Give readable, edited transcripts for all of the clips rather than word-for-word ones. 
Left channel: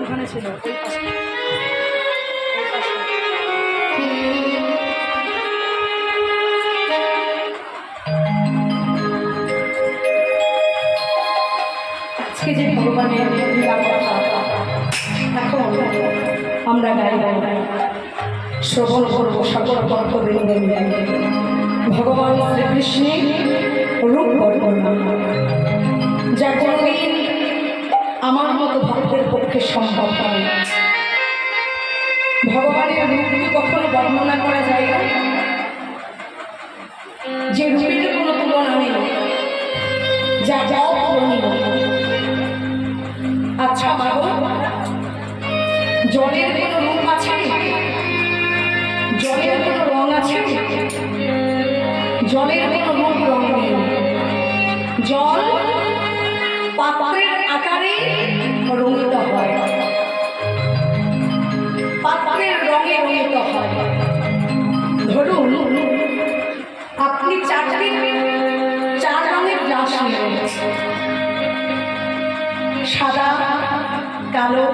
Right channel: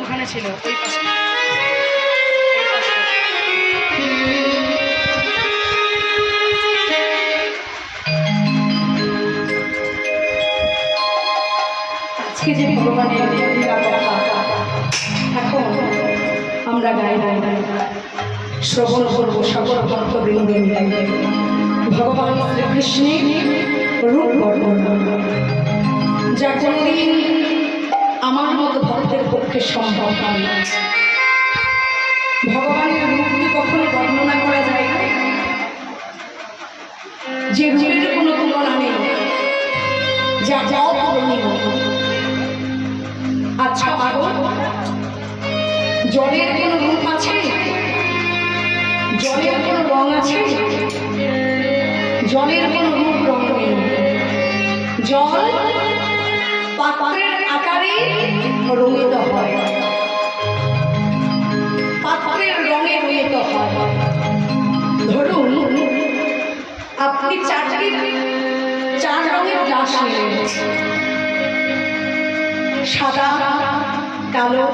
ওখানে ছিল ওই পাশে আজকে যে ভগবানের লীলা কথা এখন আমরা গাই শ্রবণ করবো সকল ভক্তবৃন্দে ভগবান শ্রীকৃষ্ণের রূপ বর্ণনা, যা কোনোদিন আমার মতো ভক্তের পক্ষে সম্ভব হয়। ভগবানের রূপ কখনো বর্ণনা করা যায় না, যে রূপের কোনো তুলনা নেই, যা অতুলনীয়। আচ্ছা বাবু, জলের কোনো রূপ আছে? জলের কোনো রং আছে? জলের কোনো রূপ রং নেই। জল পাত্রের আকারে রঙিত হয়, পাত্রের রঙে রঙিত হয়। ধরুন আপনি চার রঙের গ্লাস নিলেন, সাদা, কালো,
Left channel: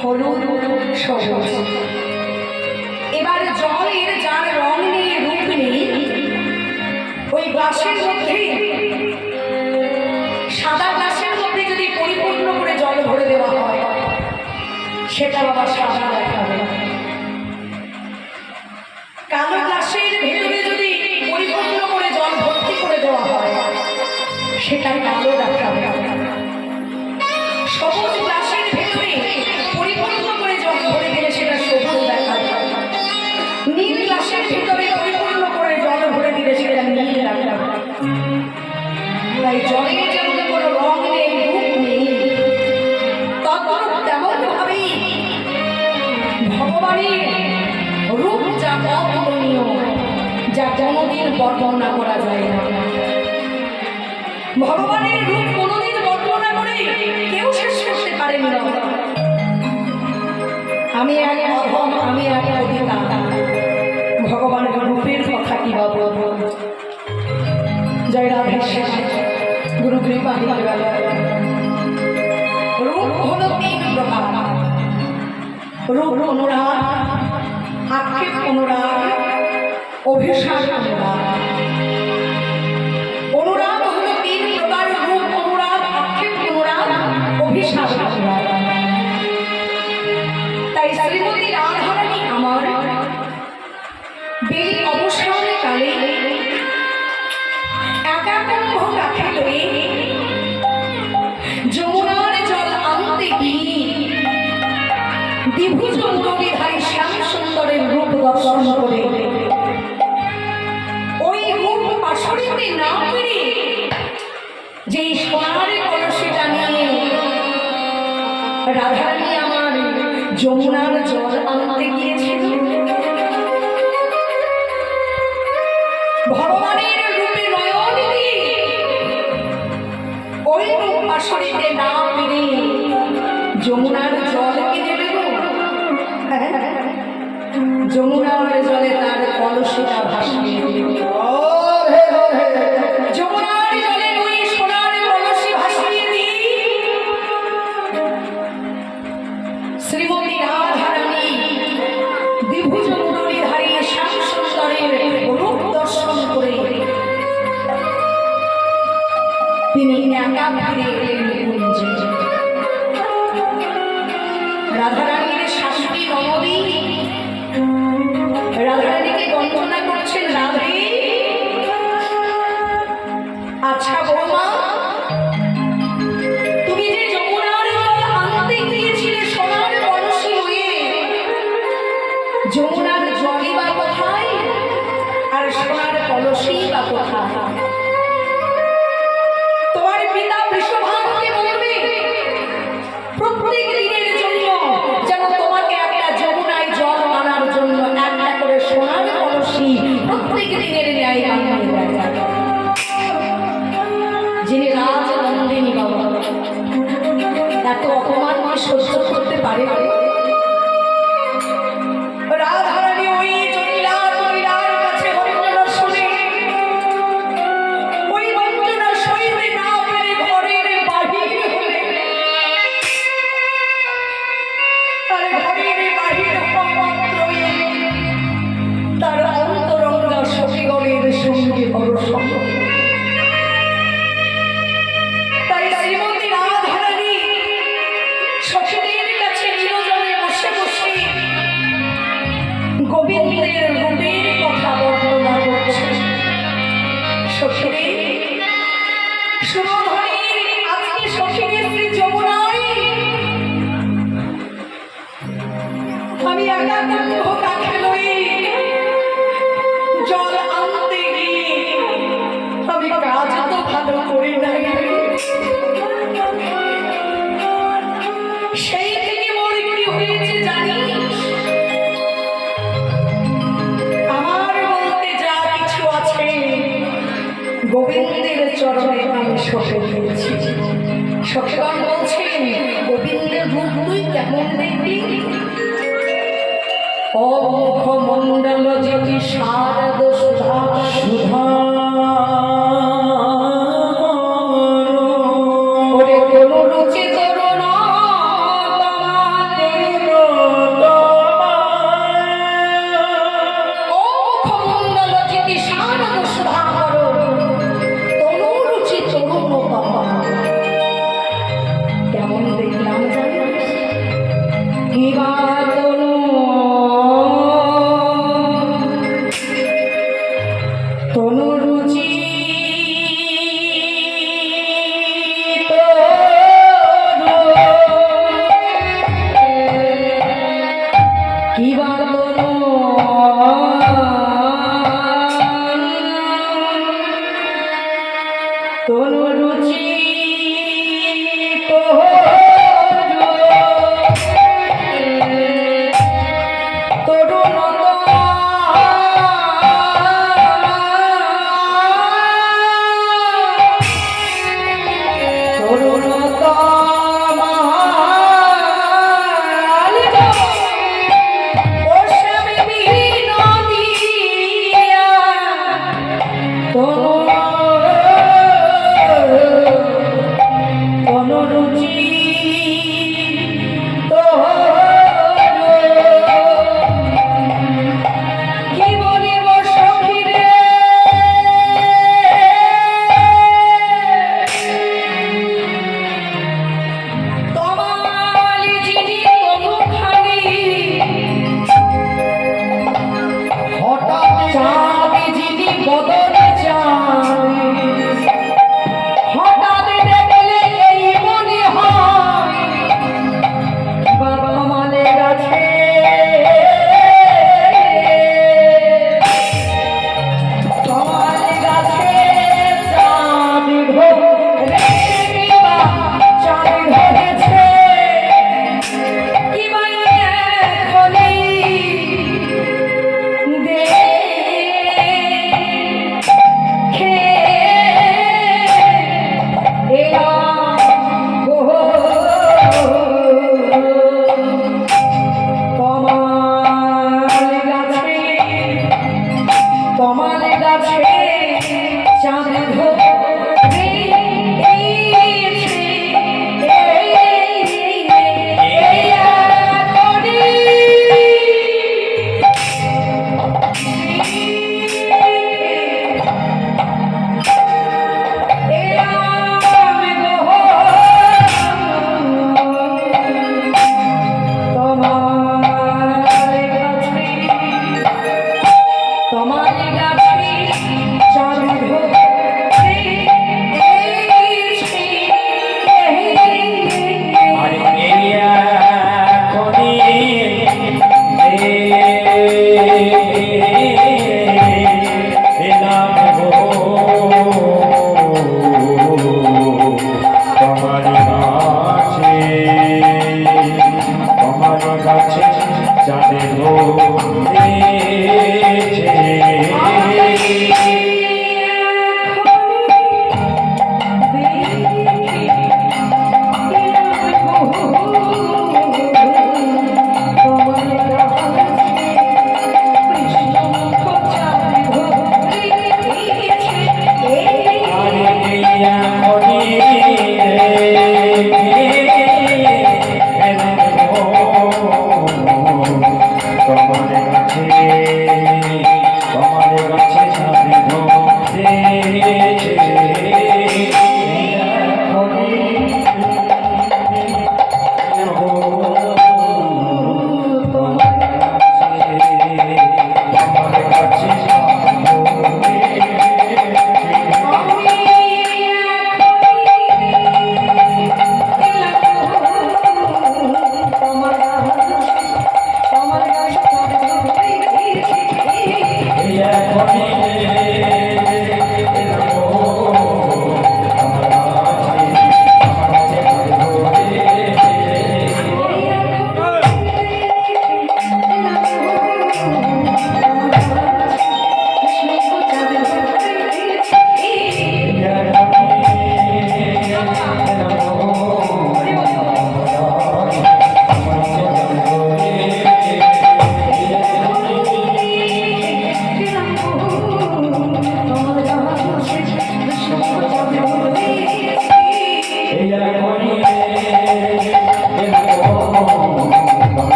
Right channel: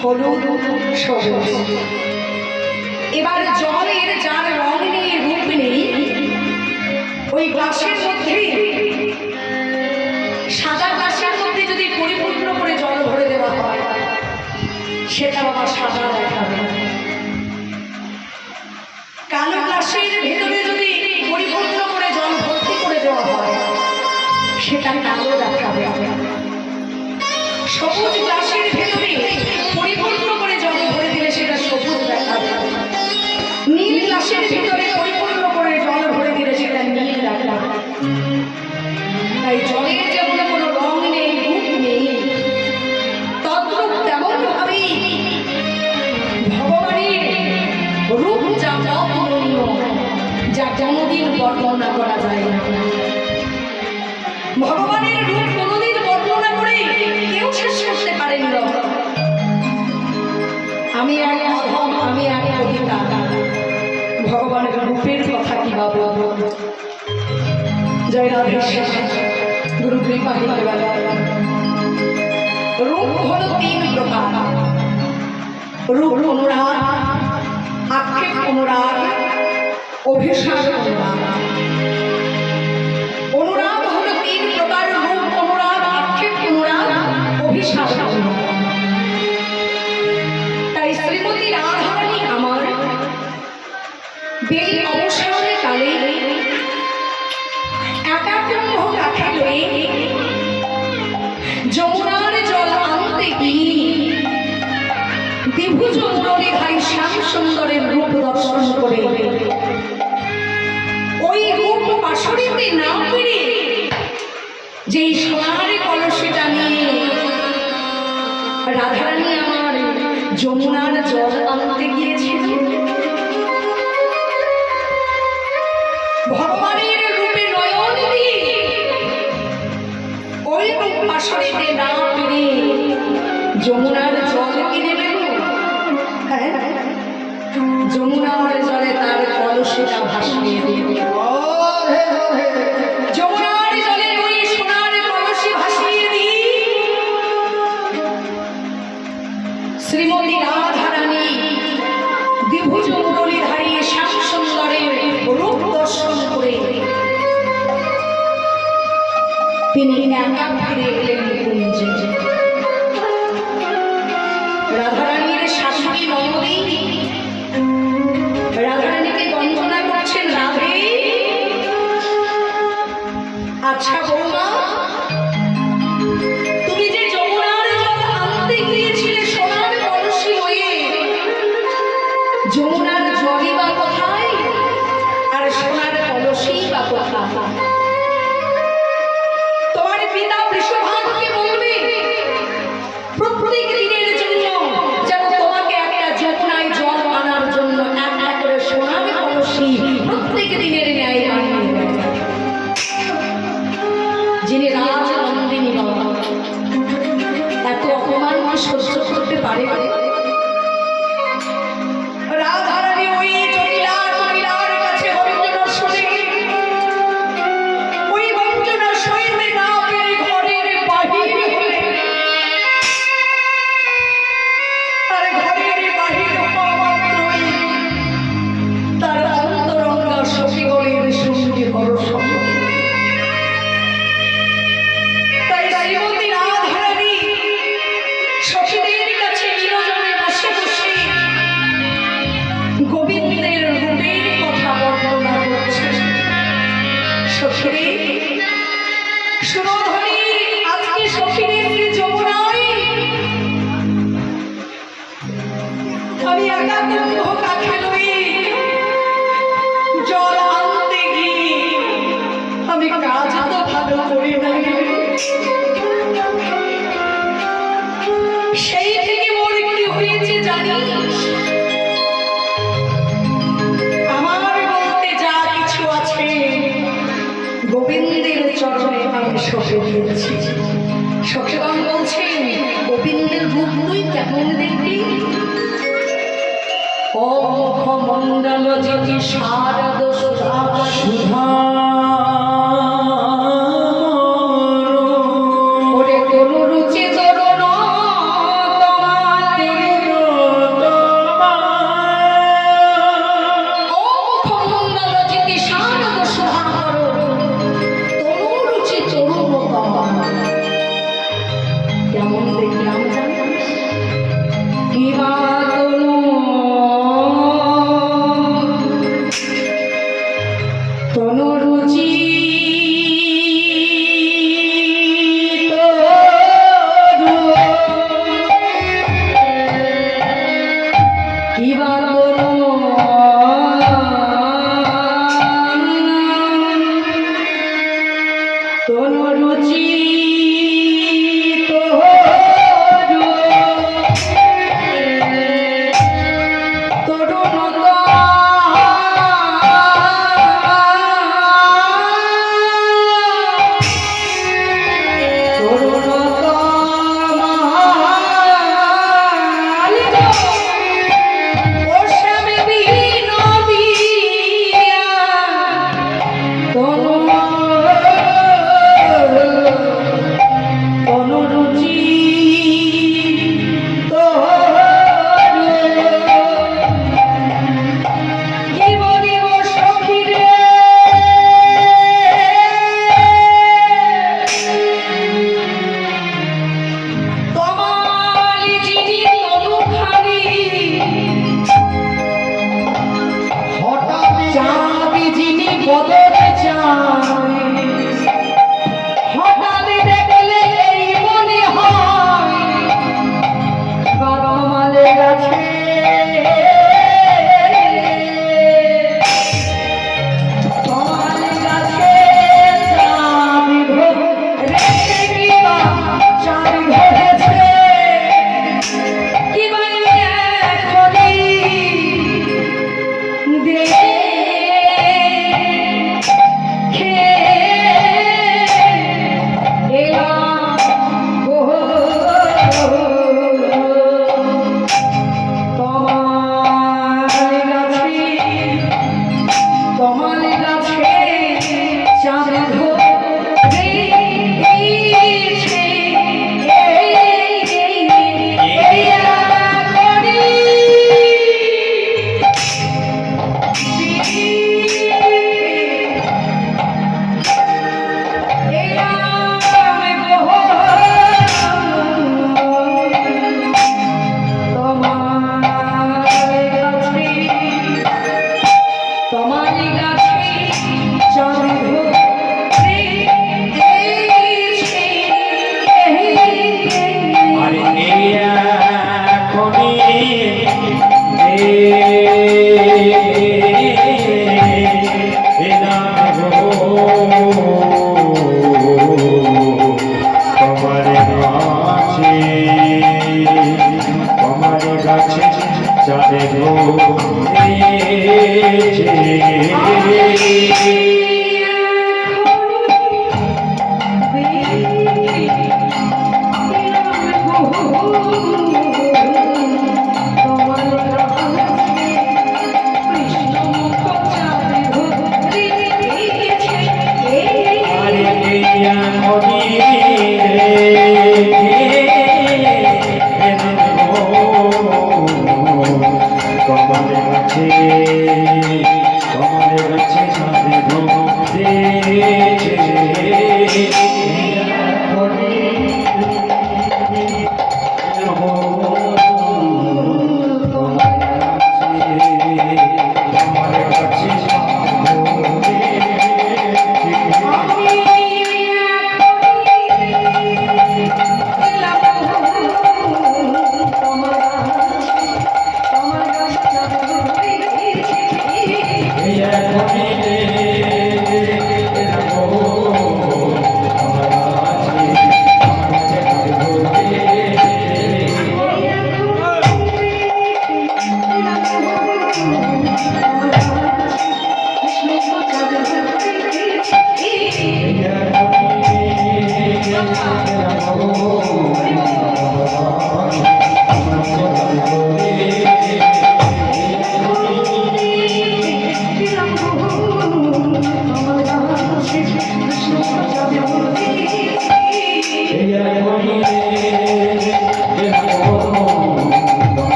হলুদ, সবুজ। এবার জলের যার রং নেই, রূপ নেই, ওই গ্লাসের মধ্যে, সাদা গ্লাসের মধ্যে যদি পরিপূর্ণ করে জল ভরে দেওয়া হয়, সেটা আবার সাদা দেখাবে। কালো গ্লাসের ভেতরে যদি পরিপূর্ণ করে জল ভর্তি করে দেওয়া হয়, সেটা কালো দেখাবে। সবুজ গ্লাসের ভেতরে পরিপূর্ণ করে জল ভরে দিলে সেটা সবুজ দেখাবে। নীল গ্লাসের ভেতরে পরিপূর্ণ করে জল ভরে দিলে সেটা নীল দেখাবে। তাই জলের যেমন কোনো রং নেই, রূপ নেই, তদ্রূপ তেমন ভাবেই ভগবানের রূপ যা অতুলনীয়, যা কোনোদিন বর্ণনা করা যায় না। ভগবানের রূপ কোনোদিন বর্ণনা করে কেউ শেষ করতে পারেনি। আমি এক অধম, আমি এক কবিতা, ভগবানের রূপের কথা কি বা বলবো। জয় রাধে গুরু কৃপা। রূপ হলো তিন প্রকার: রূপ অনুরাগ, আক্ষেপ অনুরাগ, অভিসার অনুরাগ। অনুরাগ হলো তিন প্রকার: রূপ অনুরাগ, আক্ষেপ অনুরাগ, অভিসার অনুরাগ। তাই শ্রীমতী রাধারানী আমার বেলি অবসরে কালে একাকুম্ভ কাঠে লয়ে যমুনার জল আনতে গিয়ে দ্বিভুজ মুরলীধারী শ্যাম সুন্দরের রূপ দর্শন করে ওই রূপ পাশরিতে না পেরে যেই সোনার কলসিটা নিয়ে রাধারানী আমার যমুনার জল আনতে গিয়েছিল, ভগবানের রূপে নয়ন দিয়ে ওই রূপ পাশরিতে না পেরে যমুনার জল কিনে দেব। যমুনার জলে তার কলসিটা ভাসিয়ে দিল। যমুনার জলে ওই সোনার কলসি ভাসিয়ে দিয়ে শ্রীমতী রাধারানী দ্বিভুজ মুরলীধারী শ্যাম সুন্দরের রূপ দর্শন করে তিনি একা ফিরে এলেন কুঞ্জে। রাধারানীর শাশুড়ি ননদী রাধারানীকে বন্দনা করছেন, রাধে, আচ্ছা বৌমা, তুমি যে যমুনার জল আনতে গিয়েছিলে সোনার কলসি হয়ে, যমুনার জলই বা কোথায় আর সোনার কলসি বা কোথায়? তোমার পিতা বৃষভানুকে বলবে প্রত্যেক দিনের জন্য যেন তোমাকে একটা যমুনায় জল আনার জন্য একটা করে সোনার কলসি প্রত্যেক দিনের ন্যায় আনিয়ে দেয়। যিনি রাজনন্দিনী বাবা, এত অপমান সহ্য করতে পারে? রাধারানী ওই জটিলার কাছে বন্দনা শুনে, ওই বন্দনা সইতে না পেরে ঘরের বাহির হলে ঘরে বাহির হওয়া মাত্রই তার অন্তরঙ্গা সখীগণের সঙ্গে বড় সম্পর্ক। তাই শ্রীমতী রাধারানী সখীদের কাছে নিরজনে বসে বসে গোবিন্দের রূপের কথা বর্ণনা করছে। সখীরে সুরধনী, আজকে সখীরে শ্রী যমুনায় আমি একা দুঃখ কাকে লই জল আনতে গিয়ে আমি কাজ তো ভালো করি নাই। সেই থেকে মোর কি হয়েছে জানিস? আমার বলতে যা কিছু আছে গোবিন্দের চরণে আমি সঁপে দিয়েছি। সখীগণ বলছেন, গোবিন্দের রূপ তুই কেমন দেখবি? ও মুখমণ্ডল যদি শারদ সুধা সুধা ওরে তনু রুচি তরুণ ও মুখমণ্ডল যদি শারদ সুধা করো তনু রুচি তরুণ কেমন দেখলাম জানিস? কিবা তনু তনুরুচি কিবা তনুরুচি ও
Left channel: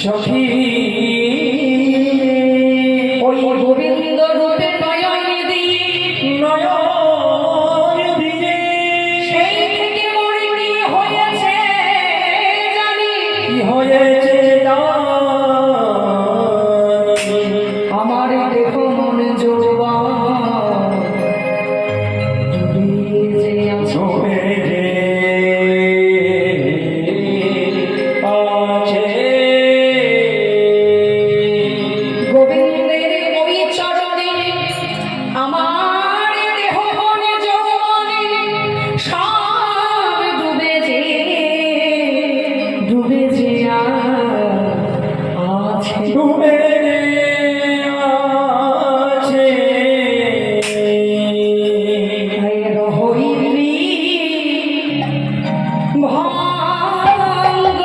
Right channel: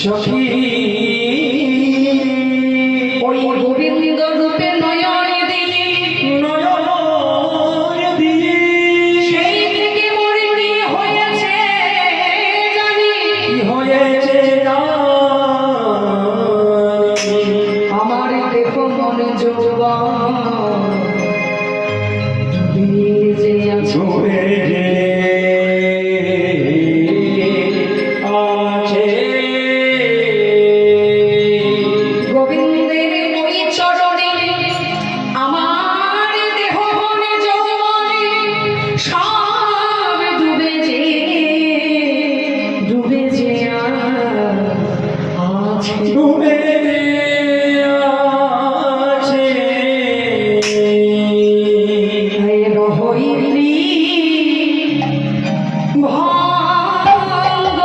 সখী ওই গোবিন্দ রূপে নয়ন দিই সেই থেকে মোর কি হয়েছে জানি কি হয়েছে আমার দেহ মন যৌবন ডুবে যে আছে গোবিন্দের ওই চরণে আমার দেহ মন যৌবন সব ডুবে যে আছে ডুবে আছে রহইলি ভাঙ্গ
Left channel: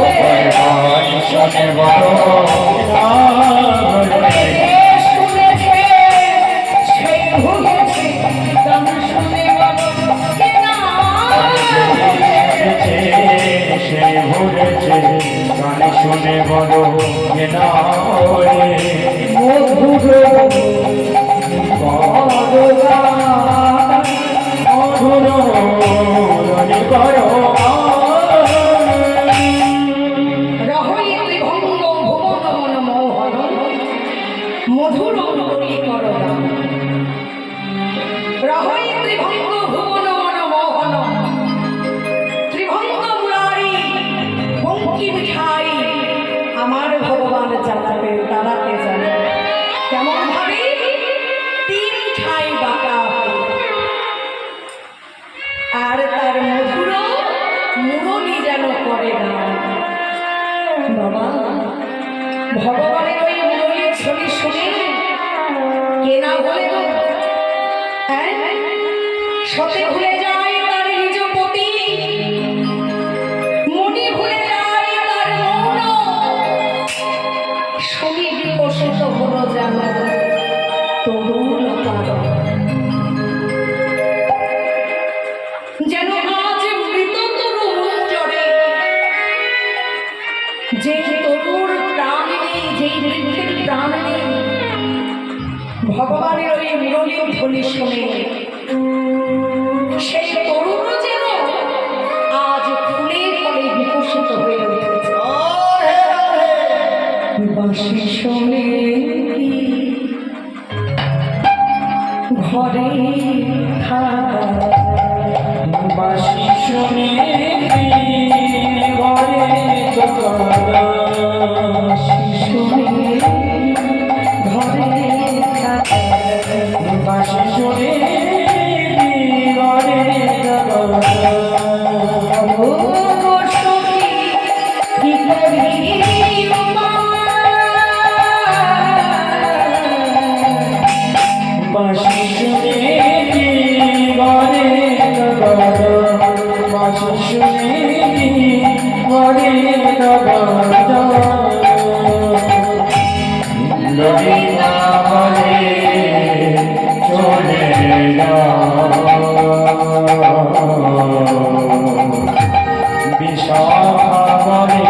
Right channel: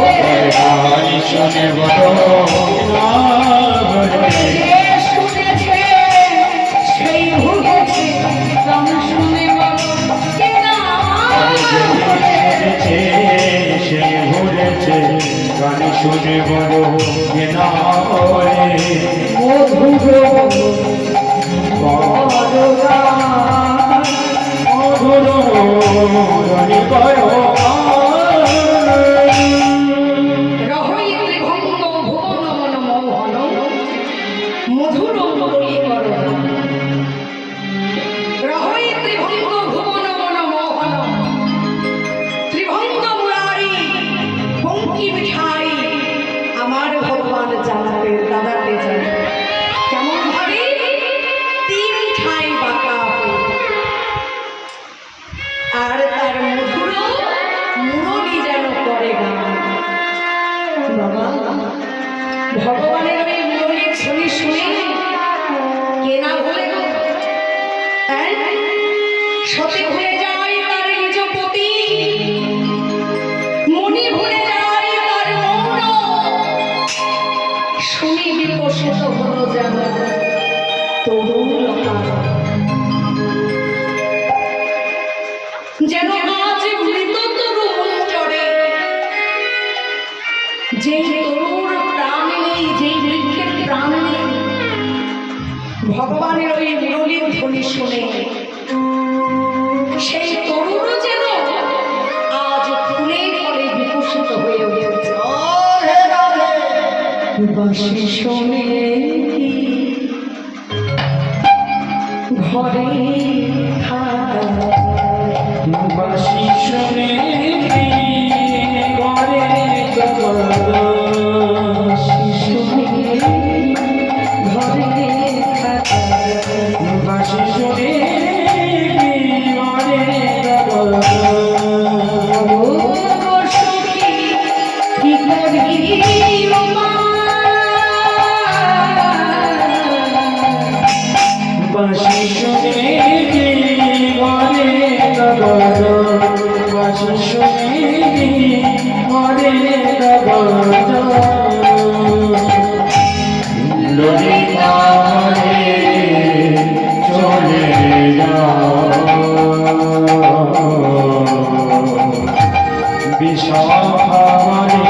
ওরে ভুবন শুনেছে সেই ভুলেছে গান শুনে সে ঘুরেছে গান শুনে বড় কেনা মধুর রহইত্রি ভঙ্গ ভুবন মন মোহন মধুর মুরলীকর গান রহইত্রি ভঙ্গ ভুবন মন মোহন ত্রিভঙ্গ মুরারি বঙ্কি মিঠাই আমার ভগবান জানাতে দাঁড়াতে জানে কেমন ভাবে তিন ঠাই বাঁকা আর আর তার মধুর মুরলী যেন করে গান। বাবা, ভগবানের ওই মুরলীর ধ্বনি শুনে কে না ভুলে গো? হ্যাঁ, সতে ভুলে যায় তার নিজ পতি, মনি ভুলে যায় তার মৌন, শুনি বিকশিত হলো যেন তরুণ পালক। যেন আজ মৃত তরুণ জড়ে, যেই তরুর প্রাণ নেই, যেই বৃক্ষের প্রাণ নেই, ভগবানের ওই মুরলীর ধ্বনি শুনে সেই তরুণ যেন আজ ফুলে ফলে বিকশিত হয়ে উঠেছে। বাঁশি শোনে কি ঘরে বাঁশি শুনে ঘরে বাঁশি শোনে ঘরে বাঁশি শুনে ঘরে কি করি বাঁশি শুনে ঘরে বাঁশি শুনে ঘরে ললিতারে চলে বিশাখারে ভরে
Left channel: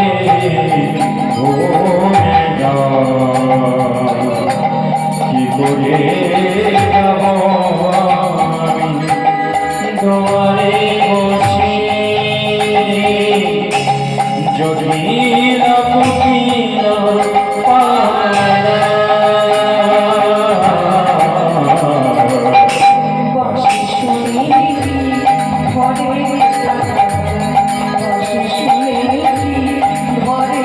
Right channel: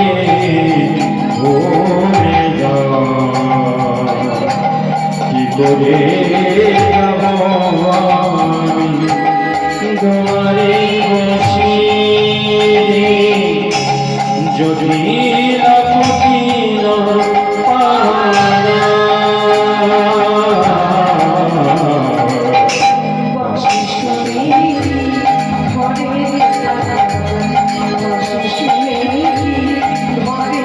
কি করে যাব আমি তোমারে বসে যদি রাখিল বাঁশি শুনে ঘরে বাঁশি শুনে ঘরে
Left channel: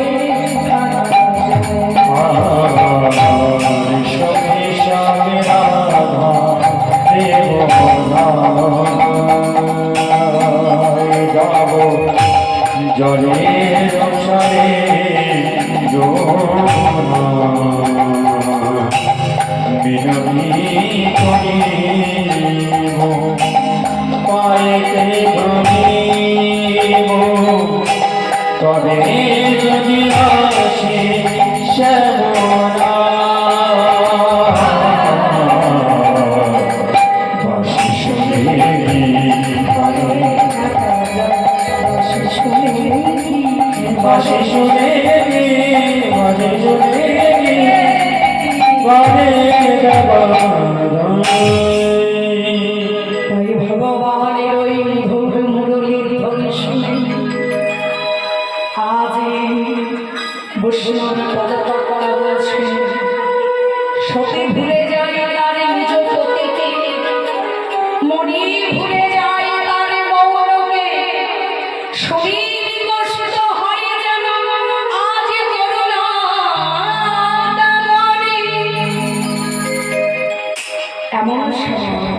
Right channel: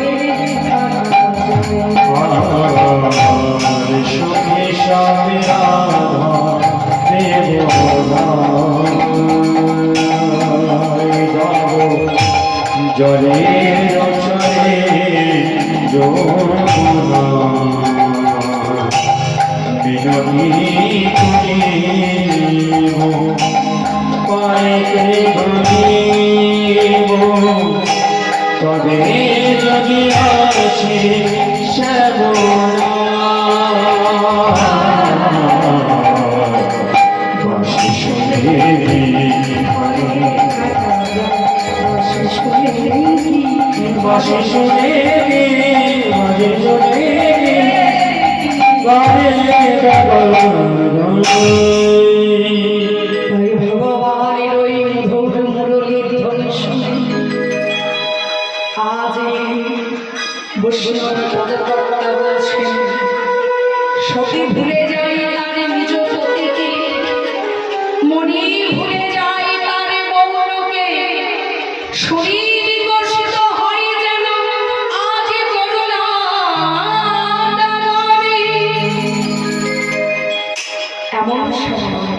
সখী স্বামী রাধা দেব যাব জলের ছড়ে যমুনা বিনতি করিব পাইতে ধরিব তবে যদি আসে শ্যামলা বাঁশি শুনে বাঁশি শুনে বাঁশি শুনে তাই ভগবানের ওই মধুর মুরলীর ধ্বনি শুনে আজ বৈষ্ণব পদকর্তা বলছেন, সতী ভুলে যায় তার নিজ পতিকে, মনি ভুলে যায় তার মৌনকে, শুনি বিকশিত হয় যেন আজ করুণা দামনে। এমন সময়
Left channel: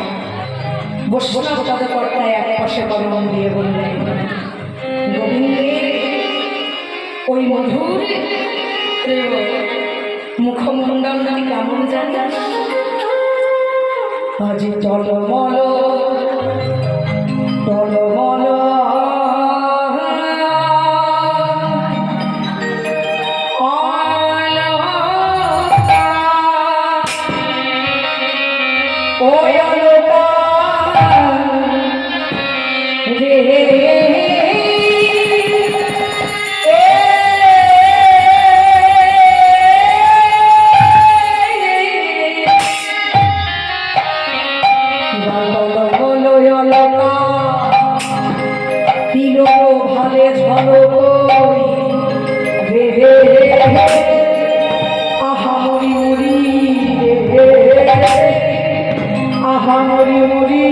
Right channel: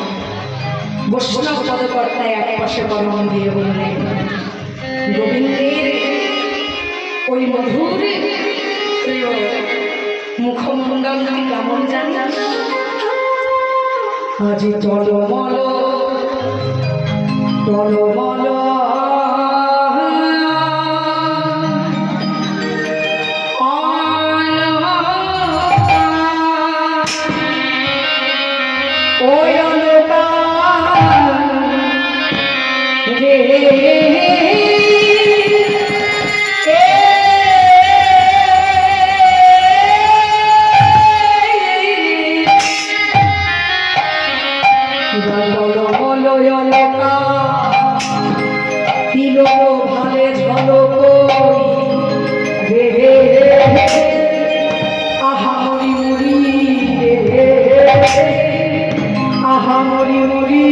বৈষ্ণব পদকর্তায় এক পাশে কলম দিয়ে বললেন, গোবিন্দের ওই মধুর প্রেম মুখমণ্ডল কেমন জানিস? আজ টলমল টলমল ওই অলকা রে ভালে ঝলক রে আহা মরি মরি রে আহা মরি মরি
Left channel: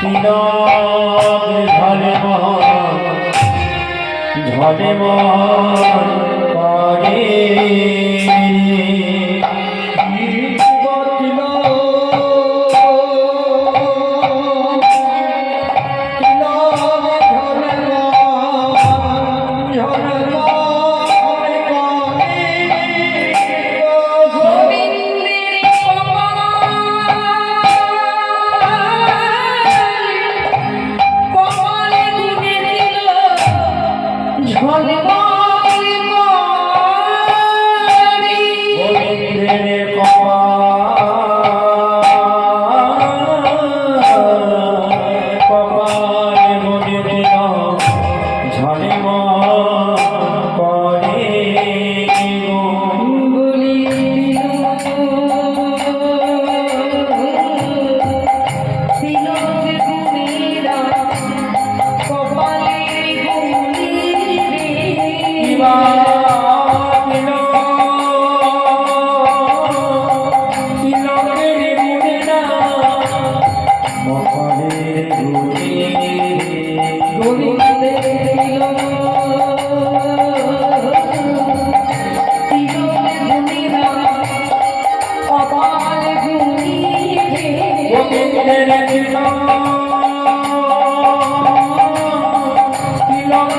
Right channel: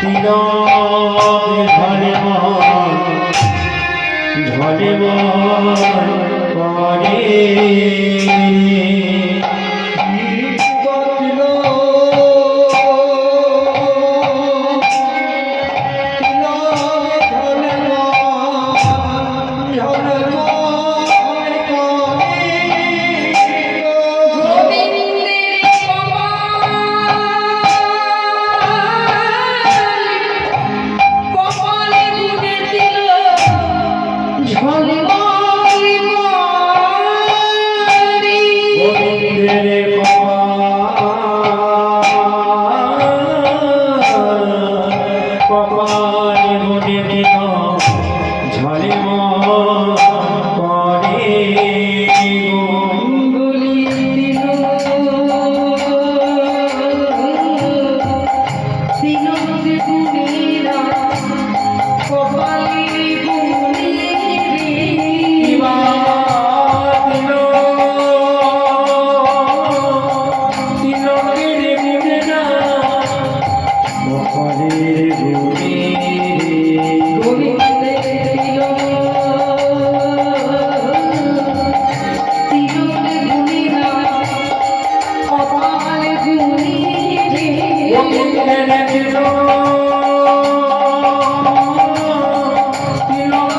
তিলক ঝলে করে গোবিন্দের কপালে গুনে দিল ঝলমলে মনি। গোবিন্দের কপালে গুনে দিল ঝলে করে গুলি দিল তিলক গুনিরা কপালে গুনি রে। গোবিন্দের দিল তিলক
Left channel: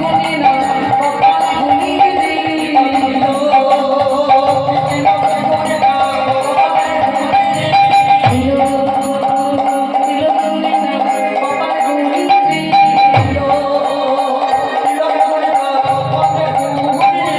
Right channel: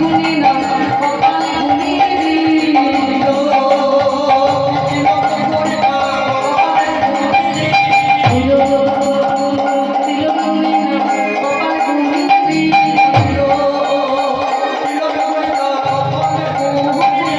গুনিরা কপালে গুনি রে।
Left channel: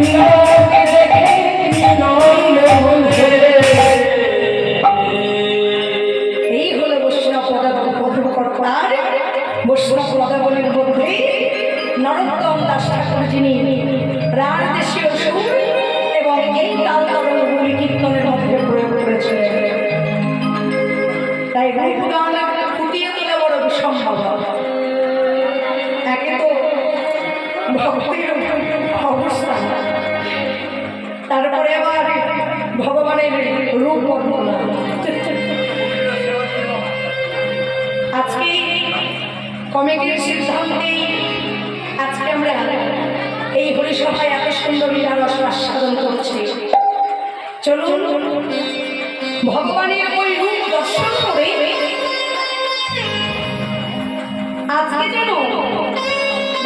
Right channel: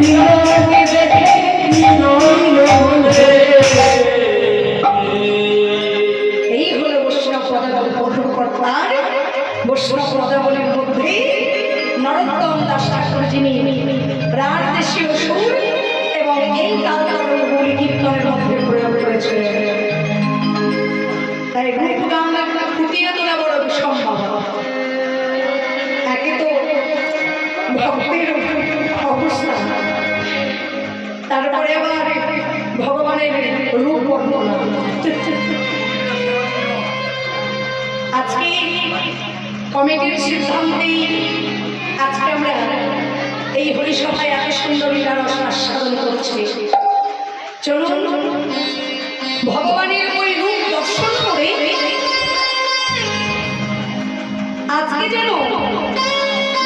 তিলককে দেখে নন্দ বলছে এই হলো বৈষ্ণব পদাবলীর বৈষ্ণব পদাবলীর মধ্যে নরোত্তম দাস ঠাকুর যিনি রার দেশীয় সুর এবং এই তাল তারগুলি কীর্তনের মধ্যে প্রয়োগ করেছিলেন। তাই রূপগান ফুটিয়ে তোলা বড় সম্ভব। একে তো ভক্তের অবস্থা, তারপরে আবার ভগবানের রূপ বর্ণনা। আজকে কমিটির সিদ্ধান্তে আজকে আমরা এই হরিসভায় এত সুন্দর লীলা রস আস্বাদন করছি। চলুন ভগবানের ওই রূপ দর্শন করে আজকে যেন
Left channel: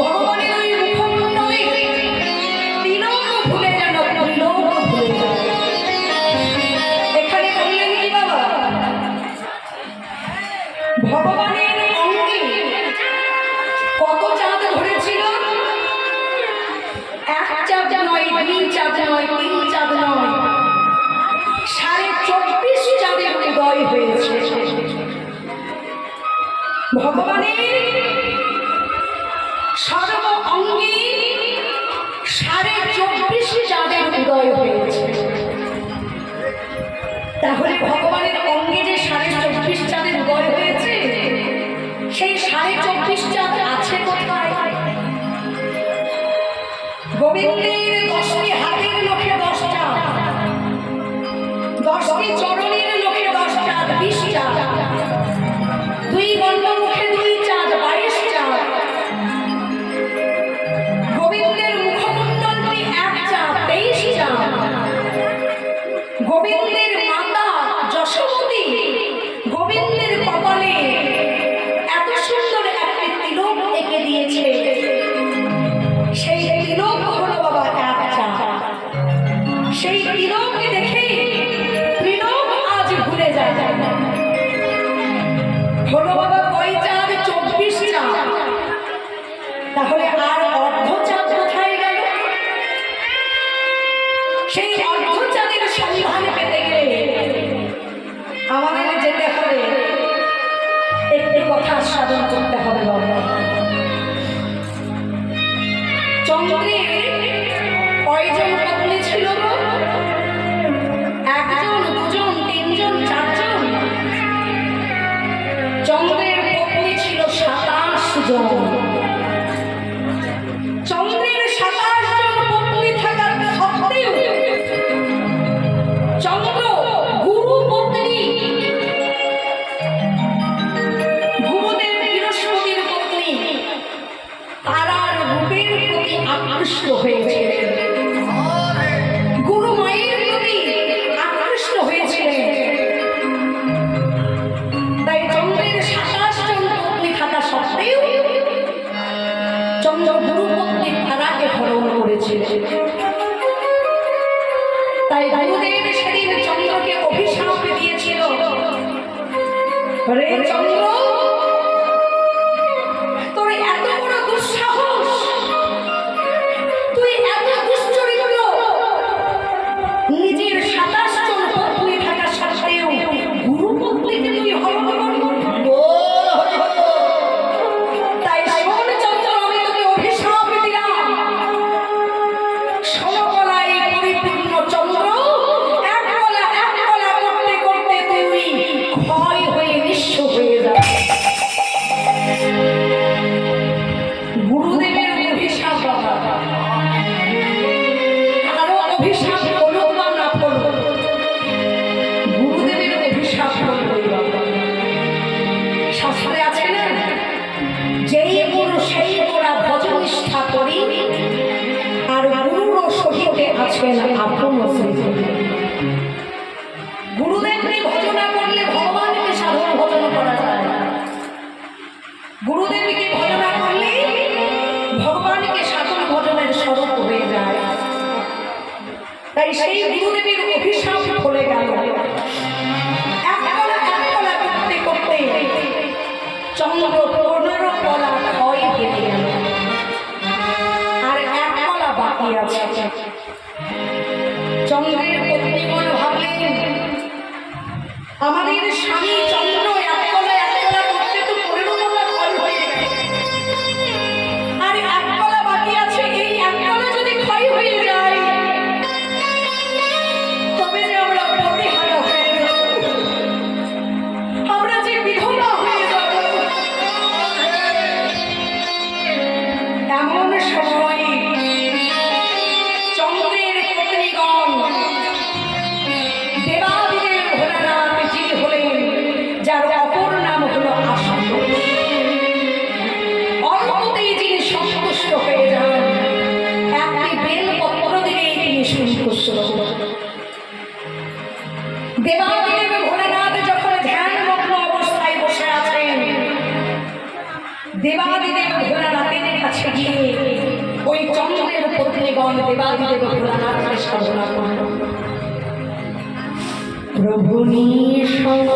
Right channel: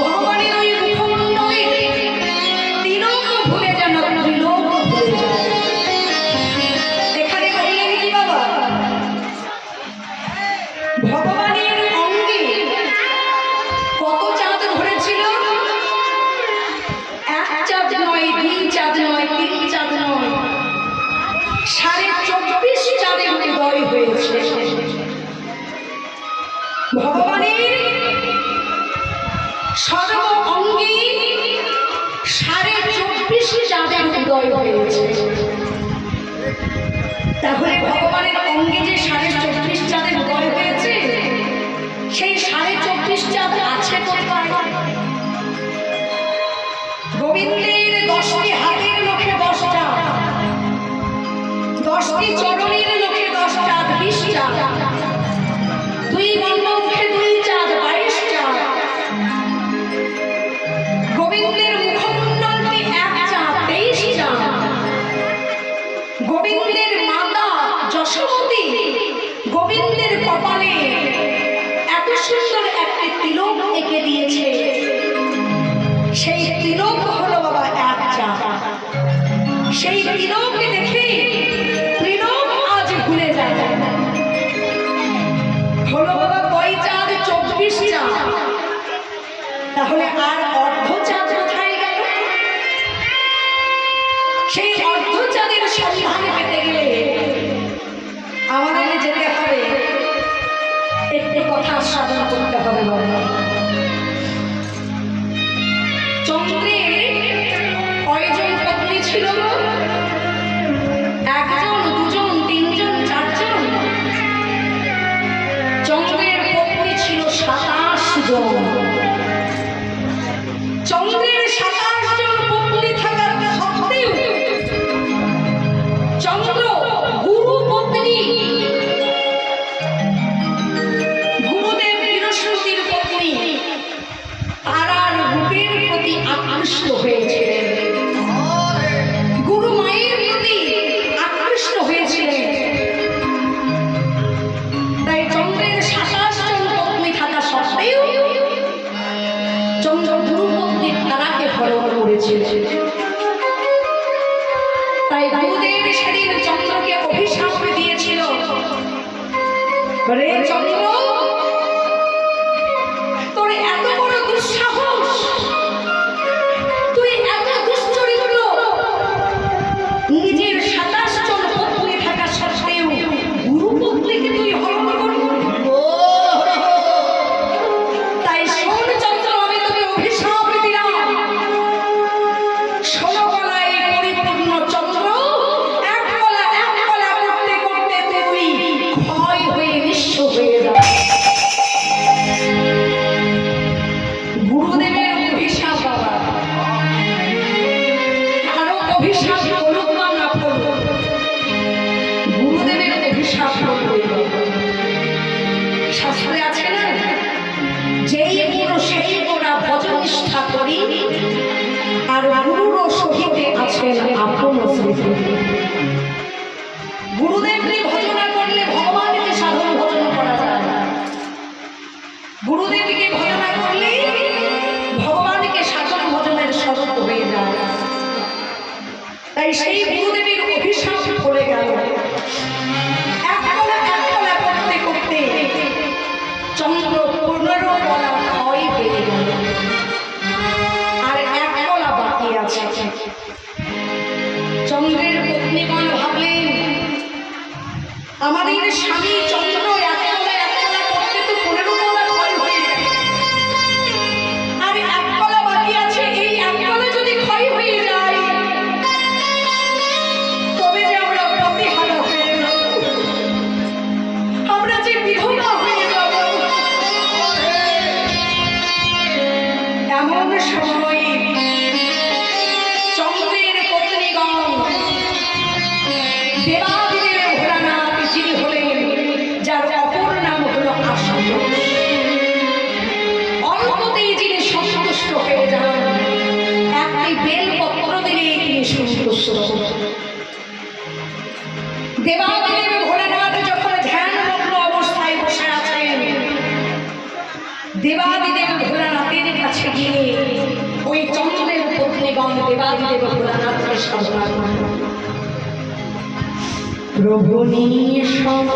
ভগবানের ওই মুখমণ্ডলে তিলক ভুলে যেন ত্রিলোক ভুলে যায়। এখানে বললেন কি বাবা, ভগবানের অঙ্গে কত চাঁদ ধরেছিল? এক চাঁদ নয়, দুই চাঁদ নয়, তিন চাঁদ নয়, 24.5 চাঁদের উদয় হয়েছে। ভগবানের সর্ব অঙ্গে 24.5 চাঁদের উদয় হয়েছে। তাহলে ভগবানের অঙ্গে যে 24.5 চাঁদের উদয় হয়েছে, সেই 24.5 চাঁদ আছে কোথায়? গোবিন্দের 10টি হাতের নখে 10 চাঁদ, 10টি চরণের নখে 10 চাঁদ, 20 চাঁদ, 2 গণ্ড মুখে 2 চাঁদ, 22 চাঁদ। গোবিন্দের মুখমণ্ডলটি 1 চাঁদ, 23 চাঁদ। গোবিন্দের মাতা যশোমতী গোবিন্দের কপালে এত সুন্দর একটি তিলক এঁকে দিয়েছে, সেই তিলক হলো বাবা 1 চাঁদ। সেই তিলককে দেখে ত্রিলোক আজ ভুলে যায়। হলো বাবা কয় চাঁদ? 24 চাঁদ। তাহলে আর অর্ধ চাঁদ কোথায় গেল? সেই অর্ধ চাঁদের সন্ধান পেতে গেলে আমাদের যেতে হবে, একটি কথা সাধন করতে হবে বাবা। চন্দ্রের কয়জন পত্নী ছিল? 1 জন, 2 জন, 3 জন, 4 জন? চন্দ্রের পত্নী ছিল 27 জন। চন্দ্রের 27 জন পত্নী থাকার সত্ত্বেও চন্দ্র গুরু পত্নী, গুরুদেব বৃহস্পতির পত্নী, তারার রূপের প্রতি আকৃষ্ট হয়েছিলেন, গুরু মায়ের প্রতি আকৃষ্ট হয়েছিলেন। তাই চন্দ্রের 27 জন পত্নী থাকা সত্ত্বেও চন্দ্র গুরু পত্নীর তারাকে হরণ করেছিলেন। তাই গুরুদেব সেদিন চন্দ্রকে অভিশাপ দিয়েছিল, রে চন্দ্র, তোর এত বড় দুঃসাহস, তুই এত দুশ্চরিত্র, নিজের 27 জন পত্নী থাকা সত্ত্বেও গুরু পত্নীকে তুই হরণ করবি? তাই শোন চন্দ্র, আমি তোকে অভিশাপ দিলাম। ষোলকলায় পরিপূর্ণ চন্দ্র, এক কলা করতে করতে তুই ক্ষয় হয়ে নিঃস্ব হয়ে যাবে। গুরুদেবের অভিশাপ বাবা, কারো অভিশাপ করুক বা না করুক, গুরুদেবের অভিশাপ করবে বাবা। শাস্ত্রে আছে না, যেই গুরু সেই গোড়া ভজনিষ্ঠা করি, আর গুরুর সহিতে আছেন আপন স্মৃতি। গুরুদেবকে ভজনা করলে ভগবানকে সাধন ভজন করা যায়। গুরুদেবকে ভজনা করলে ভগবানকে সাধন ভজনের স্বরূপ হয়ে যায়। তাই সেই গুরুদেবের অভিশাপ ফলে গেল। এক কলা করতে করতে চন্দ্র 15 কলা ক্ষয় হয়ে গেল, আর 1 কলা বাকি বাকি আছে। চন্দ্রের পত্নীগণ ভাবলেন আমাদের স্বামী চন্দ্র এক তলা করতে তো 15 তলা ক্ষয় হয়ে যায়, আর এক তলা বাকি আছে। এই এক তলা যদি ক্ষয় হয়ে যায় তবে যে আমরা পরিহারা হয়ে যাব, আমরা যে বিধবা হয়ে যাব। এমন সময় চন্দ্রের পত্নীগণ দেবাদিদেব ভোলানাথ যিনি হলেন, যার অপর নাম হলো আশুতোষ, অল্পতেই যিনি সন্তুষ্ট হয়ে যান, একটি বেলপত্র দিলেই তিনি সন্তুষ্ট। দেবাদিদেব ভোলানাথ যখন ধ্যানমগ্ন অবস্থায় বসে আছেন, দেবাদিদেব ভোলানাথের কাছে গিয়ে ওই চন্দ্রের পত্নীগণ দেবাদিদেব ভোলানাথকে সাধনা করল। প্রভু নিঃসম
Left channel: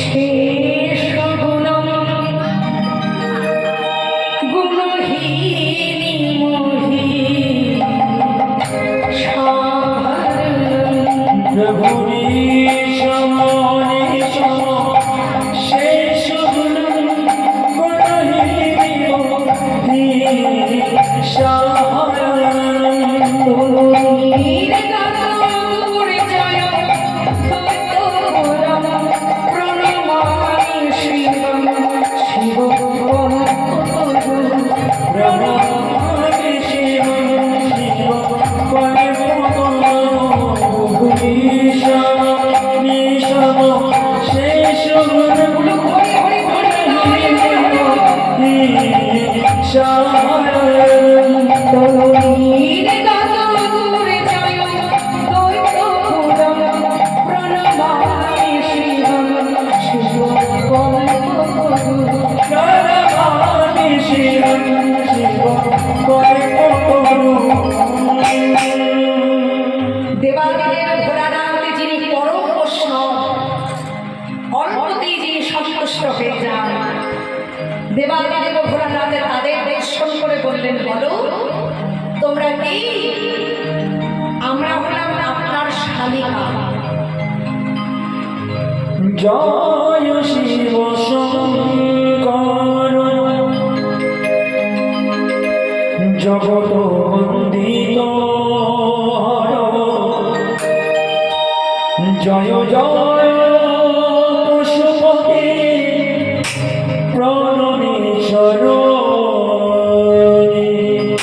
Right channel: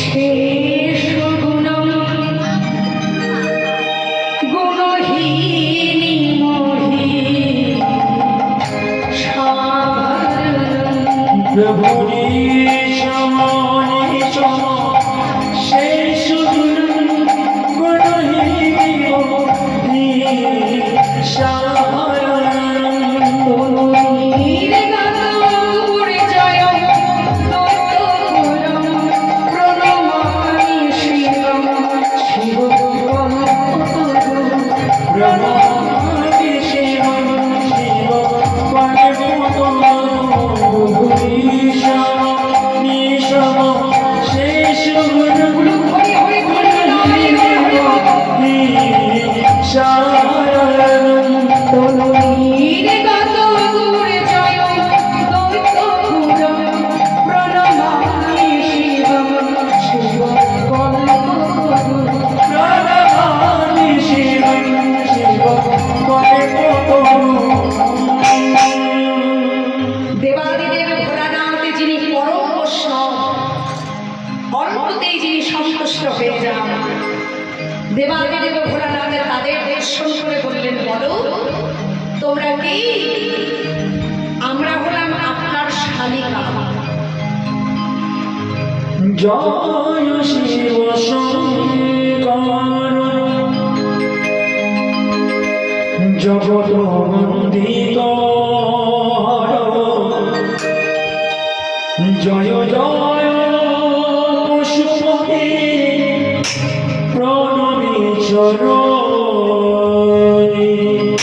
শেষ গুণম গুণহীনি মোহি সাধনম। প্রভু নিঃসম নিঃসম শেষ গুণম গুণহীনি মোহি দেবাদিদেব ভোলানাথ যিনি পরম বৈষ্ণব, অল্পতেই যিনি সন্তুষ্ট হয়ে যান, দেবাদিদেব ভোলানাথ তাদের দর্শন করে বললেন, বলো তোমরা কি? আমরা হলাম আপনার শালিকা। জয় শিব শঙ্কর জগত বন্দিত জয় জয় পশুপতি প্রণমী চরণী।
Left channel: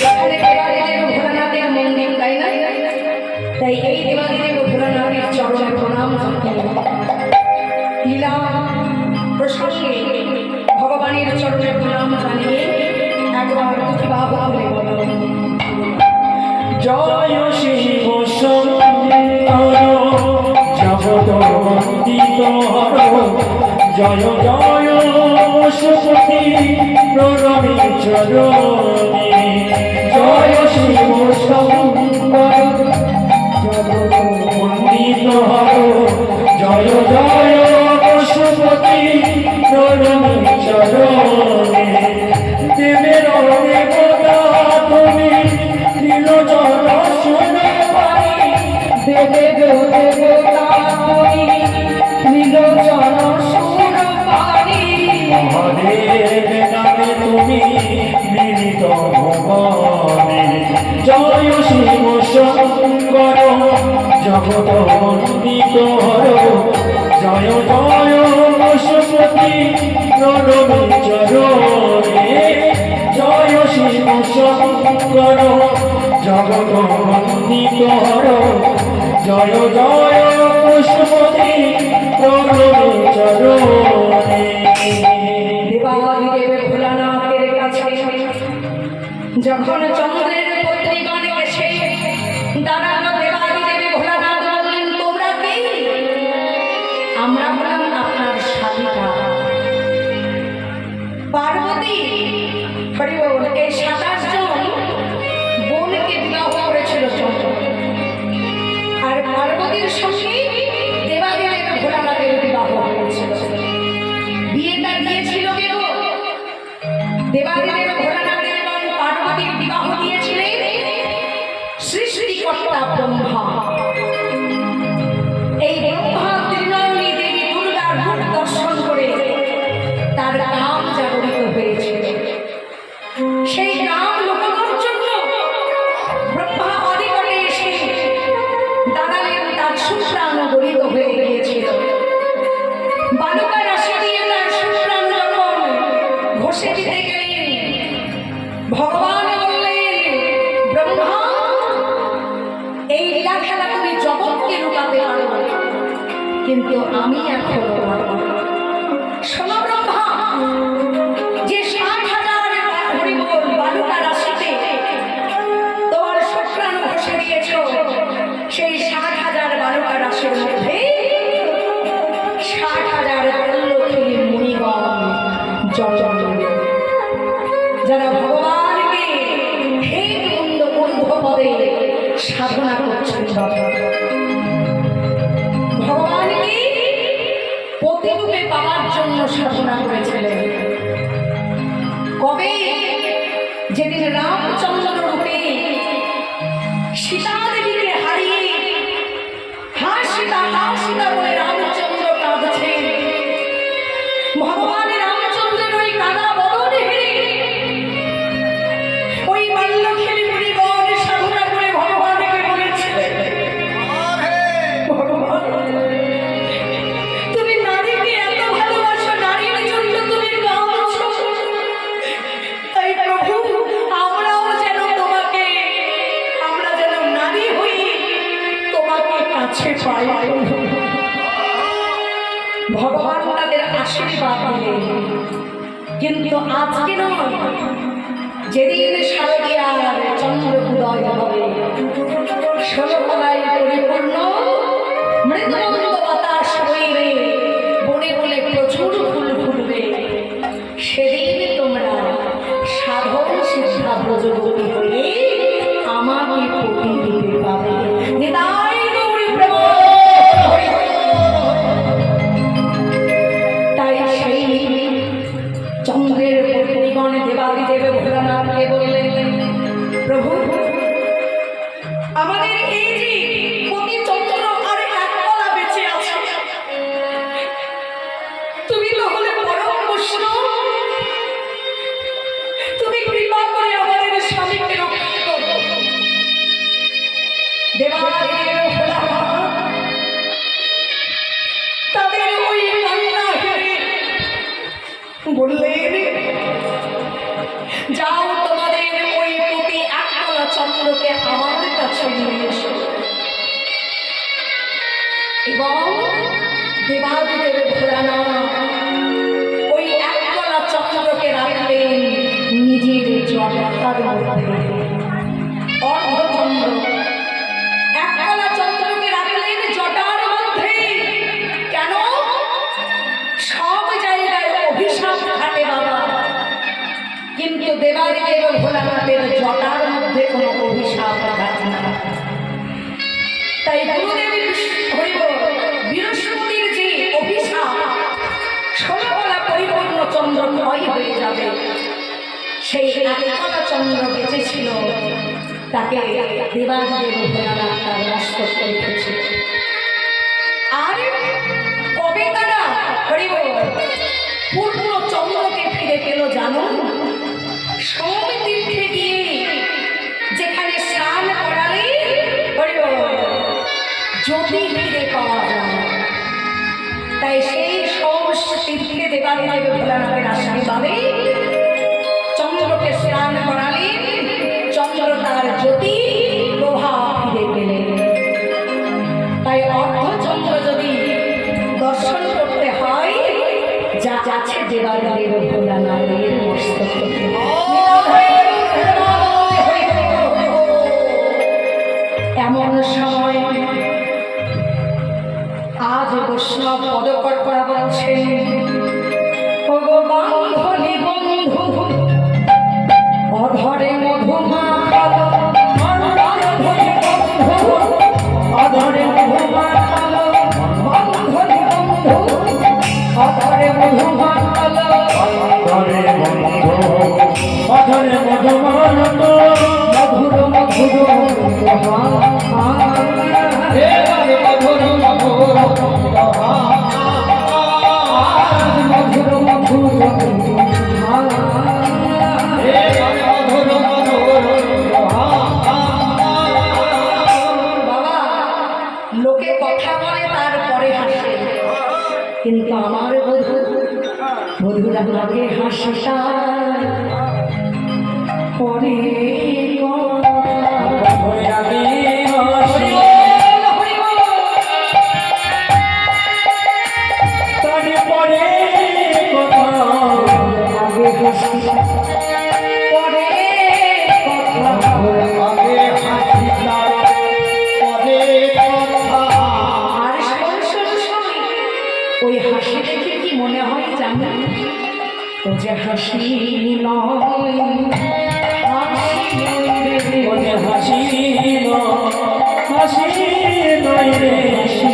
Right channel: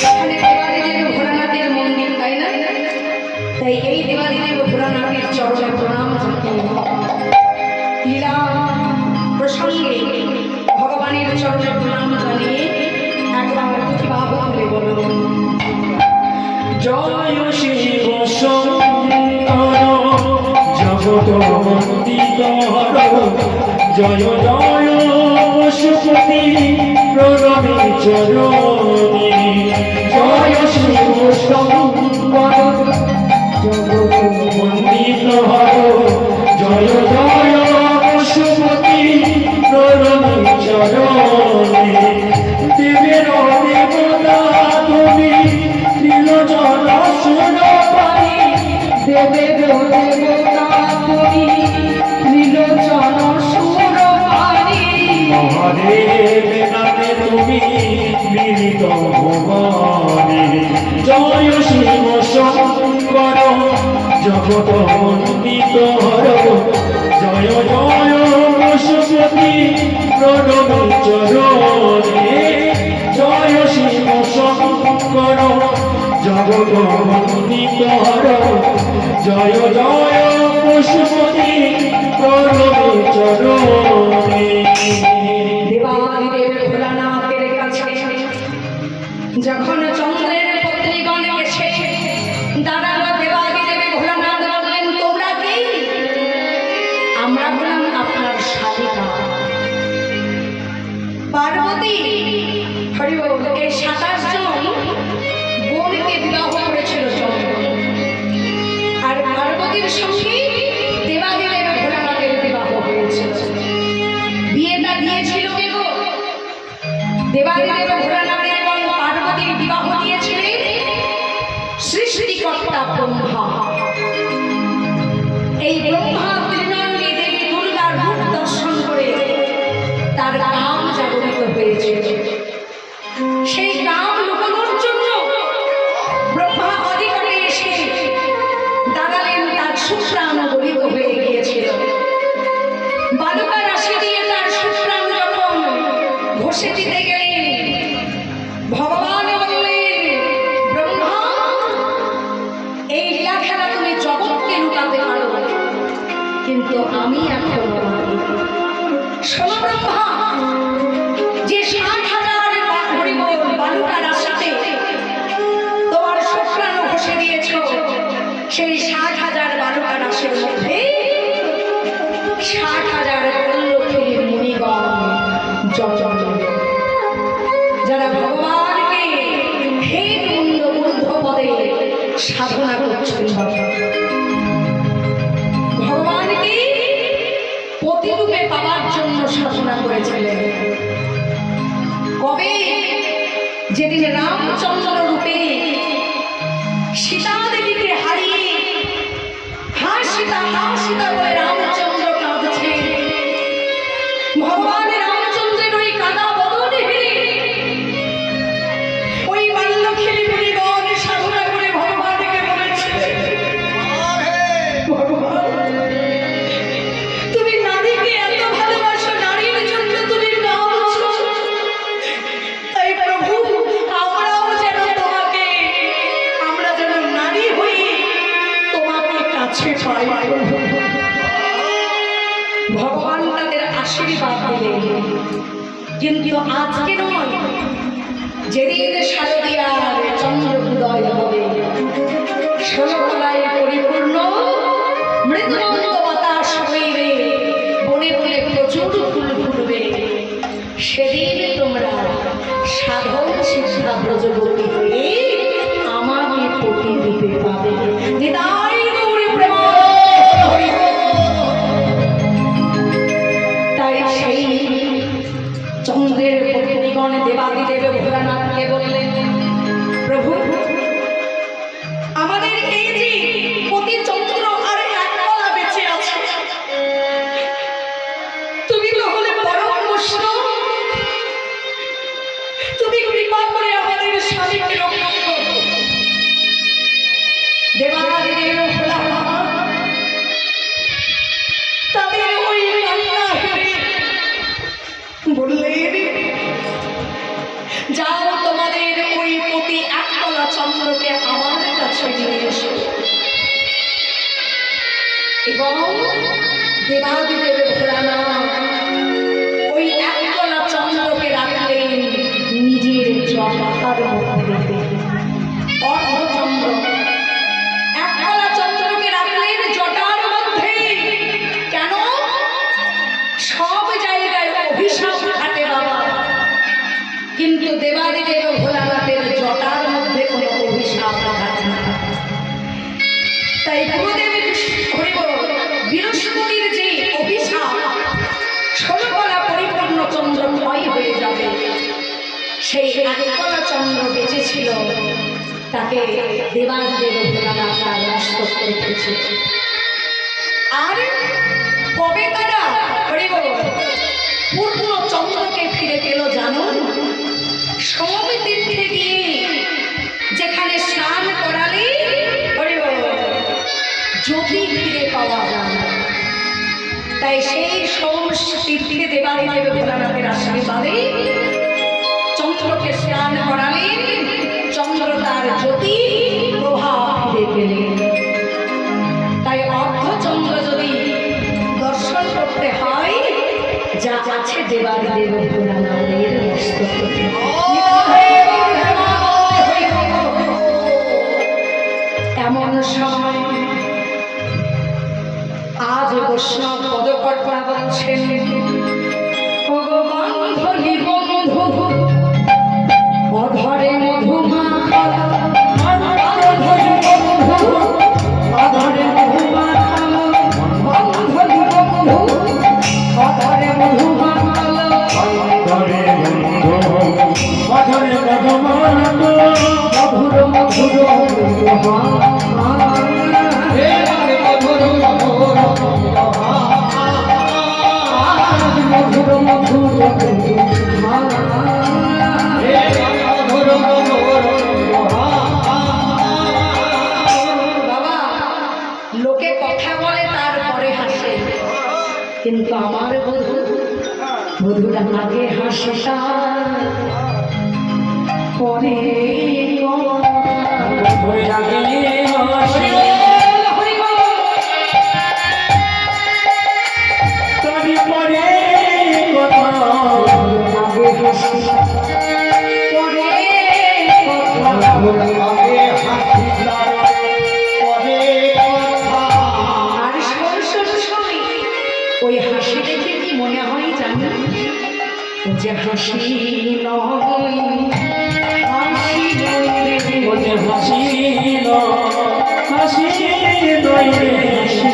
এখানে দেবাদিদেব ভোলানাথের মন্দির, তাই না? তাই এই দেবাদিদেব ভোলানাথের চরণে প্রণাম জানাই। লীলা প্রসঙ্গে ভগবানের চরণে প্রণাম জানিয়ে একবার দুটি বাহু তুলে বললেন, জয় শিব শঙ্কর জগত বন্দিত জয় জয় পশুপতি প্রণমী চরণী। জয় শিব শঙ্কর জগত বন্দিত জয় জয় পশুপতি প্রণমী চরণী। দেবের দেবতা তুমি নীলজল সোনাপানি, দেবের দেবতা তুমি নীলজল সুরপানি। মহাদেব নামে তুমি মিলিত ভুবনে। জয় শিব শঙ্কর জগত বন্দিত জয় জয় পশুপতি প্রণমী চরণে। জয় শিব শঙ্কর জগত বন্দিত জয় জয় পশুপতি প্রণমী চরণে। দেবাদিদেব ভোলানাথের কাছে যখন চন্দ্রের পত্নীগণ এসে দাঁড়ালো, দেবাদিদেব ভোলানাথ বললেন, তোমরা কি? আমরা হলাম আপনার শালিকা পার্বতী। হরি বল। এই 27 জন বোনকে বিবাহ করেছিল চন্দ্র, আর পার্বতীর সঙ্গে দেবাদিদেব ভোলানাথের বিবাহ হয়েছিল। বিয়েটা দিয়েছিল কে গো? দেবাদিদেব ভোলানাথের এবং পার্বতীর বিবাহ দিয়েছিলেন সৃষ্টিকর্তা ব্রহ্মা। এই ব্রহ্মা ত্রিনয়নী দেবী দুর্গার রূপ দর্শন করে তার কাম জাগরিত হয়েছিল। সেই কাম লুকানোর জন্য ব্রহ্মা অধিকটে এসে দাঁড়ালেন, তার শুক্রাণু গলিত হয়ে গিয়েছিল। বালুকা রাশি দিয়ে তার শুক্রাণু যখন ঘষে দিতে গেলেন, ভগবান বললেন, ব্রহ্মা, এই লীলা খেলা তুমি জগৎকে লুকাতে পারো, কিন্তু আমি এখন শোনো ব্রহ্মা, যে 60,000 বালুকা রাশিতে তোমার শুক্রাণু ঘষে দিয়েছ, সেই 60,000 বালুকা রাশির মধ্যে 60,000 পল্লবী মুনিগণ জন্ম, যারা ভগবানকে হে মুন্ড ঊর্ধ্ব পদে সাধনা করছেন, ভগবানকে প্রতিরূপে পাওয়ার জন্য সাধনা করেছিলেন। কবে? যেদিন রামচন্দ্র রূপে সীতা দেবীকে হারিয়ে হা সীতা বলে রামচন্দ্র কাঁদছে, ভগবান রামচন্দ্রের ওই কাদা বদনে হেরে ওই বাল্যখেলি মুনিগণ সাধনা করে ভগবানকে বলেছিলেন, ভগবান, তুমি নারীকে এত ভালোবাসো, নারীর জন্য তুমি কাঁদছো, তাই প্রভু আমরাও যেন তোমাকে, আমরা যেন নারী হই তোমাকে কাছে পাই। ভগবান তাদের আশীর্বাদ দিলেন। কিন্তু আজকে নয়, যেদিন শারদীয়ার চন্দ্র উদয় হবে, 16 কলায় পরিপূর্ণ মৃদুমন্দ বাতাস বইবে, বনে বনে প্রচুর ফুল ফুটবে, সেদিন তোমরা সাধন সিদ্ধা ব্রজবতী হয়ে আমাকে প্রতিরূপে পাবে। নিতাই গৌরী প্রেমানন্দে। তাই সেই চন্দ্রের পত্নীগণ দেবাদিদেব ভোলানাথকে বললেন, প্রভু, আমাদের এই যে পতি চন্দ্র আর এক কলা বেঁচে আছে, তুমি তো হলে পরম বৈষ্ণব, তুমি কৃপা করে আমাদের স্বামীকে রক্ষা করো। দেবাদিদেব ভোলানাথ তাদের ওই কান্না হেরে বললেন, যাও তোমাদের ওই পতি এক কলা চন্দ্রকে আমার কাছে নিয়ে এসো। এবং দেবাদিদেব ভোলানাথ ওই এক কলা চন্দ্রকে রাখলেন নিজের জটার মধ্যে। অর্ধচন্দ্র এক কলা চন্দ্রকে রাখলেন জটার মধ্যে। কেন? সব জায়গায় অভিশাপ খাটে বাবা, কিন্তু দেবাদিদেব ভোলানাথের জটার মধ্যে কোনো অভিশাপ খাটে না। তাই গুরুদেব বৃহস্পতির যে অভিশাপ 16 কলা পরিপূর্ণ চন্দ্র ক্ষয় হয়ে যাবে, সেই এক কলা চন্দ্র বেঁচেছিল, তাকে দেবাদিদেব ভোলানাথ তার নষ্ট করে রেখেছিল। আর কবে তারা পূর্ণ চন্দ্রকে ফিরে পেল জানো? সৌমিতীর্থে গিয়ে যেখানে স্নান করালে জ্যোতি ফিরে পাওয়া যায়। তাই সেই সৌমিতীর্থে দেবাদিদেব ভোলানাথের আশীর্বাদে চন্দ্রকে স্নান করালেন, চন্দ্র তার জ্যোতি প্রভাব ফিরে পেলেন। তাই অর্ধচন্দ্র যদি দর্শন করতে হয়, যা আছে দেবাদিদেব ভোলানাথের মস্তকে। এমন সময় আজ বৈষ্ণব পদকর্তা বলছেন, ওগো বান্ধবী বন্ধু, অধরে মধুমাখল, বান্ধবী বন্ধু, অধরে মধুমাখল, বান্ধবী বন্ধু, অধরে মধুমাখল, অধরে বন্ধু এবারে মধুর মধুর বাবা, লোকে কথা বলে তারপরে হাসে, কিন্তু আমার বধুর আগে হাসে তার পরে আর ওই হাসি দেখে কি মনে হয় জানো? ও যে হাসি নয়, হাসি নয় রে, হাসি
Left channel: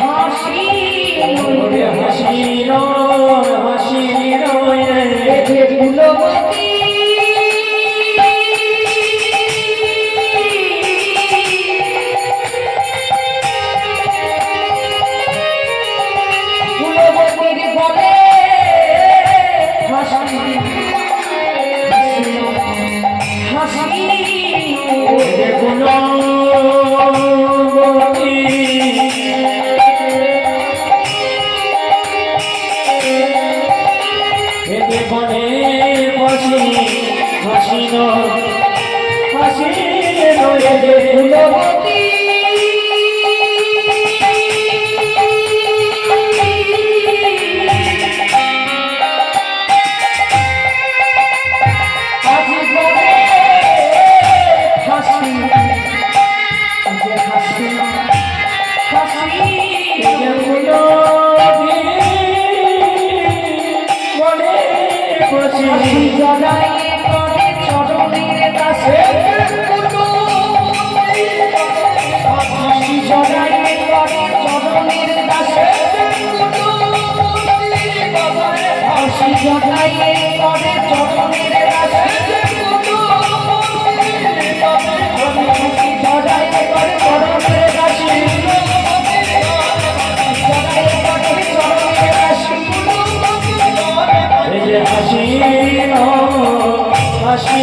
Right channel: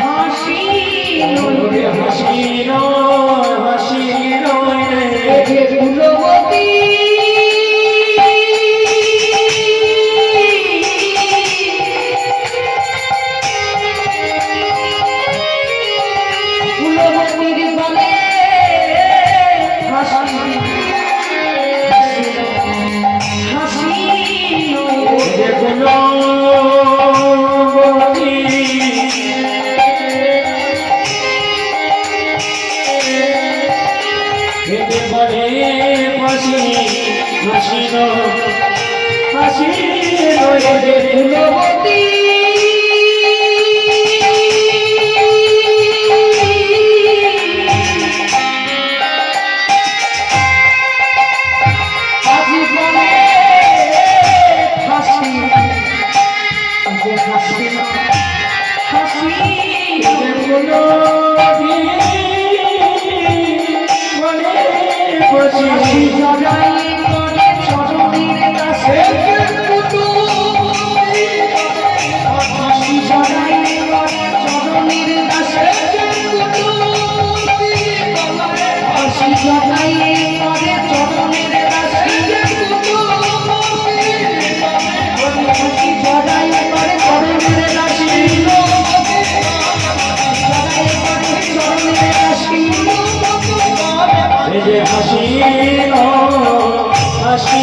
হাসি নয় রে হাসি নয়, হাসি নয়, হাসি নয় হাসি নয় রে ফুলবতী ফুলবতীর বলে হাসি হাসি ফুলবতী আজি বলে হাসি, যে হাসি হাসি হাসি জড়াই করে চরণের কাছে, হাসি জড়াই করে চরণের কাছে, হাসি জড়াই করে চরণের কাছে, হাসি জড়াই করে চরণের কাছে, জড়াই করে চরণের কাছে। এই যে হাসি হাসি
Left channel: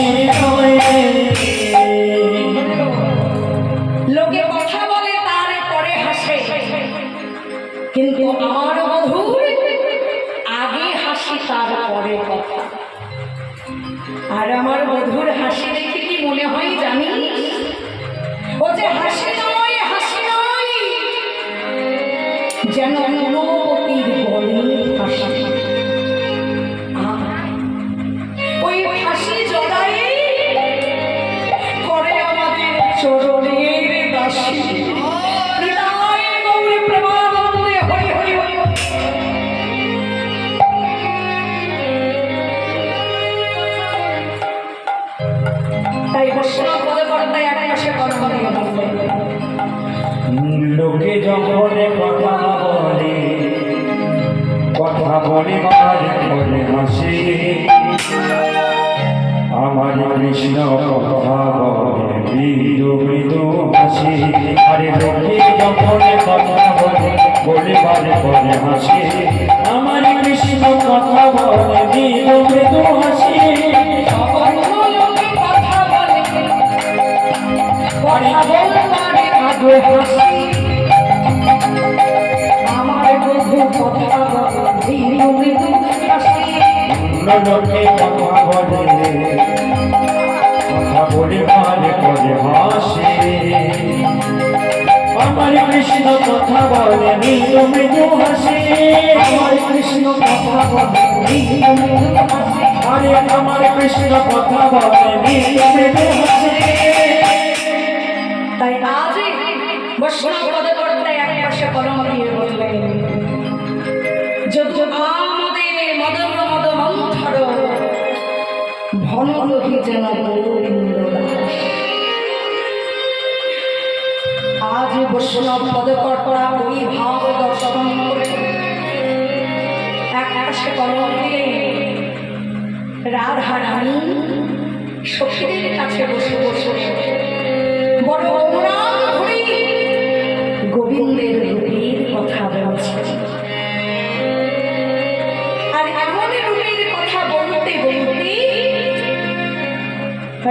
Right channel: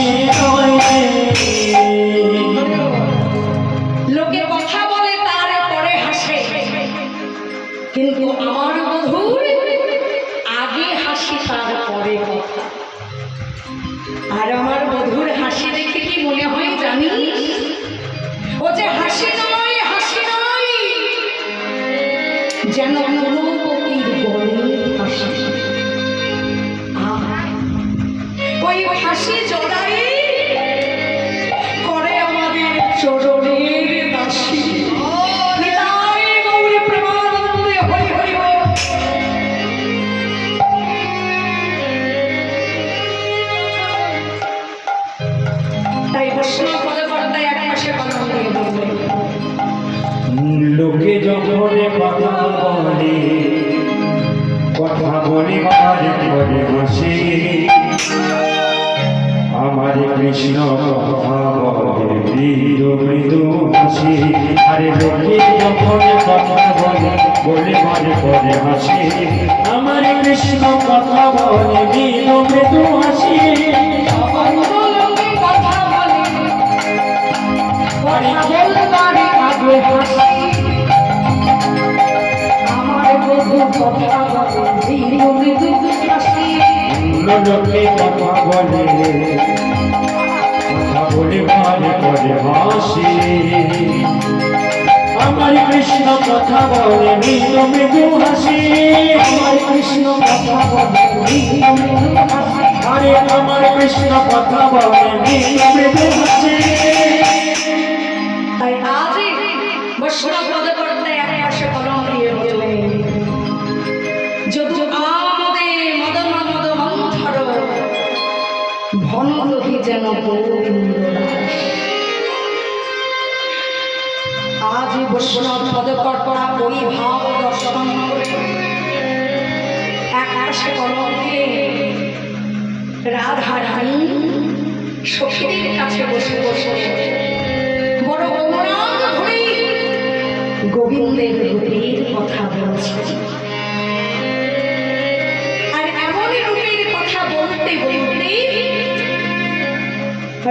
লোকে কথা বলে তারপরে হাসে, কিন্তু আমার বধুর আগে হাসি তারপরে কথা। আর আমার বধুর হাসি দেখে কি মনে হয় জানি? ও যে হাসি নয়, হাসি নয়, যেন ফুলবতীর বলে হাসি। ওই হাসি জড়াই করে আমাদের চরণের দাসী। নিতাই গৌর প্রেমানন্দে হরি হরি হরি। তাই বৈষ্ণব পদকর্তায় এক পাশে কলম দিয়ে বললেন, লোকে যখন কথা বলে বারে করে হাসে, আমার কৃষ্ণ কথা বলে মৃদু মৃদু হাসি। আরে লোকে যখন কথা বলে বারে করে হাসে, আমার কৃষ্ণ কথা বলে মৃদু মৃদু হাসি। লোকে কথা বলে, কথা বলবারে আগে হাসি। আমার বধু কথা বলে মৃদু মৃদু হাসি। লোকে কথা বলে বারে করে হাসে, আমার কৃষ্ণ কথা বলে মৃদু মৃদু হাসি। আমার কৃষ্ণ কথা বলে মৃদু মৃদু হাসি। আরে আমার কৃষ্ণ কথা বলে মৃদু মৃদু হাসি। তাই আজই বৈষ্ণব পদকর্তায় এক পাশে কলম দিয়ে বললেন, যদু আমোদে মদন মদ মন্থর ভনরহি যেন গোবিন্দ দাস। আজ বৈষ্ণব পদকর্তা ওই ভাব দর্শন করে এক পাশে কলম দিলেন, রাধা রানী সখীদের কাছে বসে বসে বড় অনুরাগ ভরে গোবিন্দের রূপের কথা বলছে। আর এমন রূপের কথা বলতে বলতে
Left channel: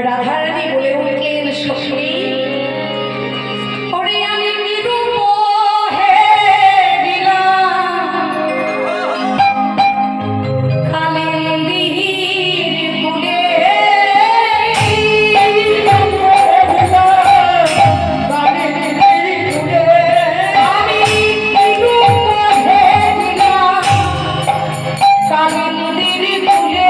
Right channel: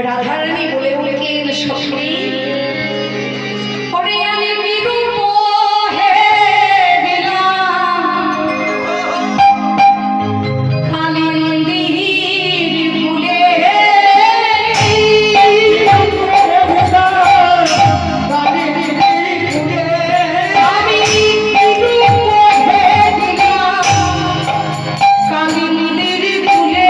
রাধারানী বলে উঠলেন, সখী ওরে আমি বিরূপ হয়ে গেলাম কালিন্দীর কুলে। আমি বিরূপ হয়ে গেলাম কালিন্দীর কুলে।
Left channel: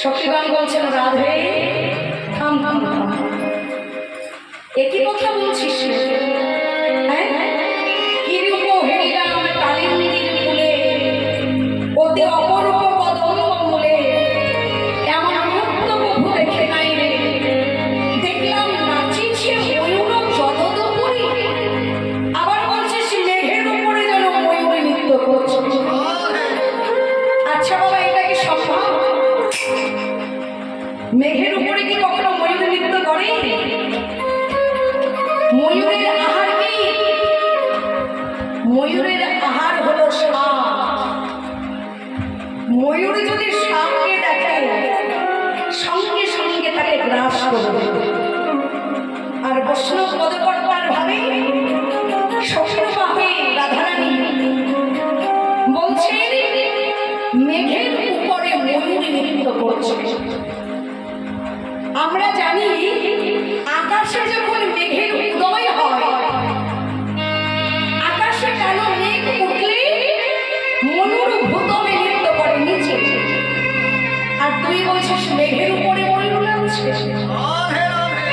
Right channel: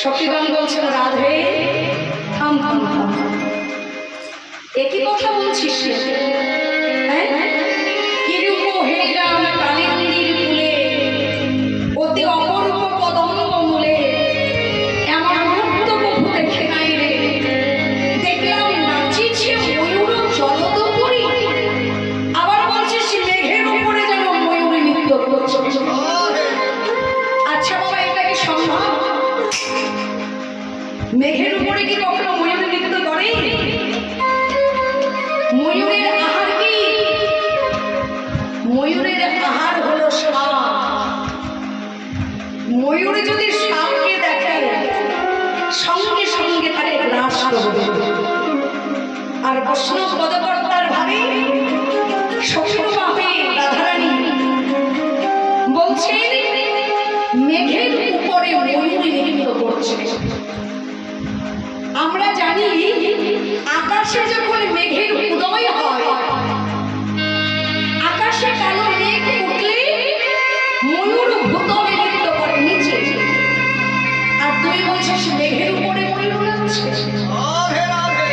সখীগণ বলছেন, রাধে থাম থাম থাম, একই কথা বলছিস? হ্যাঁ, কিরূপ হেরিলাম কালিন্দীর কুলে, অতি অপরূপ কদম্ব মূলে, এমন মুক্ত প্রভু দেখে নাই রে। দেখলাম নাচিছে ময়ূর জলদপুরী, আবার বলছিস মেঘের উপরে যেন ময়ূরী নৃত্য করছে। আচ্ছা বাবা, এটা কি সম্ভব? মেঘের উপরে কি কখনো ময়ূরী নৃত্য করে? ময়ূরের আহার কি? ময়ূরের আহার হলো সাপ। ময়ূরে যদি সাপকে দেখে সঙ্গে সঙ্গে তাকে গ্রাস করবে। আর বৈষ্ণব পদকর্তার ভাবে সখীর ভাবে রাধারানী বলছেন মেঘের উপরে ময়ূরী নৃত্য করছে। আমরা জানি আকাশে যখন মেঘের উদয় হয়, আকাশে কালো মেঘ উঠলে ময়ূর ভূতলে নৃত্য করে নিচে। আর তুই বলছিস মেঘের উপরে ময়ূর নাচছে,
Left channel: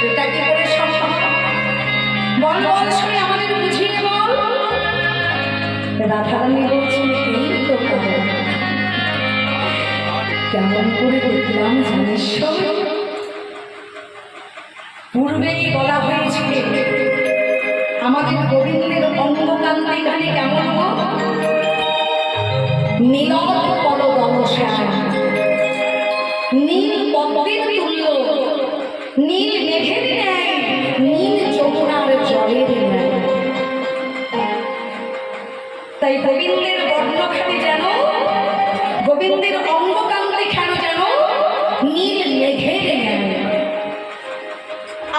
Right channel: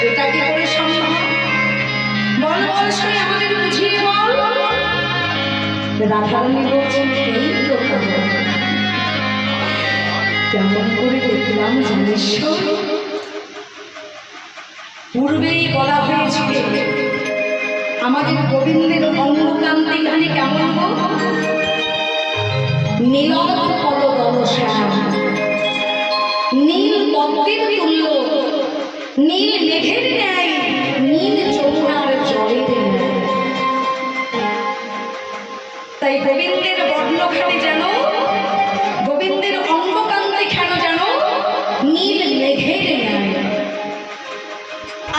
এটা কি করে সম্ভব? বল বল শুনে আমাদের বুঝিয়ে বল। রাধারানী বলছেন, এই তো কেমন করে দেখলাম জানিস? পূর্বেই বলা হয়েছিল আমাদের গোবিন্দের অঙ্গকান্তি খানি কেমন নীলত পদশ্যাম, নীল পদ্মের তুল্য, নীল মেঘের ন্যায়, নীল যমুনার জলের ন্যায়। তাই গোবিন্দের বর্ণখানি যেন, গোবিন্দের অঙ্গকান্তি কেন যেন নীল মেঘের ন্যায়।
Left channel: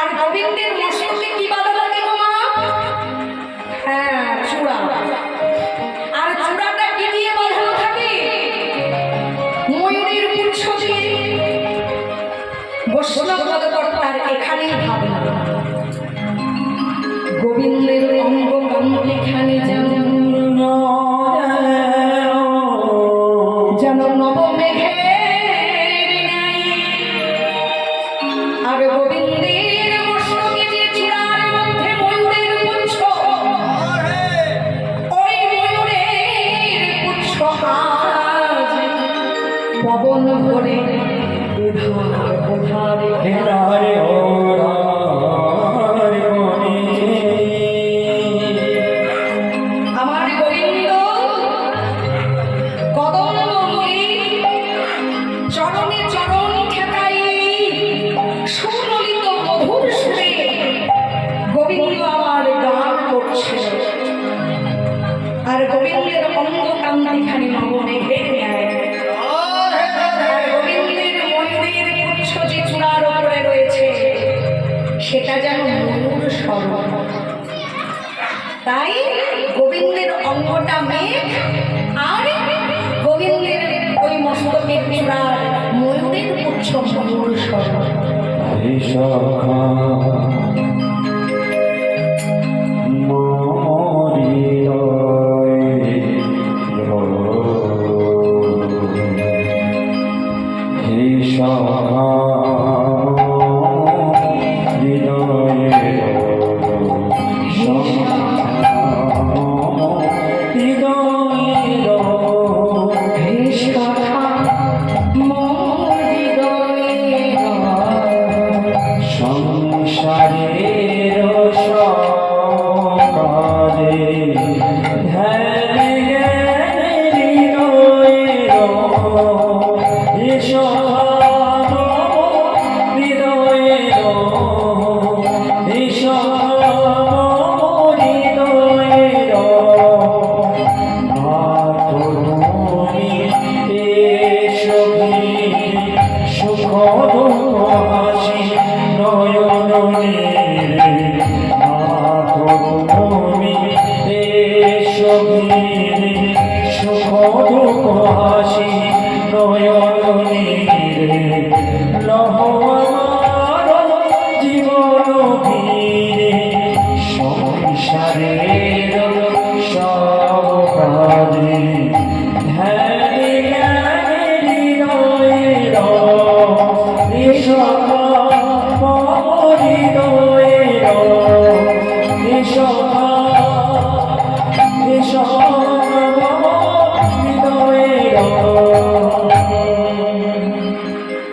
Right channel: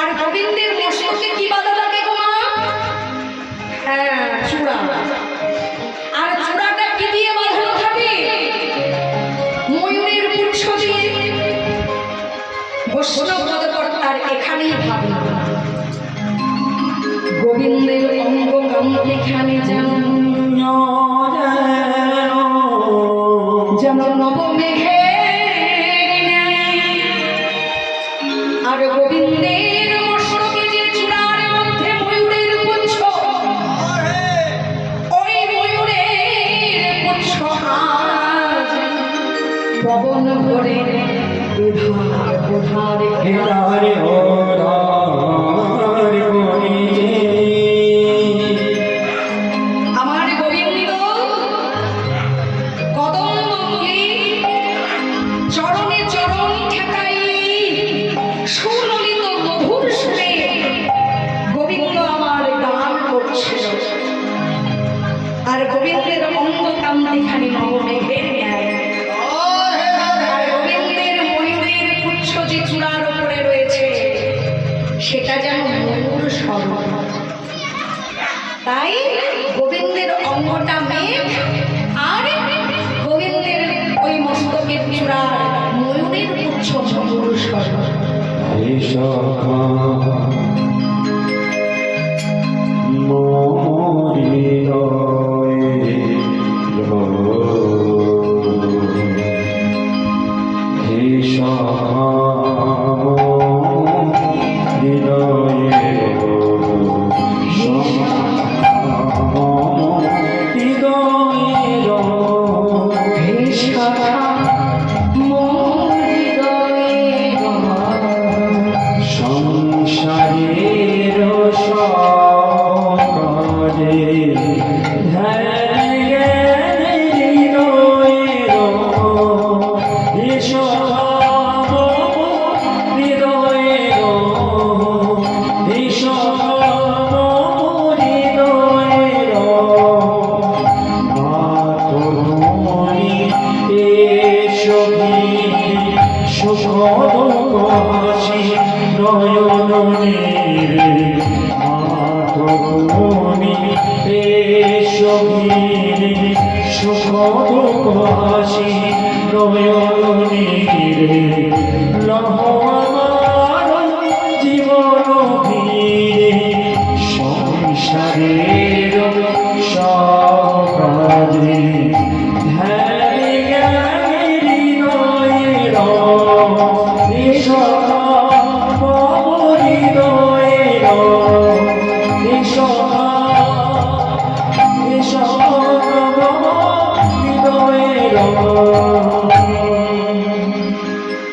আর গোবিন্দের মস্তকে কি বাধা লাগে গো মা? হ্যাঁ, চূড়া। আর চূড়াটা কি দিয়ে বাঁধানো থাকে? ময়ূরের পুচ্ছ দিয়ে। বৈষ্ণব পদকর্তার এখানেই ভাবনা, গোবিন্দের অঙ্গকান্তি খানে যেন তাই গোবিন্দের অঙ্গটা মেঘ, আর গোবিন্দের ওই মস্তকের চূড়ার ময়ূরের পুচ্ছ ময়ূর স্বর্ণ।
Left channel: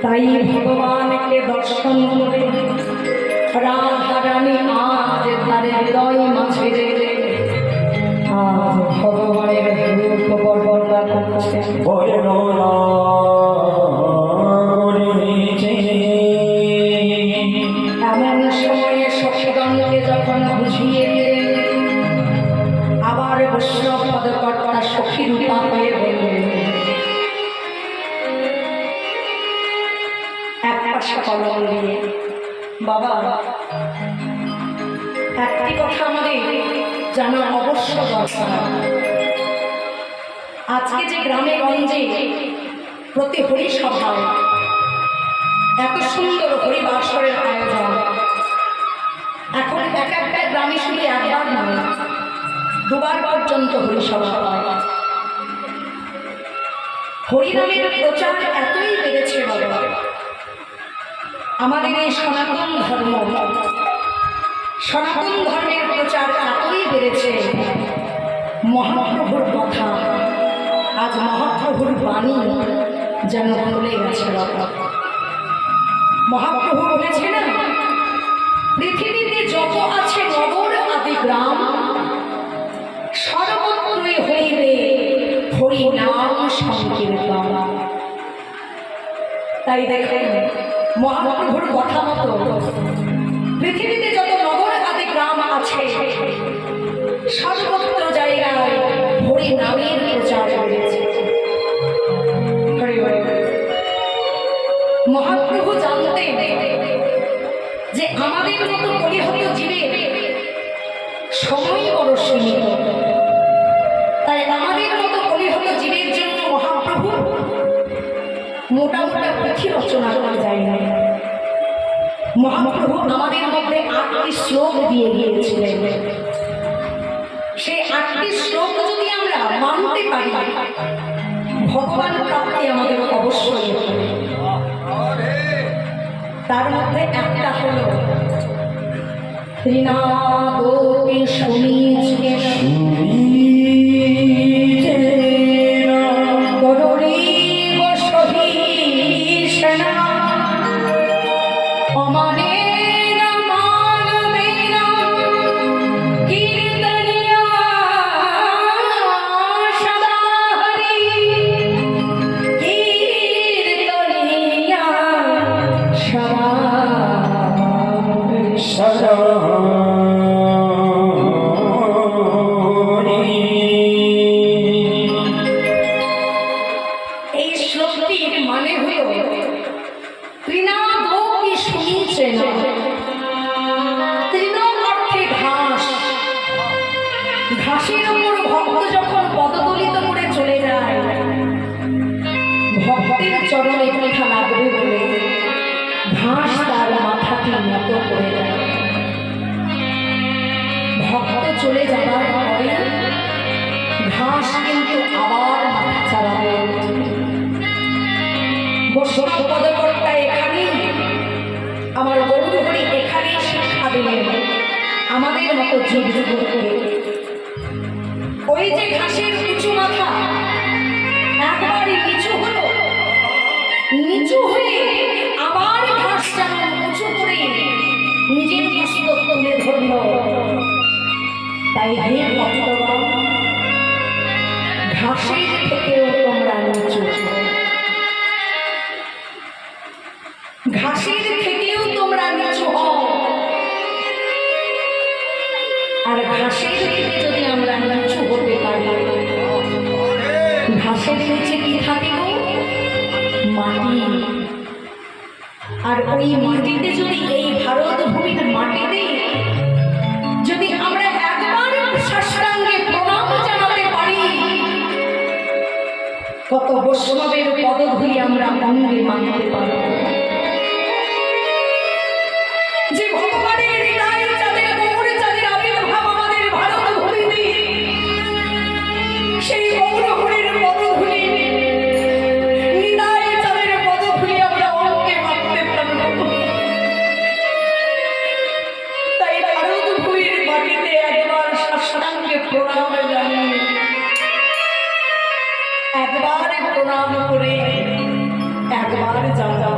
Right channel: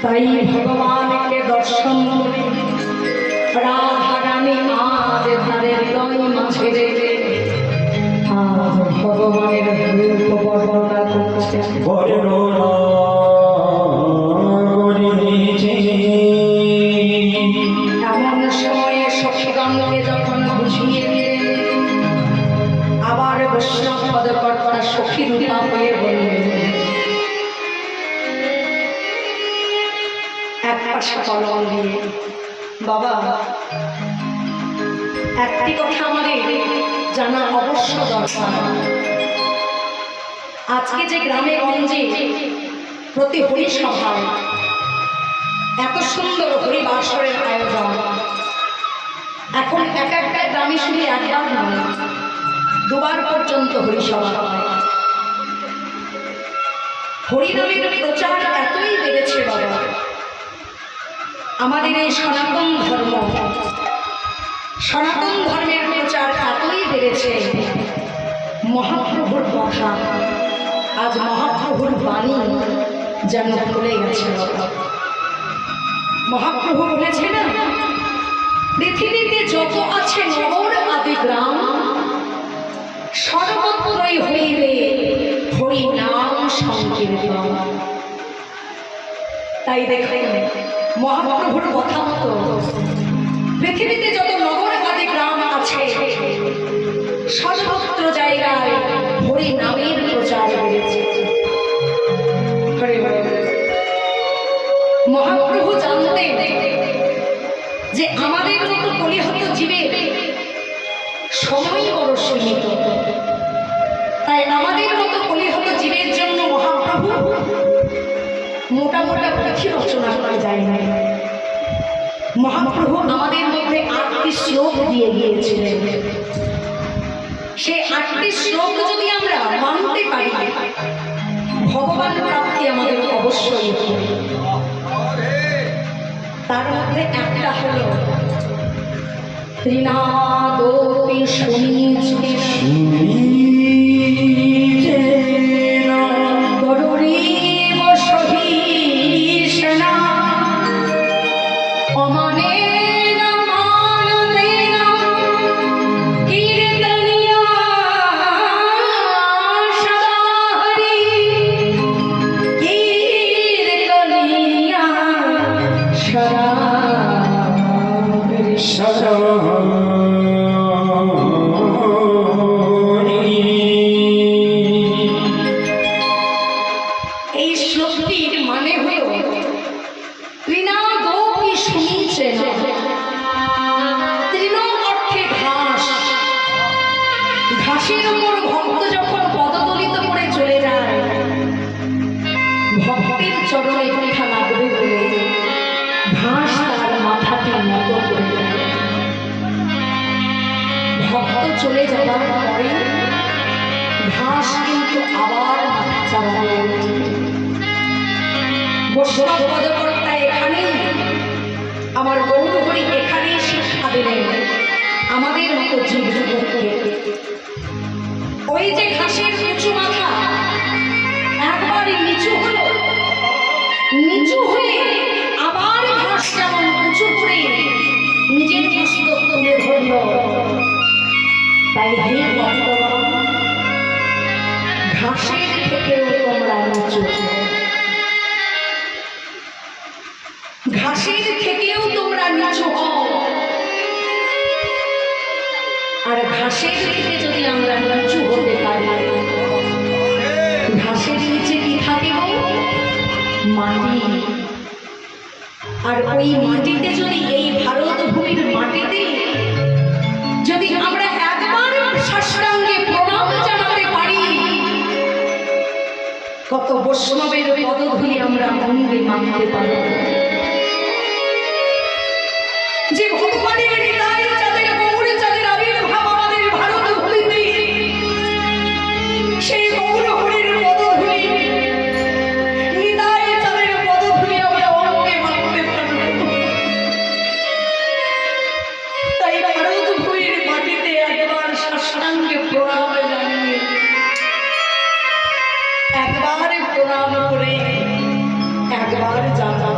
তাই ভগবানকে দর্শন করে রাধা রানী আজ তার হৃদয় মাঝে রেখে আজ ভগবানের রূপ বর্ণনা করছে। এমন সময়ে সখীগণকে যখন বুঝিয়ে দিলেন, আবার বৈষ্ণব পদকর্তা সখী রূপা হয়ে বললেন, এক পাশে কলম দিয়ে, বাবা একটি কথা আমাদের জানা অবশ্য দরকার। আজকে যে গ্রামে গঞ্জে প্রতি হরিসভায় এত সুন্দর হরিবাসরের আয়োজন, এখন এক একটা গ্রামে শুধু একবার নয়, দুবার পর্যন্ত হরিসভা হয়। হরিনামের প্রচার এতই বেড়েছে বাবা, আমাদের এই সনাতন ধর্মের প্রচার এতই বেড়েছে, মহাপ্রভুর কথা আজ মহাপ্রভুর বাণী যেন ভুলে গেছে বাবা। মহাপ্রভু বলেছে না, পৃথিবীতে যত আছে নগর আদি গ্রাম, সর্বত্রই হইবে হরি নাম সংকীর্তন। তাই দেখেন মহাপ্রভুর কথা মতো পৃথিবীতে যত নগর আদি গ্রাম আছে, সর্বত্র জায়গায় হরি নামের প্রচার বেড়েছে। মহাপ্রভু জানতেন যে আমাদের মতো কলিহত জীবের সময় বড় সীমিত, তাই আমাদের মতো কলিহত জীবের জন্য মহাপ্রভু মোটা মোটা পুঁথি রচনা করা যায় না। মহাপ্রভু আমাদের মধ্যে 8টি শ্লোক দিয়ে গিয়েছিলেন। সেই 8টি শ্লোক যদি আমরা মানতে পারি, ভগবান প্রাপ্তি আমাদের অবশ্যই হবে। তার মধ্যে একটা হলো ত্রিনাদোপি সুনীচে গরুরীব সহিষ্ণা অমানেন মানবেন কীর্তনিয়া সদা হরি কীর্তনিয়া সদা ঘাসের ওপর ভক্ত যখন পদদলিত করে চলে যায়, ভক্তের চরণে পিঠা লাগবে বলে ঘাস তার মাথাটি নত করে দেয়। ভক্ত চলে যাবার পরে ঘাস কিন্তু আবার মাথা চালাবে। বৈষ্ণব পদকর্তা এখানে, আমার গৌরহরি এখানে শিক্ষা দিলেন আমাদের মতো জীব জগৎকে। ওই যে ঘাসের উঁচু মাথা একবারই নিচু হলো, নিচু হয়ে আবার ঘাস যেমন উঁচু করে নিজের মস্তক তুলে ধরল। তাই হে ভক্তগণ, ঘাসের থেকেও তোমরা নিচু, ঘাসের থেকেও তোমরা নিচু হও। আর ঘাসের থেকে যদি আমরা নিচু হতে পারি, ঘাসের নিচে কি থাকে গো? মাটি। আর ওই মাটিতে যদি, এই ভারত ভূমির মাটিতে যদি আমরা একবার সাষ্টাঙ্গে প্রণাম জানাতে পারি, কত বৈষ্ণবের পদধূলি আমরা অঙ্গে মানতে পারি। যে ভগবানের হৃদয় চাঁদের গৌরে চাঁদের আবির্ভাব আমাদের ভারত ভূমিতে, সেই গৌরহরির পদধূলি, হৃদয় চাঁদের পদধূলি আমরা অঙ্গে মানতে পারব। তাই ভারত ভূমির মাটিতে একবার সাষ্টাঙ্গে প্রণাম জানিয়ে, একবার প্রণাম করে একবার জানা।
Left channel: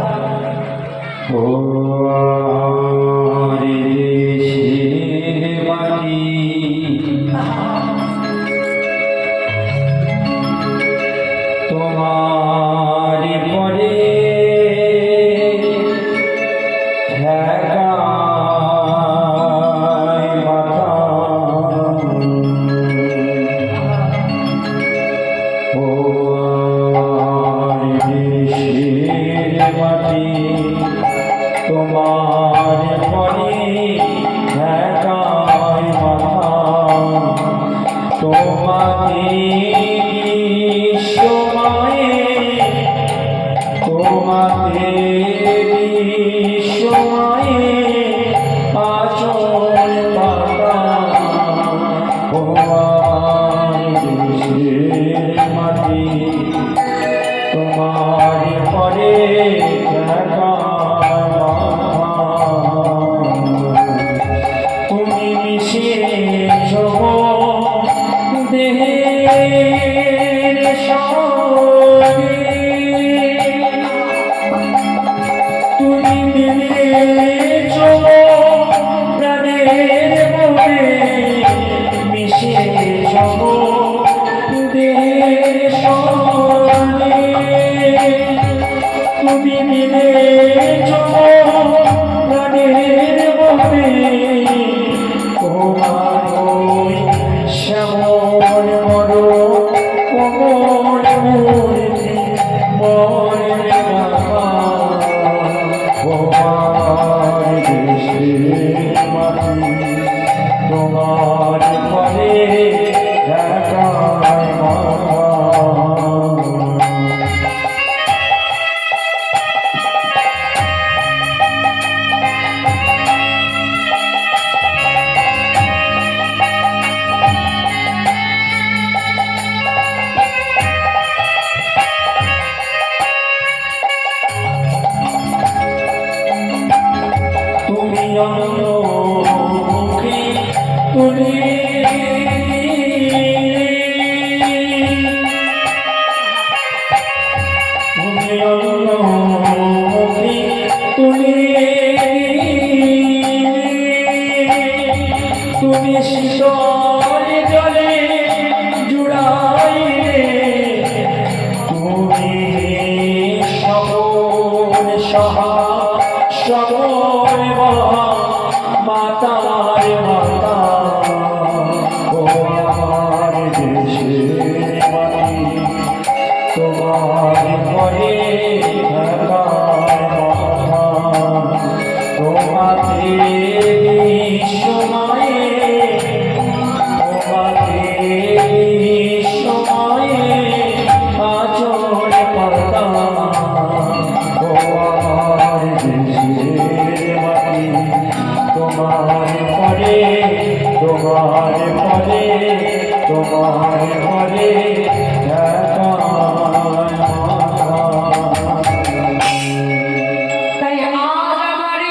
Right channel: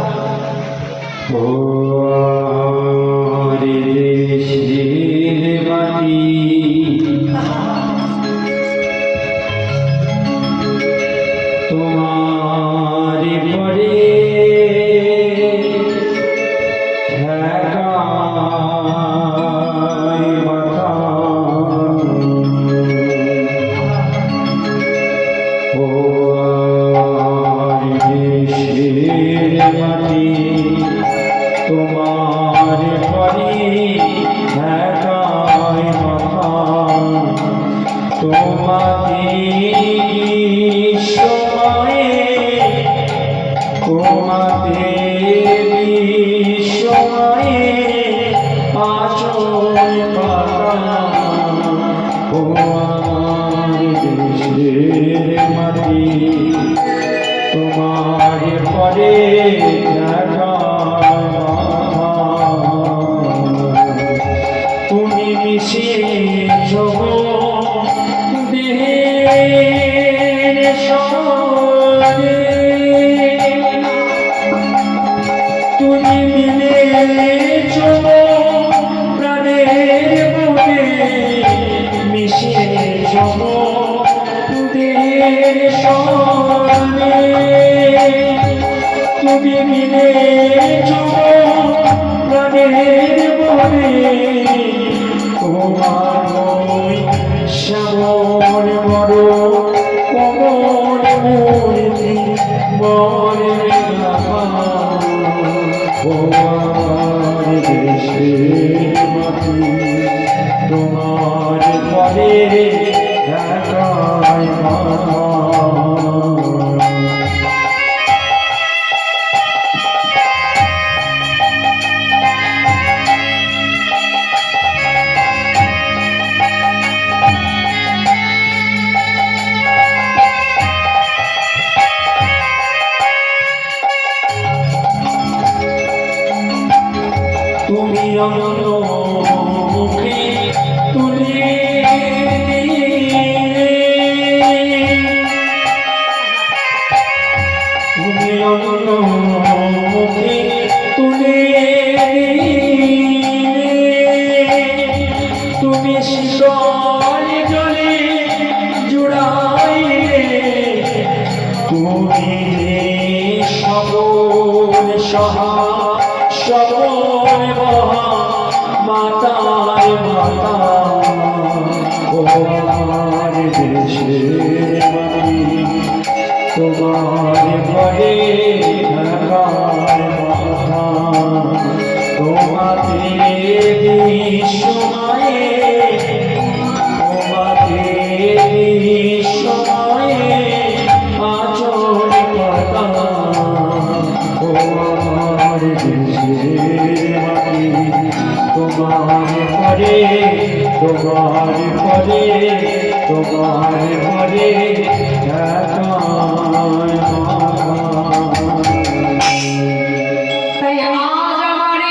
তোমাতে বিশ্বময়ে তোমাতে ভগবান মরে তাই আজ আমার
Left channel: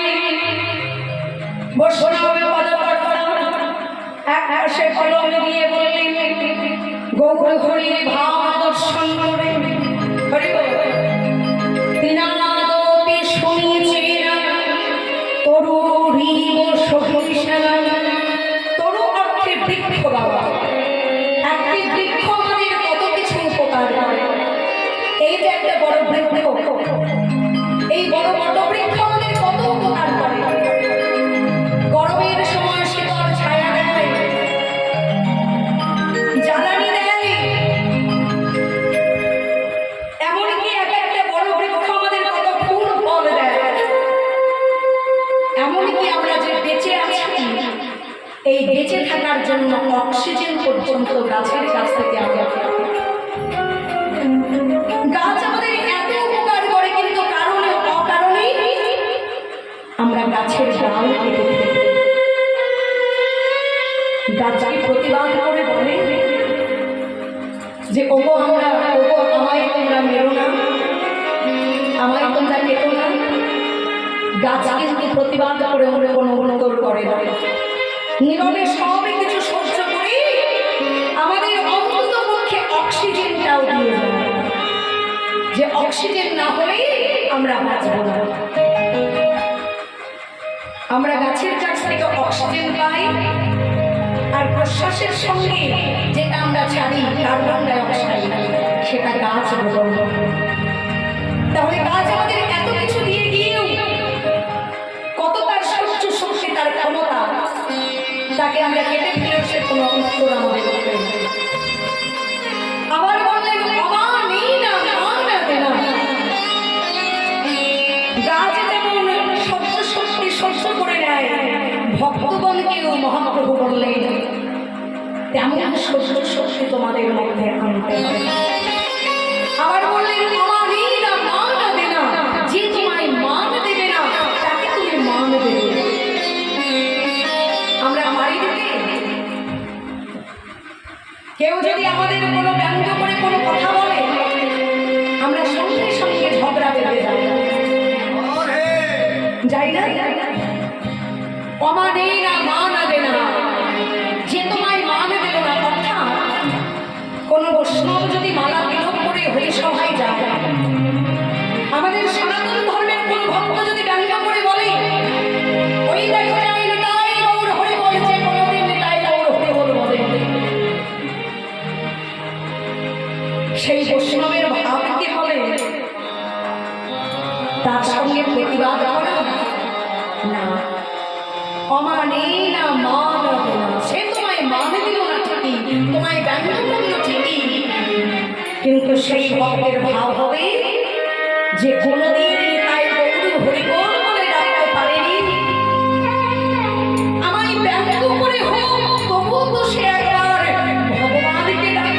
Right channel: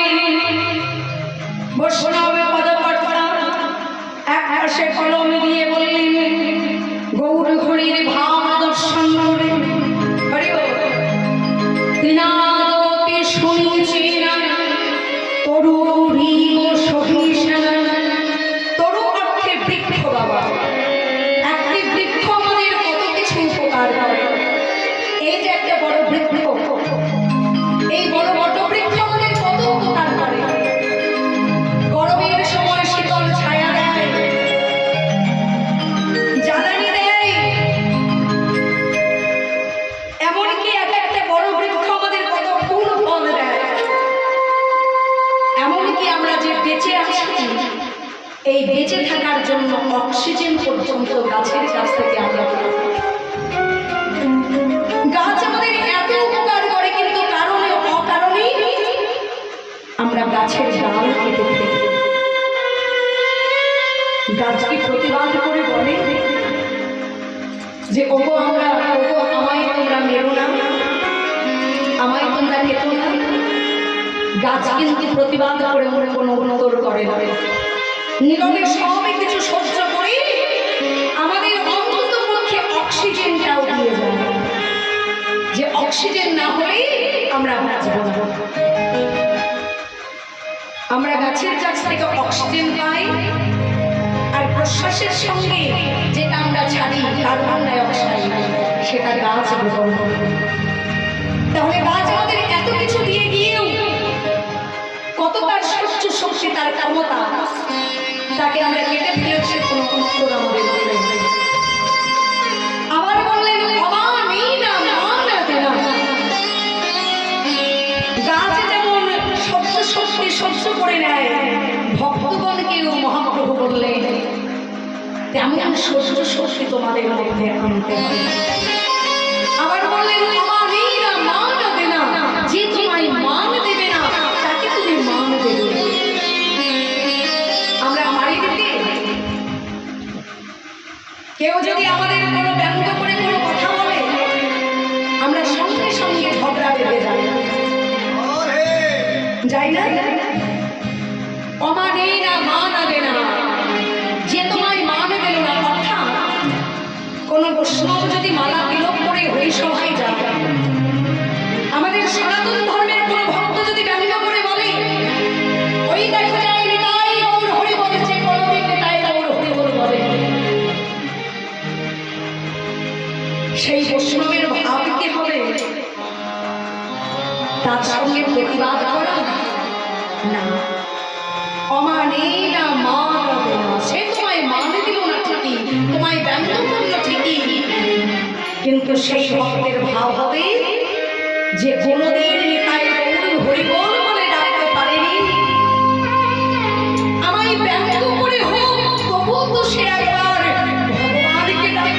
বৈষ্ণবে পদকর্তা এক পাশে কলম দিয়ে বললেন গৌর হরির ভাব দর্শন করে হরি তিনাদপি শুনিছেন তরু রিব সহিষ্ণ তরু অর্থে বৃক্ষ বাবা একটি বৃক্ষ আমাদের কত কিছু উপকার করে এই যে একটা বড় বৃক্ষ এই বড় বট বৃক্ষ আমাদের কত উপকার করে গরমের সময় শীতল ছায়া দেয় জ্বালানি দেয় এমনকি এক একটা বড় বৃক্ষ আমাদের কত ফুল ফল দেয় এমনকি আমরা যে বেঁচে আছি এই বেঁচে থাকার জন্য অক্সিজেন পর্যন্ত গাছের কাছ থেকে আমরা পাই। গাছ আমাদের এত উপকার করে কিন্তু কারণে অকারণেই আমরা গাছের ডাল কেটে ফেলি গাছকে প্রতিবাদ করে বলে যে ওগো আমায় তোমরা মেরো না আমায় তোমরা কেটো না গাছ কিন্তু প্রতিবাদ করে ওরা কোনো উত্তর করে না নীরবে সবই কিছু সহ্য করি আমাদের অন্তত পক্ষে অক্সিজেনটাও দিয়ে যায় যে অক্সিজেন না হলেই আমরা বাঁচব না আমরা গাছের কাছ থেকে অক্সিজেন পাই আর প্রশ্বাসের সঙ্গে যেটা আমরা ছাড়ি কার্বন ডাই অক্সাইড সেটা গাছ গ্রহণ করে। তাহলে গাছ আমাদের এত কিছু দিয়ে গিয়েও কত তার সহ্য শক্তি তার ক্ষমতা তাকে আমরা কেটে ফেলেও সে কোনো উত্তর আমাদের করবে না। আবার বললেন অবা নেই না মা না দেনা গাছ যেমন সহ্য শক্তি সহ্য করে নেয় ভক্তগণকেও মহাপ্রভু বললেন তেমন সহ্য শক্তি তোমাদের মধ্যে আনতে হবে। আবার বললেন অবা নেই না মা না দেনা যে তোমায় মান দেবে না তাকে তুমি মান দেবে। আমরা পারি দিতে কেউ যদি আমাদের কোনো ব্যঙ্গ করে কোনো কথা বলে আমরা সঙ্গে সঙ্গে ঝগড়া বেঁধে যাই না অমা নেই না মা না দে না যে তোমায় মান দিল না অর্থাৎ কোনো বৈষ্ণব যদি মালা বিলোপ করে হরিসভায় যায় আমাদের সনাতন ধর্মের কোনো ভক্ত যদি ব্যঙ্গ করে বলে ওই দেখা যায় নিতাই গৌর হরি বলেছে কোনোদিন নিতাই গৌর হরি বল বলে সেই বৈষ্ণবের ভাব কি হবে তার সঙ্গে প্রতিবাদ করা না অমানে না মান না সে তোমায় মান দিল না ঠিকই তোমায় ব্যঙ্গ করলো ঠিকই কিন্তু সেই ভক্তের ভাব হবে যে কোনোদিন তাই গৌর হরিবল বলে ডাকতে পারেনি আমায় ব্যঙ্গ করে হোক তবু তো সে একবার ভগবানকে ডাকল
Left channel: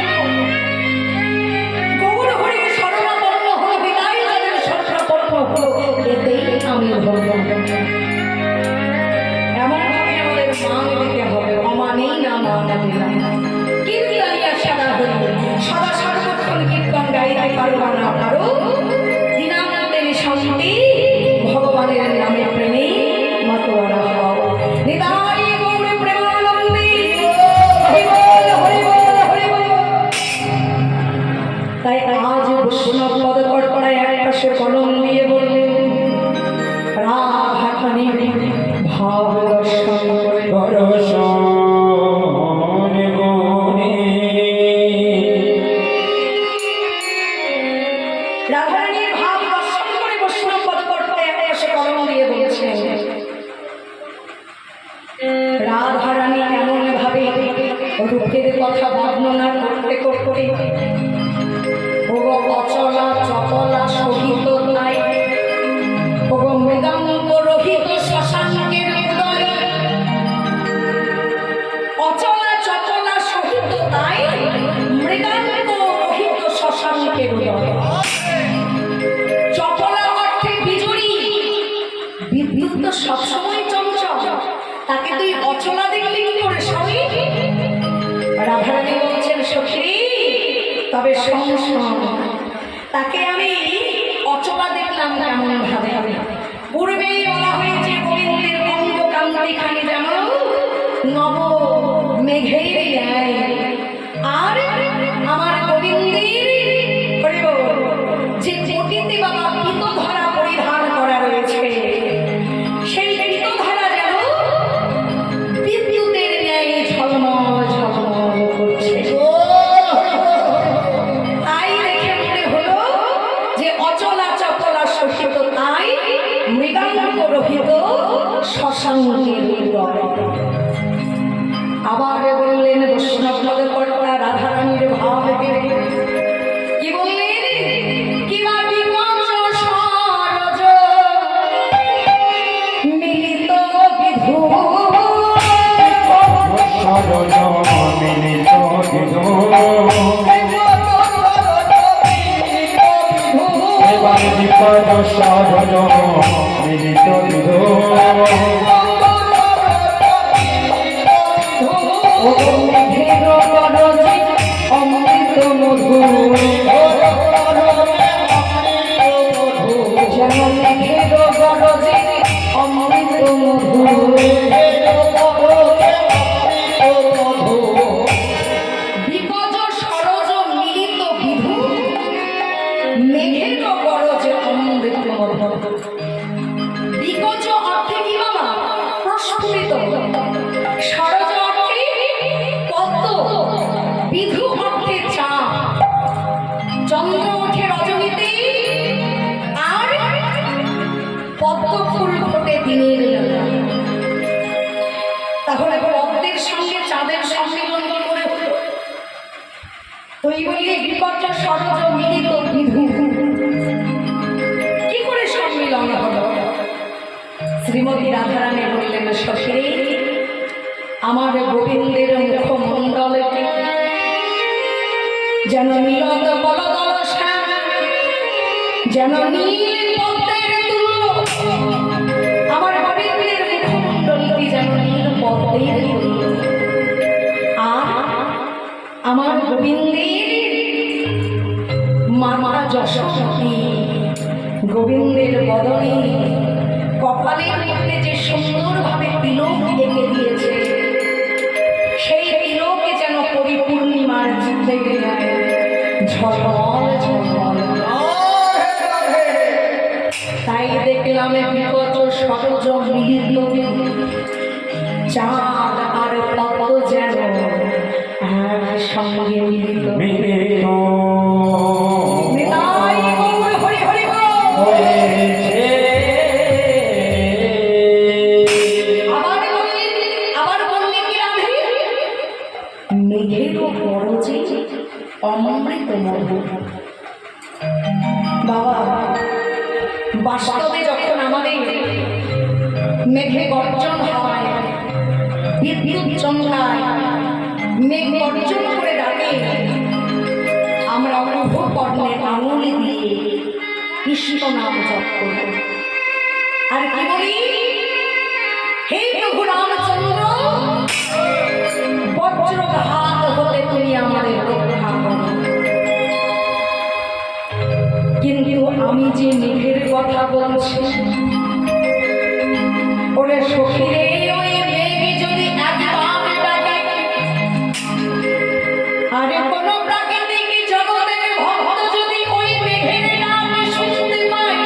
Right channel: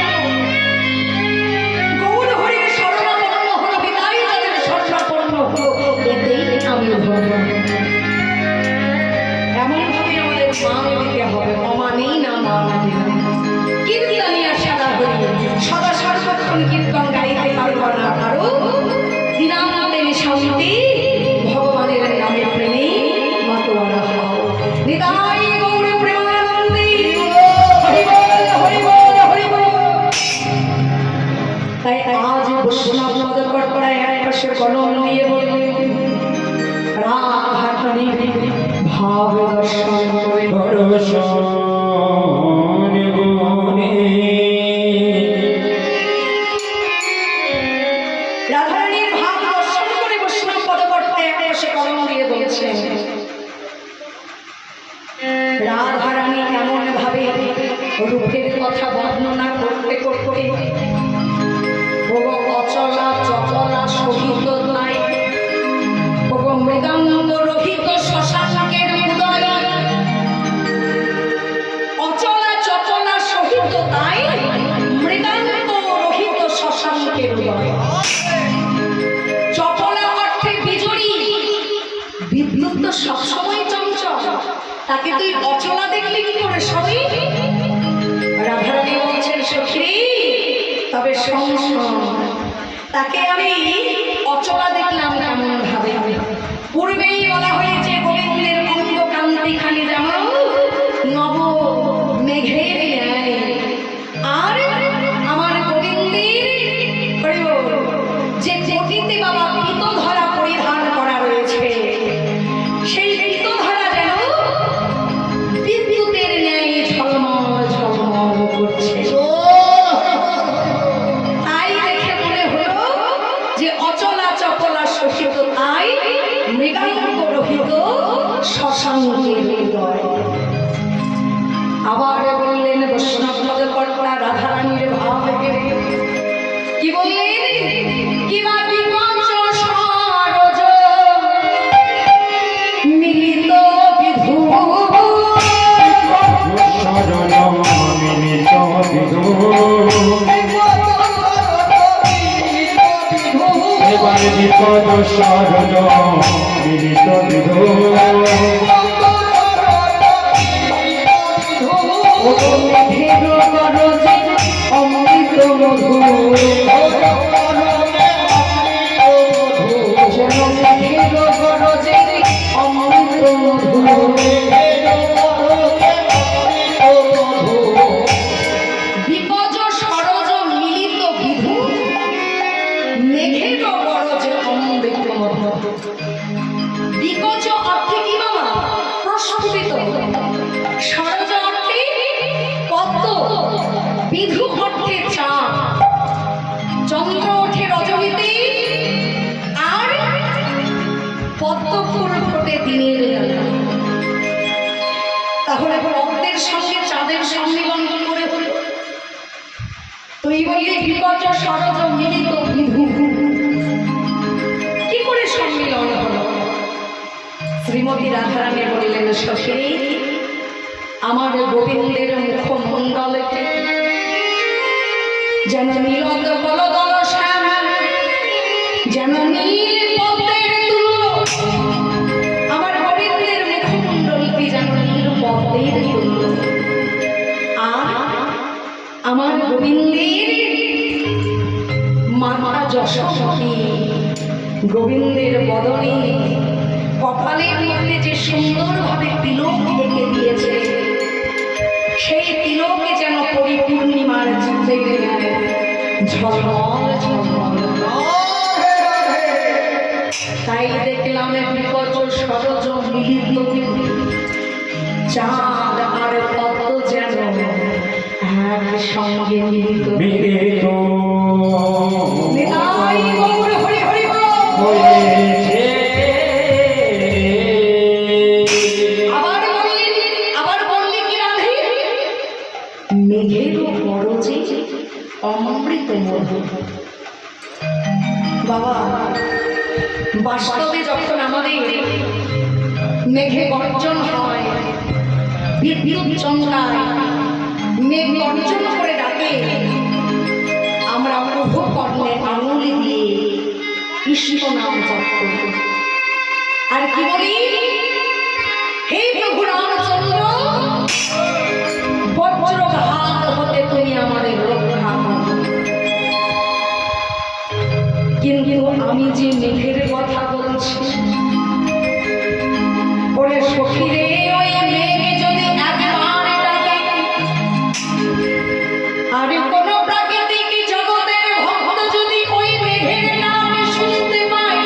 গৌর হরির শরণাপন্ন হলো বিদায় তাদের শরণাপন্ন হলো এতেই আমি ধন্য। এমনভাবে আমাদের মান দিতে হবে অমানেই না মান দিলাম কীর্তনিয়া সারা হরি সদা সর্বক্ষণ কীর্তন গাইতে পারবা না কারো দিনান্তে শান্তি ভগবানের নামে প্রেমে মাতোয়ারা হও নিতাই গৌর প্রেমানন্দে হরি বল হরি বল হরি বল। তাই আজ বৈষ্ণব পদকর্তায় এক পাশে কলম দিয়ে বললেন রাধাখানির ভাব দর্শন করে রাধারানীর ভাব দর্শন করে বৈষ্ণব পদকর্তায় এক পাশে কলম দিয়ে বলছেন রাধারানী এমন ভাবে রূপের কথা বর্ণনা করতে করতে অচলা চচলা সহিত নাই মৃদাঙ্গ রহিত শশাঙ্কের উদয় অচলা চচলা সহিত তাই মৃদাঙ্গ রহিত শশাঙ্কের উদয়। চপলা অর্থে বিজড়ি বিদ্যুৎ তো সবসময় চঞ্চল তাকে তুই অচলা দেখলে কি করে সবই রাধারানী বলছে তবে সংসার তাকে আমি অচলা দেখলাম কেমন ভাবে। পূর্বেই বলা হয়েছে গোবিন্দের অঙ্গ কান্তি খানি যেমন নব মেঘের ন্যায়, আর আমার গোবিন্দের যে কোটিতে বাবা পিতধরা পরিধান করা রয়েছে, সেই পিতধরা যেন বিদ্যুতের ন্যায় ঝলমল ঝলমল করছে। তাই দেখে মনে হলো যে অচলা চপলা শোষিত, তাই মৃগাঙ্গ রহিত শশাঙ্কের হৃদয়। আবার বললেন বৈষ্ণব পদকর্তা রাধারানীর ভাব থেকে কি বললেন, কিবা বিকঞ্চ সরজ মিলিত বিধু, এবারে বিপদ সরজ মিলিত বিধু, মেঘের গরজে অমৃত মধু, যেন মেঘের গরজে অমৃত মধু। বিকজ সরজ মিলিত বিধু, মেঘের গরজে অমৃত মধু। বিকজ অর্থে কি বাবা? প্রস্ফুটিত। সরজ অর্থে পদ্ম, বিধু অর্থে চাঁদ। চন্দ্র ওঠে রজনীতে, আর পদ্ম ফুল ফোটে দিনের বেলা। তাহলে পদ্মের সঙ্গে চাঁদের সম্মিলন কি করে হলো? তুই বললি বিপর্য সরজ মিলিত বিধু, কি করে সম্মিলন হলো? শ্রীমতী রাধারানী বললেন, সখী আমার গোবিন্দের মুখমণ্ডলে যেন নীলদ বলদল শ্যাম, যেন নীল পদ্মের তুল্য। আমার গোবিন্দের মুখমণ্ডলটি যেন নীল পদ্মের তুল্য, আর আমার গোবিন্দের মাতা যশোমতী গোবিন্দের বদনে কপালের মধ্যে যে সুন্দরভাবে তিলক এঁকে দিয়েছে, সেই তিলকে যেন পরিপূর্ণিমার জিন্দেগি নেয় ঝলমল ঝলমল। তাই দেখলাম বিকজ সরজ মিলিত চাঁদ আর তত্ত্ব যেন একসঙ্গে মিলিত। মিলিত নিতাই গৌর হরি হরি বল। হয়েছে। আবার বললেন কি রাধে, মেঘেরও গরজে অমৃত মধু। বাবা, বাস্তবে যখন আমাদের মেঘে গর্জন হয়, বিদ্যুৎ চমকায়, মেঘ গর্জন করে ডাকে, আমরা উভয় কর্ণে আঙুলি দিয়ে কৃষ্ণ নাম জপ করি, আর কি বলি, হে প্রভু রামচন্দ্র, বজ্রঘাত হতে তুমি আমাদের রক্ষা করো। কিন্তু আমি যে মেঘের কথা বলছি, ওরে সখীরে, ওই মেঘ যদি একবার ডাকে, আরে কোন প্রাকৃতিক জগতের ভক্ত যদি ওই মেঘের নাম শুনতে পায়,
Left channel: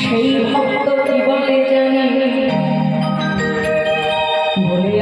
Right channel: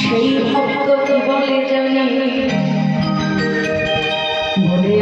সেই ভক্ত কি বলে জানি, বলে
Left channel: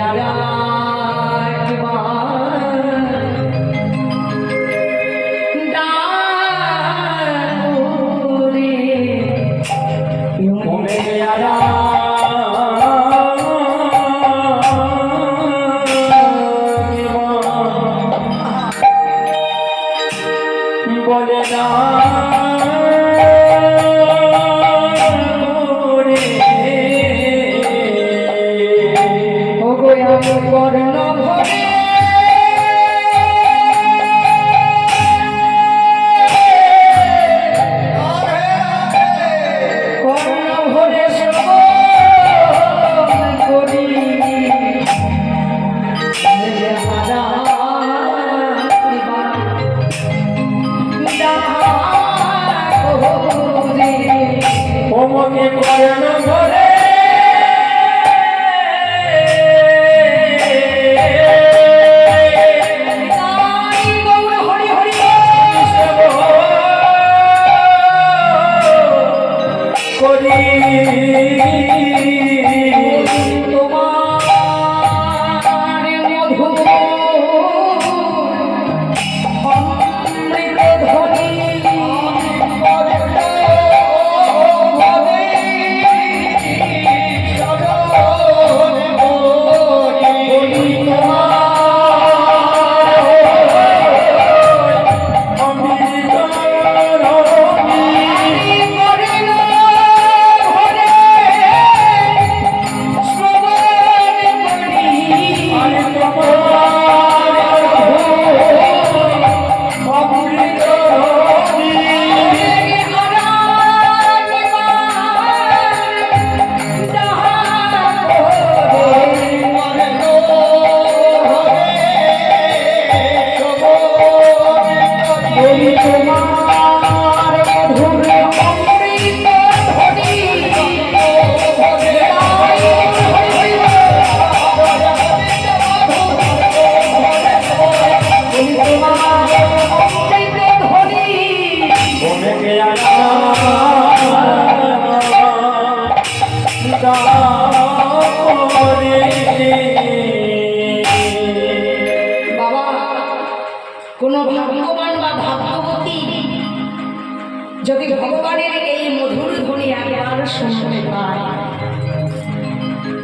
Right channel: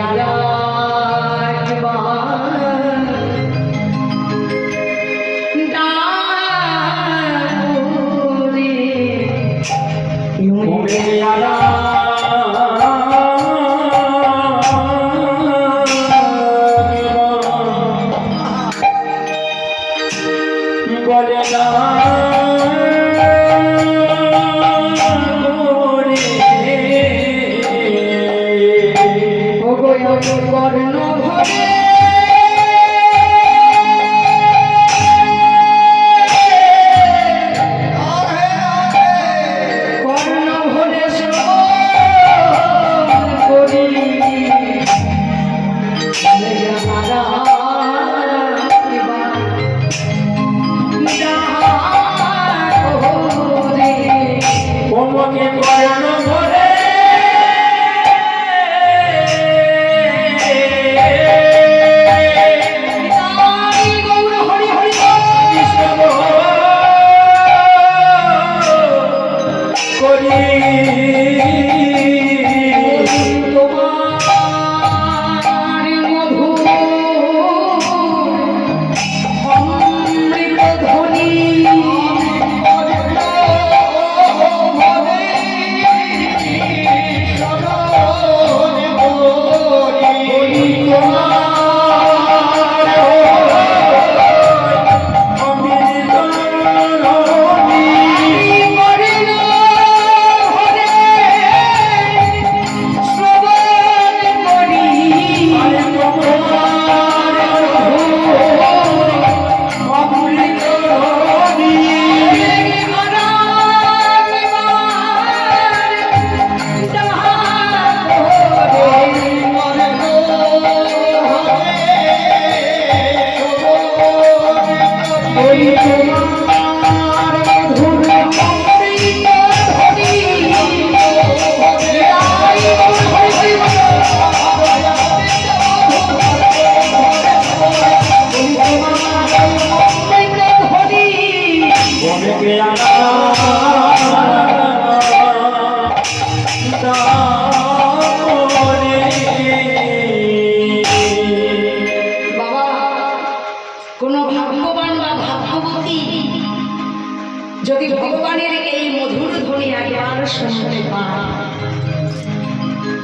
যদি ভগবানের এই মধুর ধ্বনি একবার শুনতে পায়,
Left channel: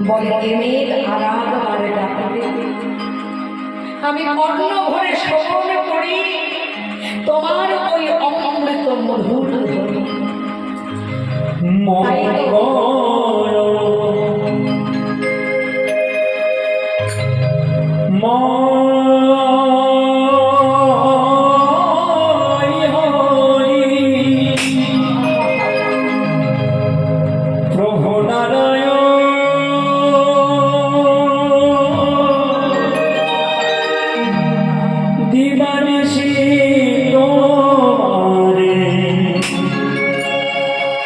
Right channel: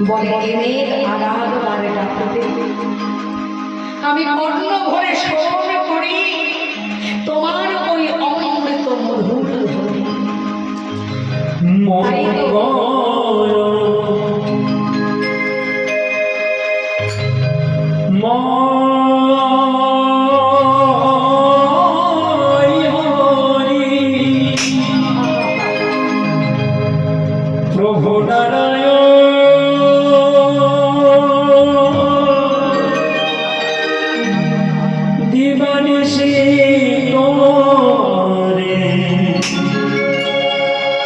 বলে মেঘ আরাধবার ডাকতে আমি কর্ণ ভরে শ্রবণ করি তোমার ওই অমৃত মধুর ধ্বনি। তাই তো প্রভু নারায়ণ দিবানিশি তোমারে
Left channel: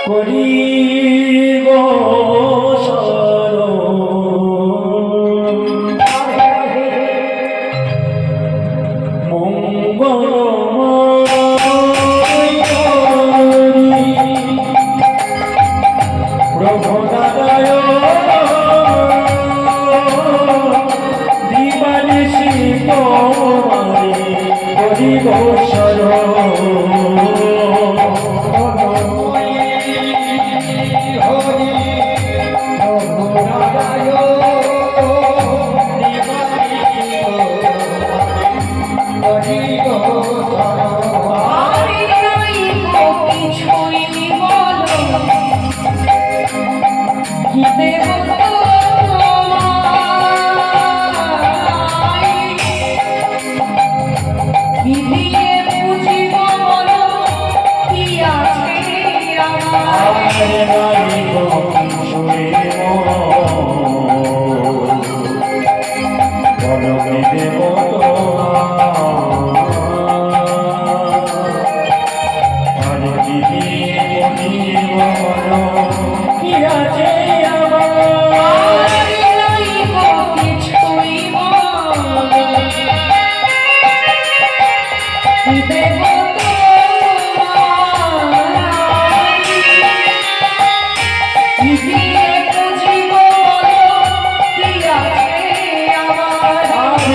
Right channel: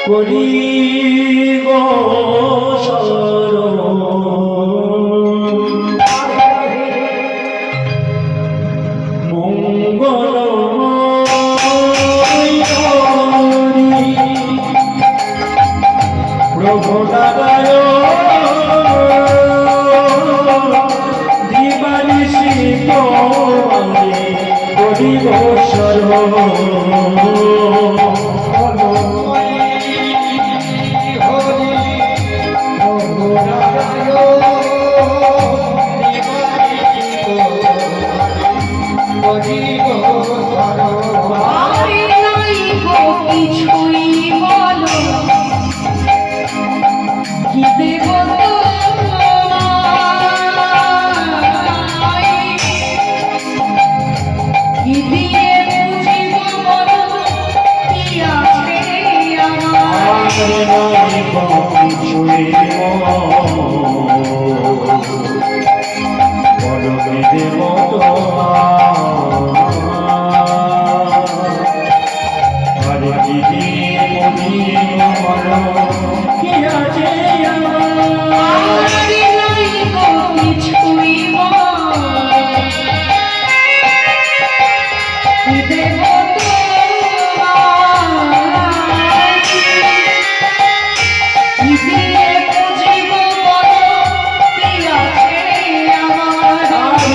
করি গো শরণ। প্রভু দিবানিশি তোমারে করি গো শরণ। আরে নাই গো কিছুই বলো কি দেব তোমায়, কি দিয়ে বুঝিব বলো কি আছে আমার। আরে নাই গো কিছুই বলো কি দেব তোমায়, কি দিয়ে বুঝিব বলো কি আছে আমার।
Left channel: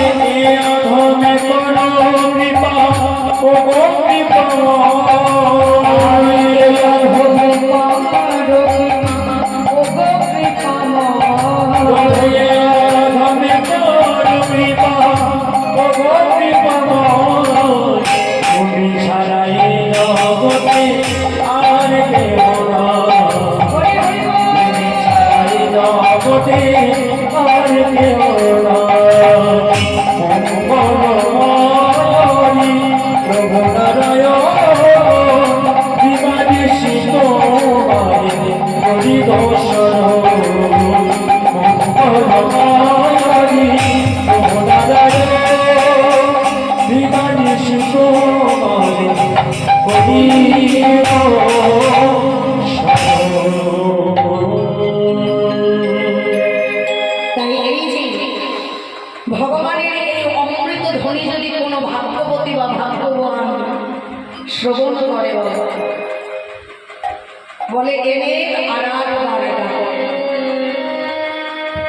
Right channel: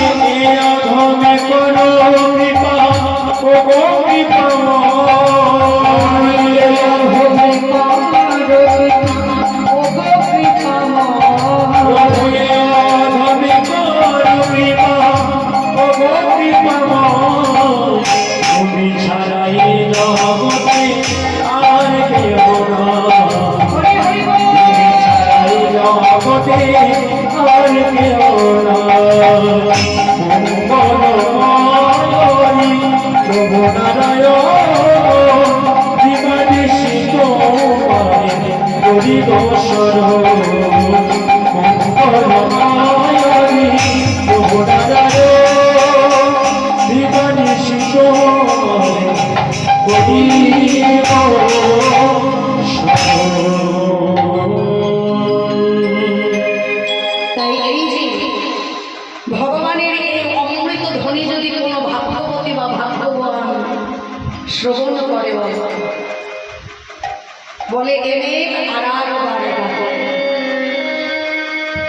তাই এই যে ভগবানের এই অমৃত ধ্বনি যদি কোনো ভাগ্যবতী বা ভাগ্যবান শ্রবণ করে বলে এনে আরাধবার ডাকো।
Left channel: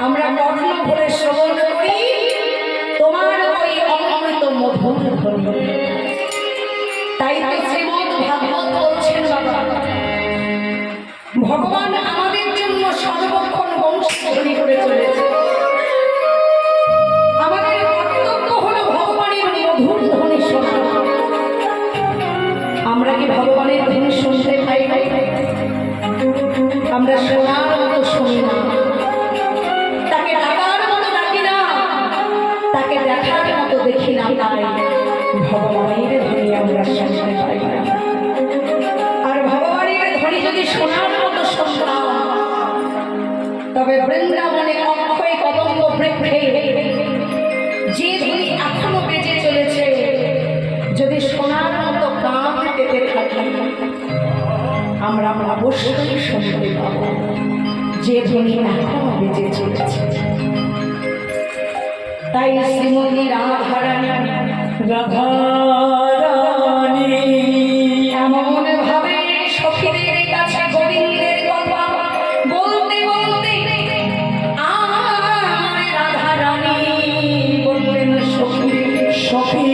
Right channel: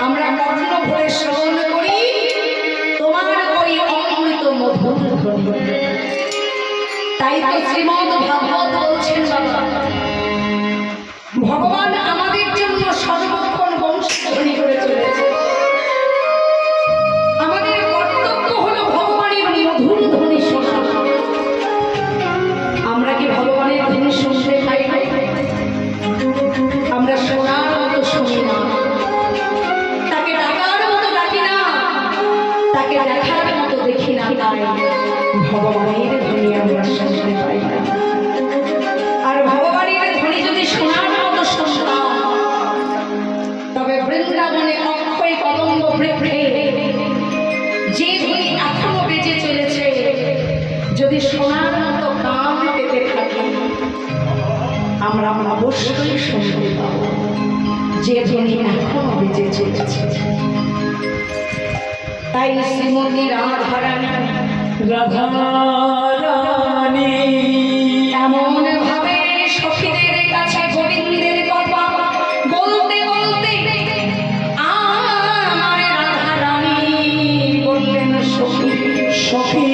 আমরা কর্ণ ভরে শ্রবণ করি তোমার ওই অমৃত মধুর ধ্বনি। তাই তাই শ্রীমদ ভাগবত বলছেন বাবা, ভগবান আমাদের জন্য সর্বক্ষণ বংশধ্বনি করে চলেছে। আমাদের কর্তব্য হলো ভগবানের মধুর ধ্বনি শোনা। আমরা কি ভগবানের ধ্বনি শুনতে পাই? আমরা শোনার মতো শুনি না, তাকে ডাকার মতো ডাকি না, তাকে দেখার মতো দেখি না। তাই ভগবানের ধ্বনি আমরা শুনতে পাই না। আর ভগবানের ধ্বনি যদি শোনার মতো শুনতাম, তবে বৃন্দাবনে অক্ষয় কদম্ব বৃক্ষে যে ধ্বনি এখনো বেজে চলেছে, যদি শোনার মতো কান পেতে থাকি, আমরা অবশ্যই শুনতে পাব যে ধ্বনি এখনো বেজে চলেছে। তাই শ্রীমতী রাধারানী এমন ভাবে সখীদের কাছে গোবিন্দের কথা বলতে বলতে আমার রাধারানী বললেন, সখী সখী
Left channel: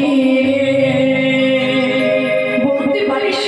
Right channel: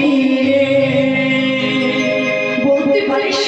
বলতে পারিস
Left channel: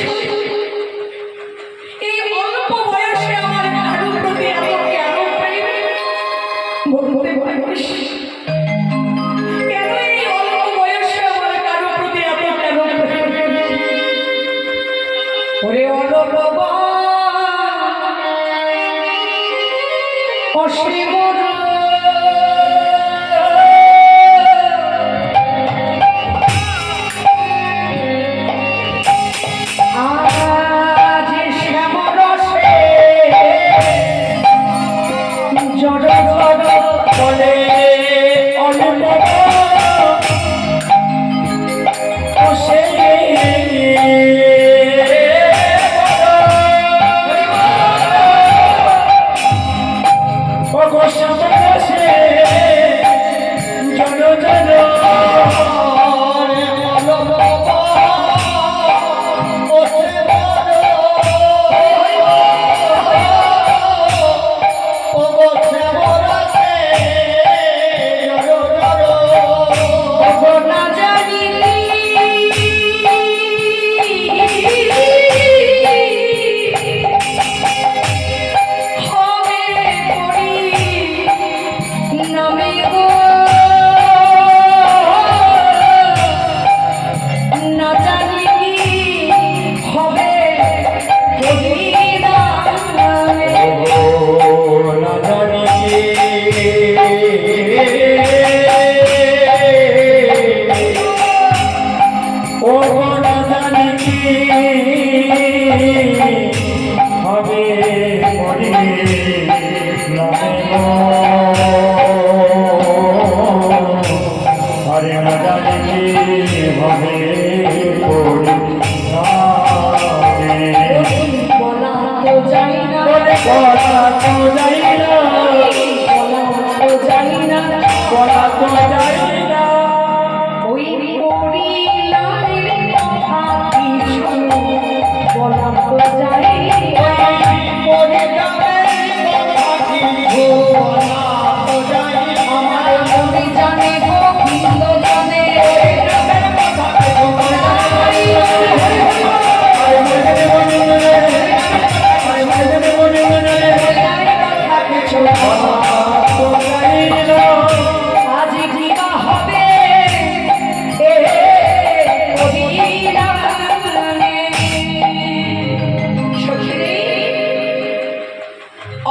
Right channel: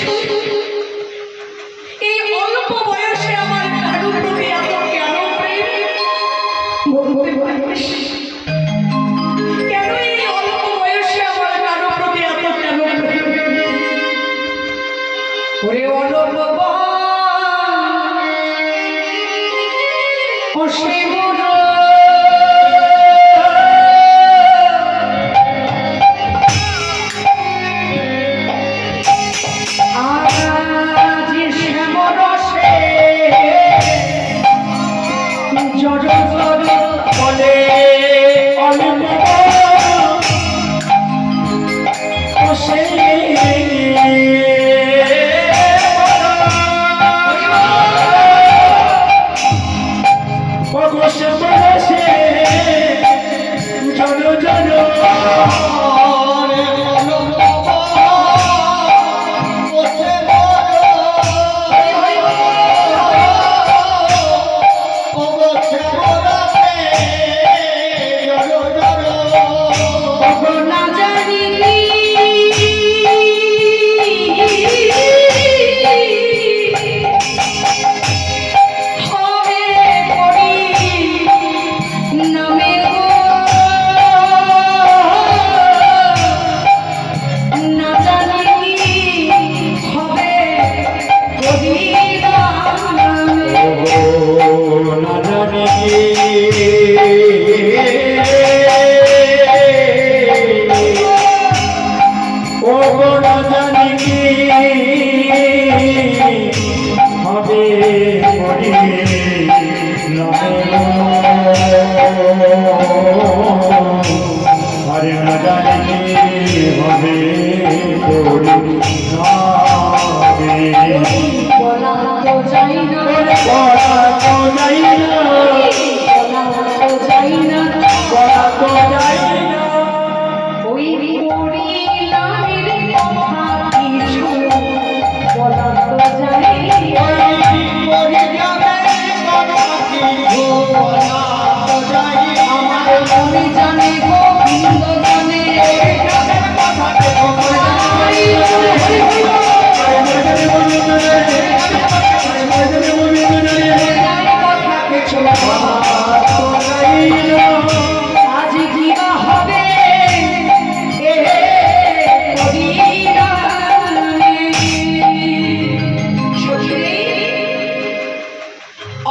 জানিতে হবে পরিণামে। বলা তো যাই না, বলা তো যাই না, বলা তো যাই না, বলা তো যাই না, ওই পরিণামের কথা কিছু বলা তো যাই না। আমার মনে জানে গোবিন্দ জানে, আজ কি বা হবে এ পরিণামে। সখী,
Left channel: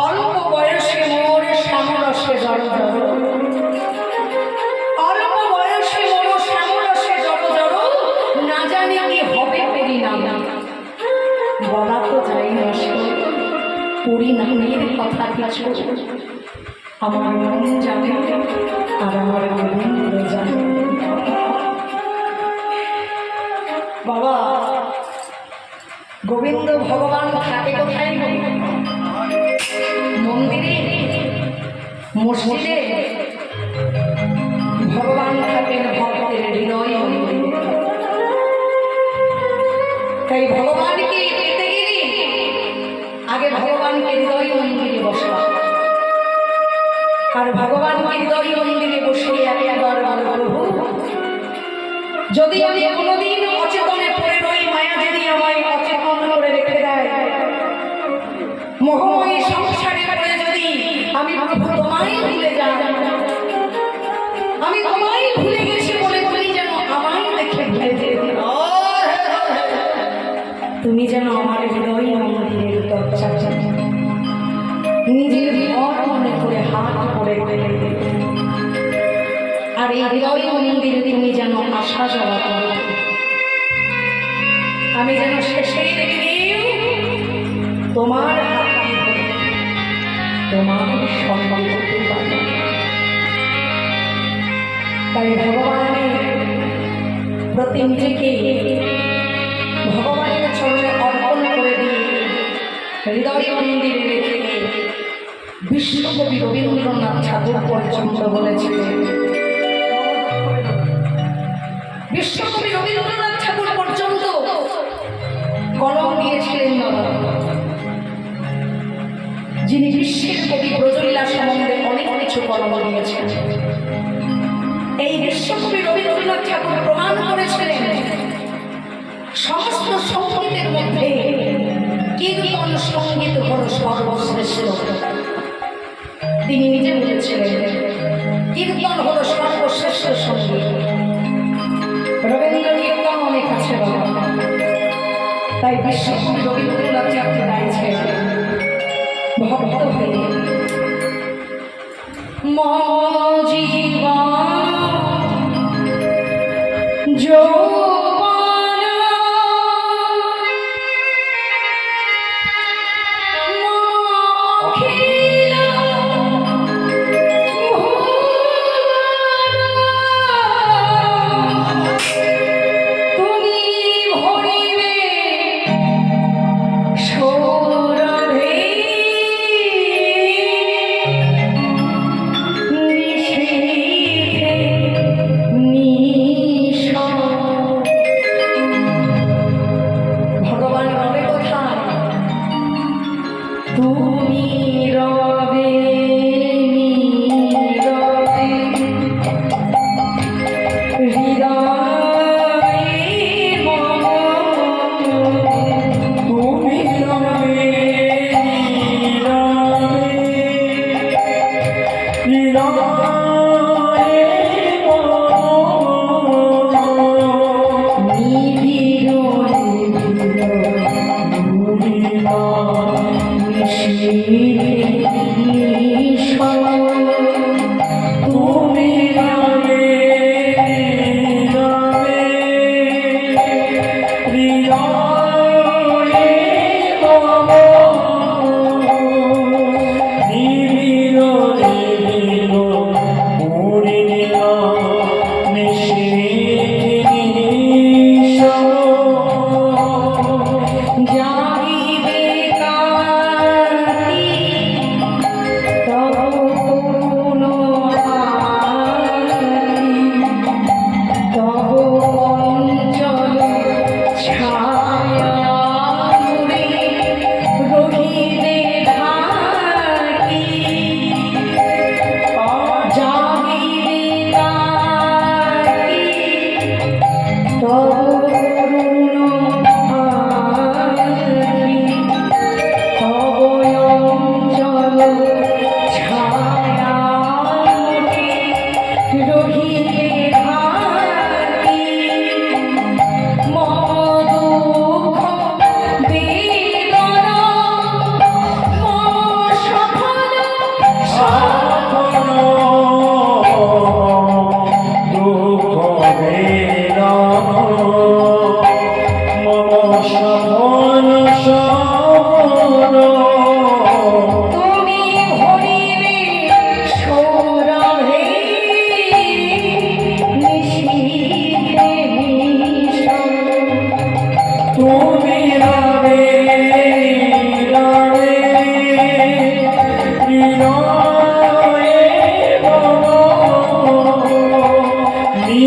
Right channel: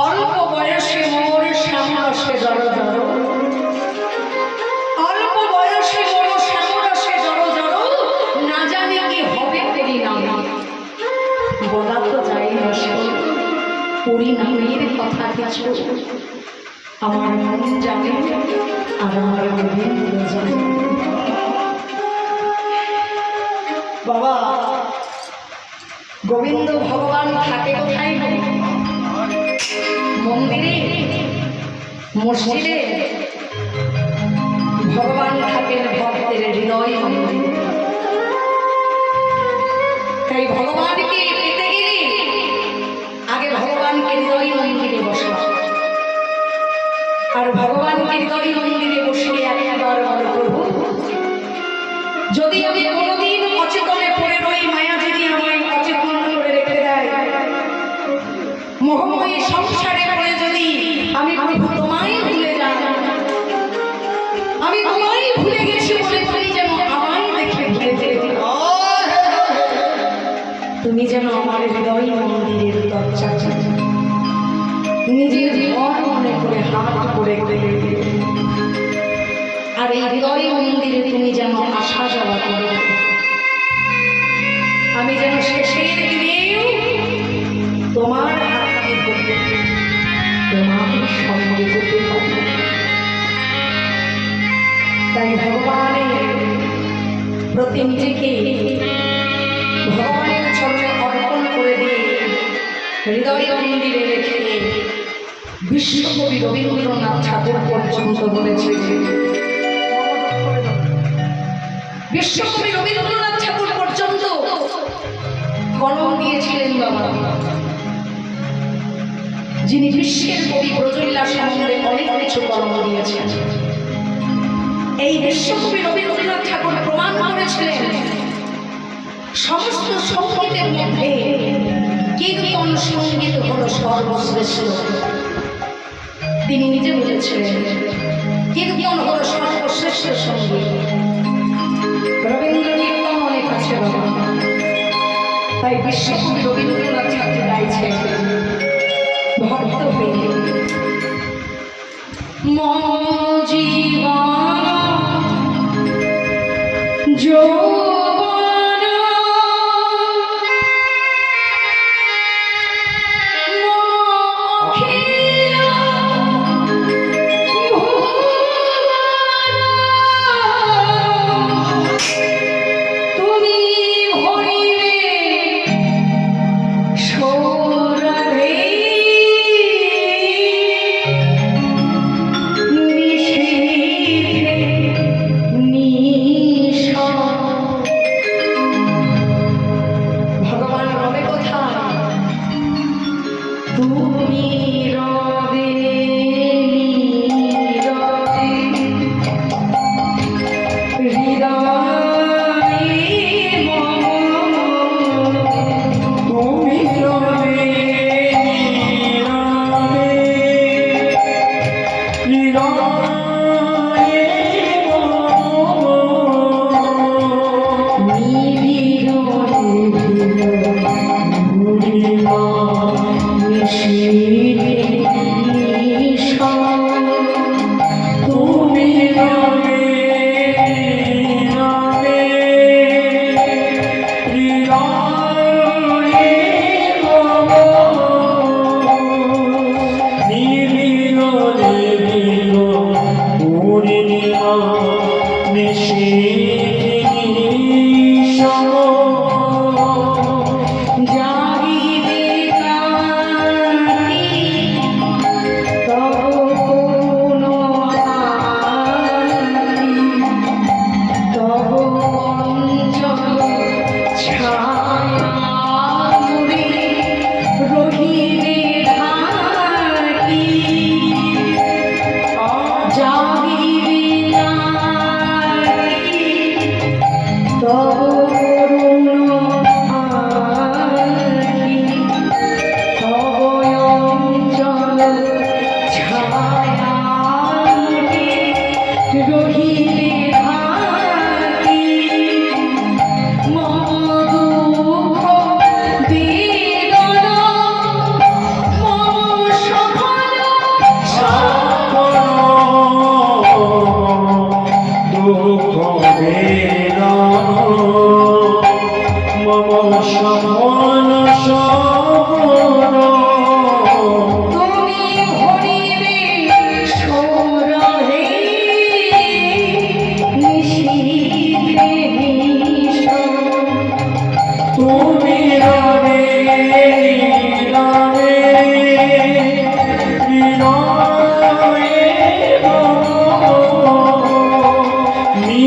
অল্প বয়সে মোর শ্যামরসে জড় জড়, অল্প বয়সে মোর শ্যামরসে জড় জড়, না জানি কি হবে পরিণাম। বলা তো যায় না সে পরিণামের কথা কিছু, আমার মন জানে আর আমার গোবিন্দ জানে। বাবা, গোবিন্দ ভগবান থাকে কোথায়? মন্দিরে, মসজিদে? ভগবান থাকেন ভক্তের হৃদয় মন্দিরে। তাই ভগবানকে পেতে গেলে আগে ভগবানকে হৃদয় মন্দিরে বসা, আর ভগবানকে হৃদয় মন্দিরে বসে একবার বলো, প্রভু যদি আমি কোনোদিন অচেতনে পড়ে রই, মায়া যদি আমায় অচেতন করে রেখে দেয়, মোহময়ী সংসারে পড়ে যদি আমি প্রভু তোমায় ভুলে যাই, আমি তোমায় ভুলে গেছি বলে তুমি যেন আমায় দেখে ভুলে যেও, তুমি যেন আমার হৃদয় মন্দিরের দরজা নিজের ঘর মনে করে হাত করে গেলে, আর এই হৃদয় মন্দিরে তুমি যেন আশা জ্বালা করো, আমি যেন শেষের দিনেও তোমার হাতকে ধরে তোমার সঙ্গে হতে পারি। তাই ভগবানের প্রতি নিজেকে ভগবানের চরণে অর্পণ করে দিয়ে হৃদয় মন্দিরে রেখে বিশ্বকবি রবীন্দ্রনাথ ঠাকুর পর্যন্ত বলেছিলেন, বিশ্বকবি রবীন্দ্রনাথ ঠাকুর পর্যন্ত কলম দিয়েছিলেন বাবা, যিনি বিশ্বের কবি ব্রজলীলা সম্বন্ধে অনেক কিছু কলম দিয়েছেন। এই বিশ্বকবি রবীন্দ্রনাথ ঠাকুর প্রমাণ করেছিলেন সমস্ত সঙ্গীতের মধ্যে কীর্তন সঙ্গীত হল সর্বশ্রেষ্ঠ। তিনি নিজে বলেছিলেন কীর্তন হল সর্বশ্রেষ্ঠ সঙ্গীত। রবীন্দ্র কীর্তন অনেক আছে বাবা, তাই বিশ্বকবি রবীন্দ্রনাথ ঠাকুর গাইছেন ভক্ত হয়ে, মম জীবন যৌবন অখিল তুমি ভরিবে সৌরভে নিশীথে নিশা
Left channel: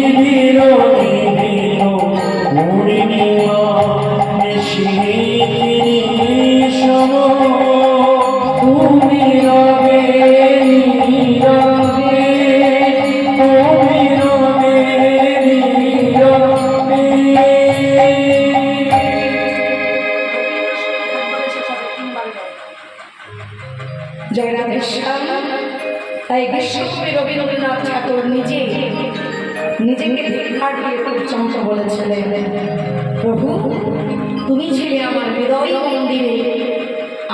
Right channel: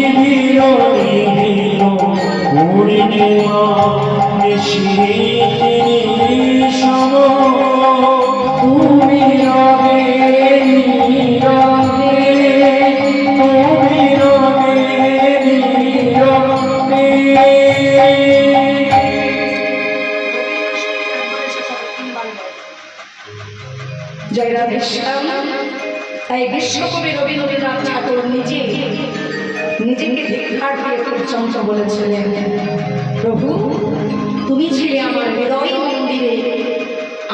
নিবিড় নিবিড় পূর্ণিমা নিশীথি নিঃসম তুমি রবে নীরবে তুমি রবে নীরবে। জয় রাধেশ্যাম। তাই বিশ্বকবি রবীন্দ্রনাথ ঠাকুর নিজেকে ধিক্কার দিয়ে পর্যন্ত বলেছিলেন, প্রভু তুমি ছিলে আমার হৃদয় মন্দিরে,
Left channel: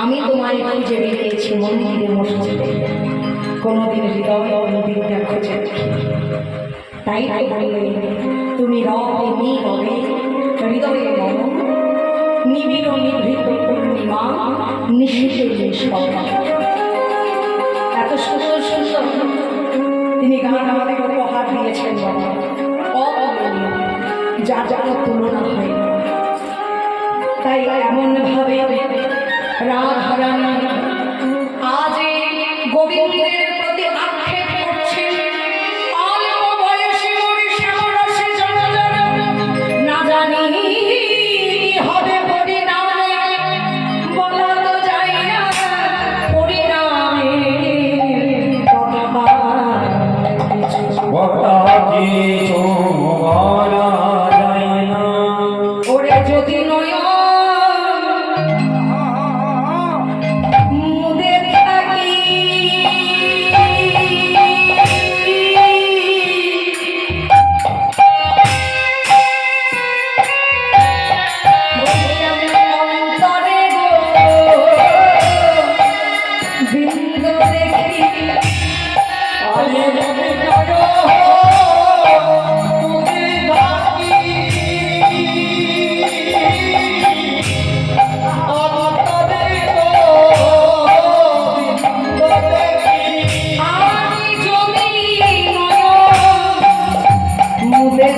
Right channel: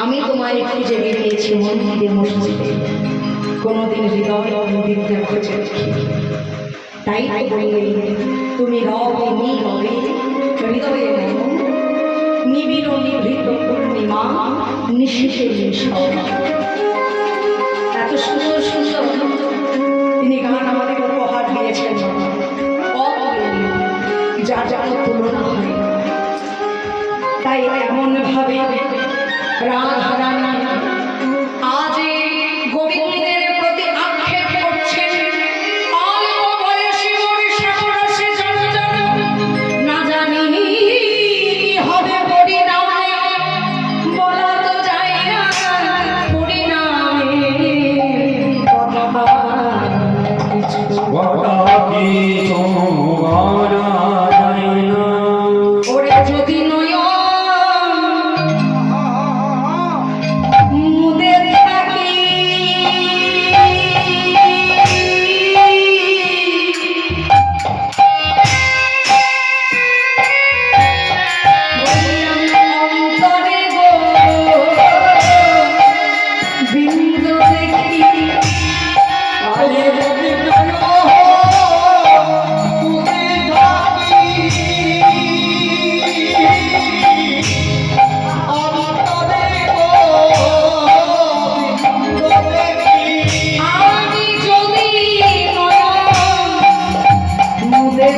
আমি তোমায় খুঁজে বেরিয়েছি মন্দিরে মসজিদে, কোনোদিন হৃদয় মন্দিরটা খুঁজে দেখি। তাই বললে তুমি রবে নীরবে হৃদয়ে মম, নিবিড় নিভৃত পূর্ণিমা নিশীথে নিঃসম। এত সুন্দর সুন্দর তিনি গান আমাদের উপহার দিয়েছেন, যার যার তুলনা হয় না। তাই এমনভাবে রাধারানী আজ গোবিন্দের প্রতি আক্ষেপ করছেন, অল্প বয়সে মোর শ্যামরসে জনজন, না জানি কি হবে পরিণামে, বলা তো যায় না পরিণামে কথা কিছু। ওরে যদি মুদে থাকি অন্তরে গো বিন্দু দেখি আমি যদি মুদে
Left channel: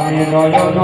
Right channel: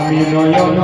আমি নয়ন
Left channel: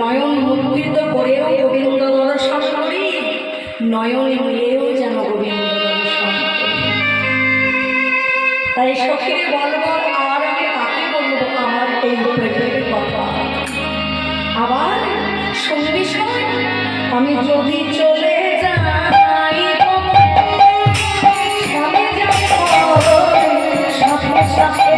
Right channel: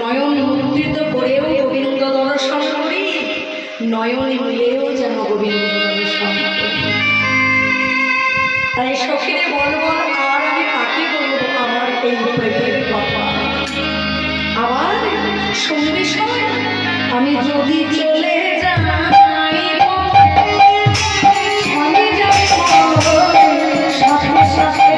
নয়ন মুদ্রিত করেও গোবিন্দ দর্শন করি, নয়ন মিলেও যেন গোবিন্দ দর্শন করি। তাই সখীরে বল বল আর আমি কাকে বলবো আমার এই প্রেমের কথা। আবার সঙ্গী সঙ্গে আমি যদি চলে যাই স্বামী যাই সাথে সাথে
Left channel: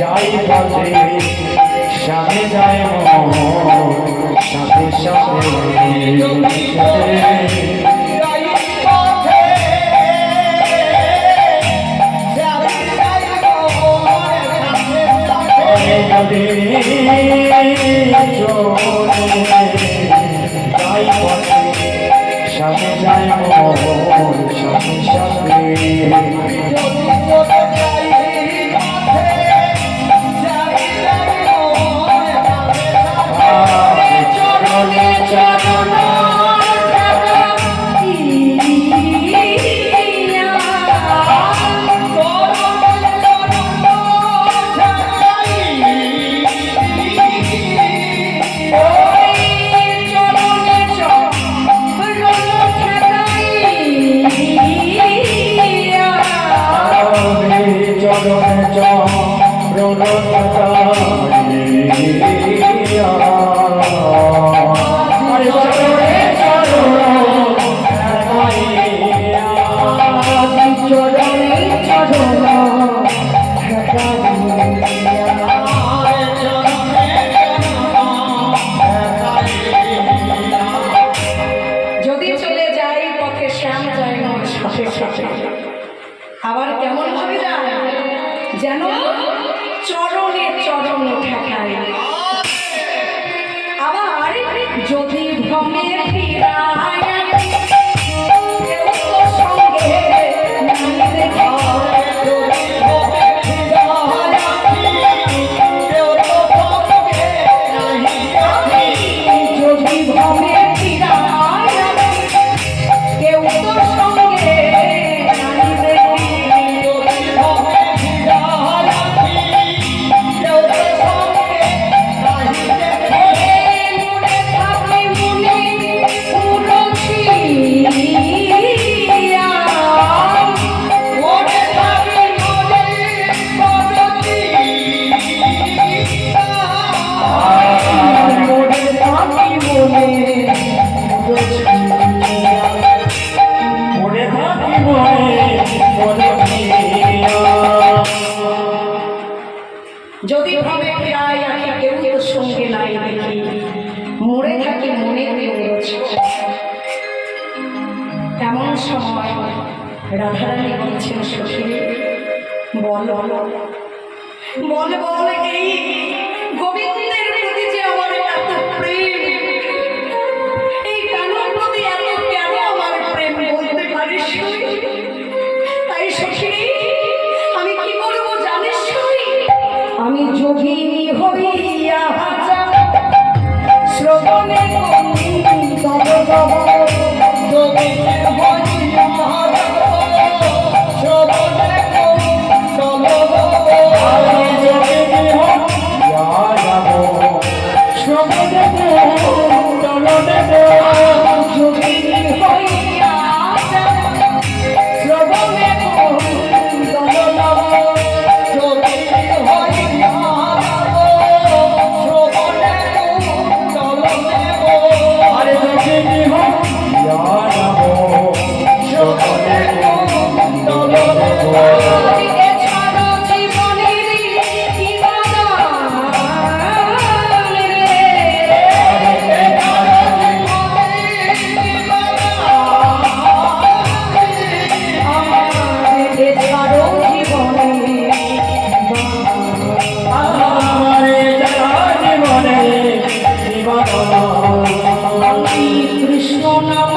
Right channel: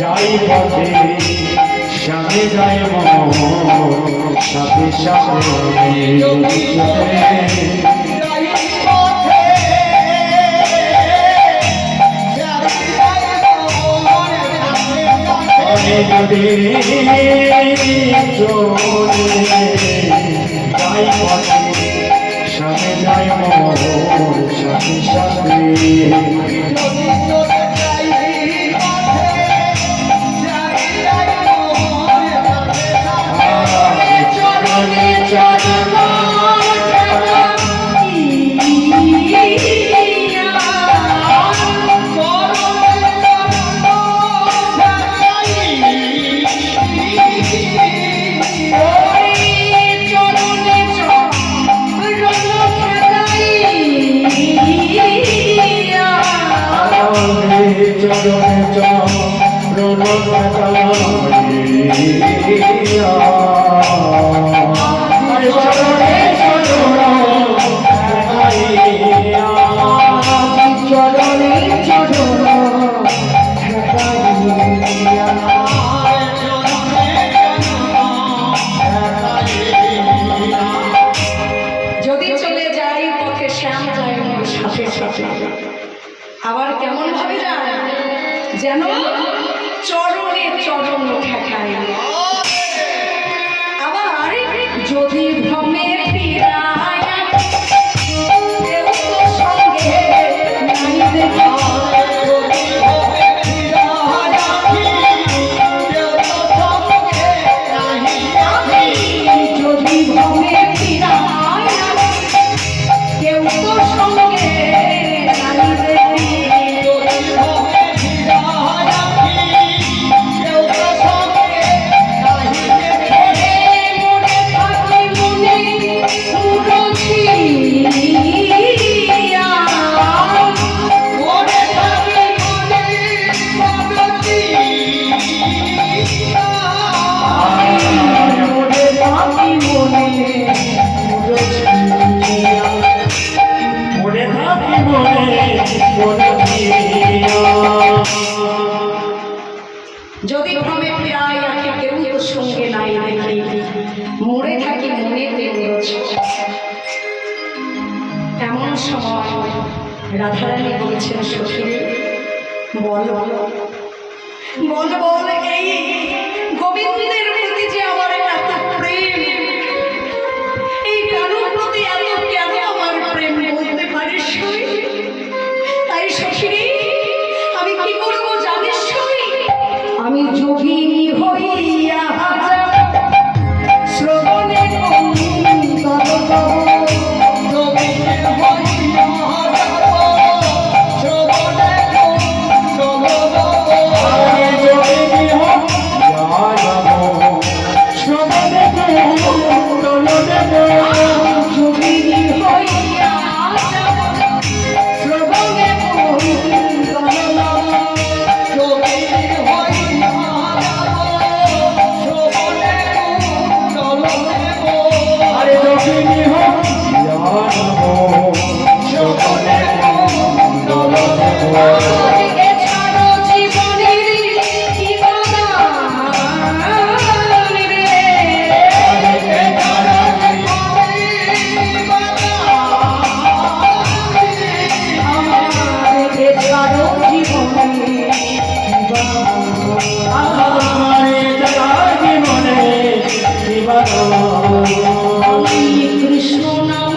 যাই পথে স্বামী যায় সাথে সাথে যাই পথে আমি যাই মোর সখী সাথে চরণে চরণ যদি চলে যাই পথে শ্যাম যায় মোর সাথে সাথে আবার কেমন ভাবে যায় যেন চরণে চরণ ঠেকায় আবার যদি ভ্রমে ফিরায় কেউ তো সঙ্গে নাইতে যদি ভ্রমে ফিরায় কেউ তো সঙ্গে নাইতে যদি ভ্রমে ফিরায় আঁকে কেউ তো সঙ্গে নাই দেখি মরে থাকি মনে এমন সময় রাধারানী বলেছেন সখী বল বল বল এই গোবিন্দের প্রতি যে আমার এত প্রেম এই কানুর প্রতি এত কেন আমার প্রেম বলতে পারিস তাই সখী আমি কি করবো জানিস আমি যোগিনী হইয়া শ্রবণে যোগিনী হইয়া শ্রবণে কৃষ্ণ নাম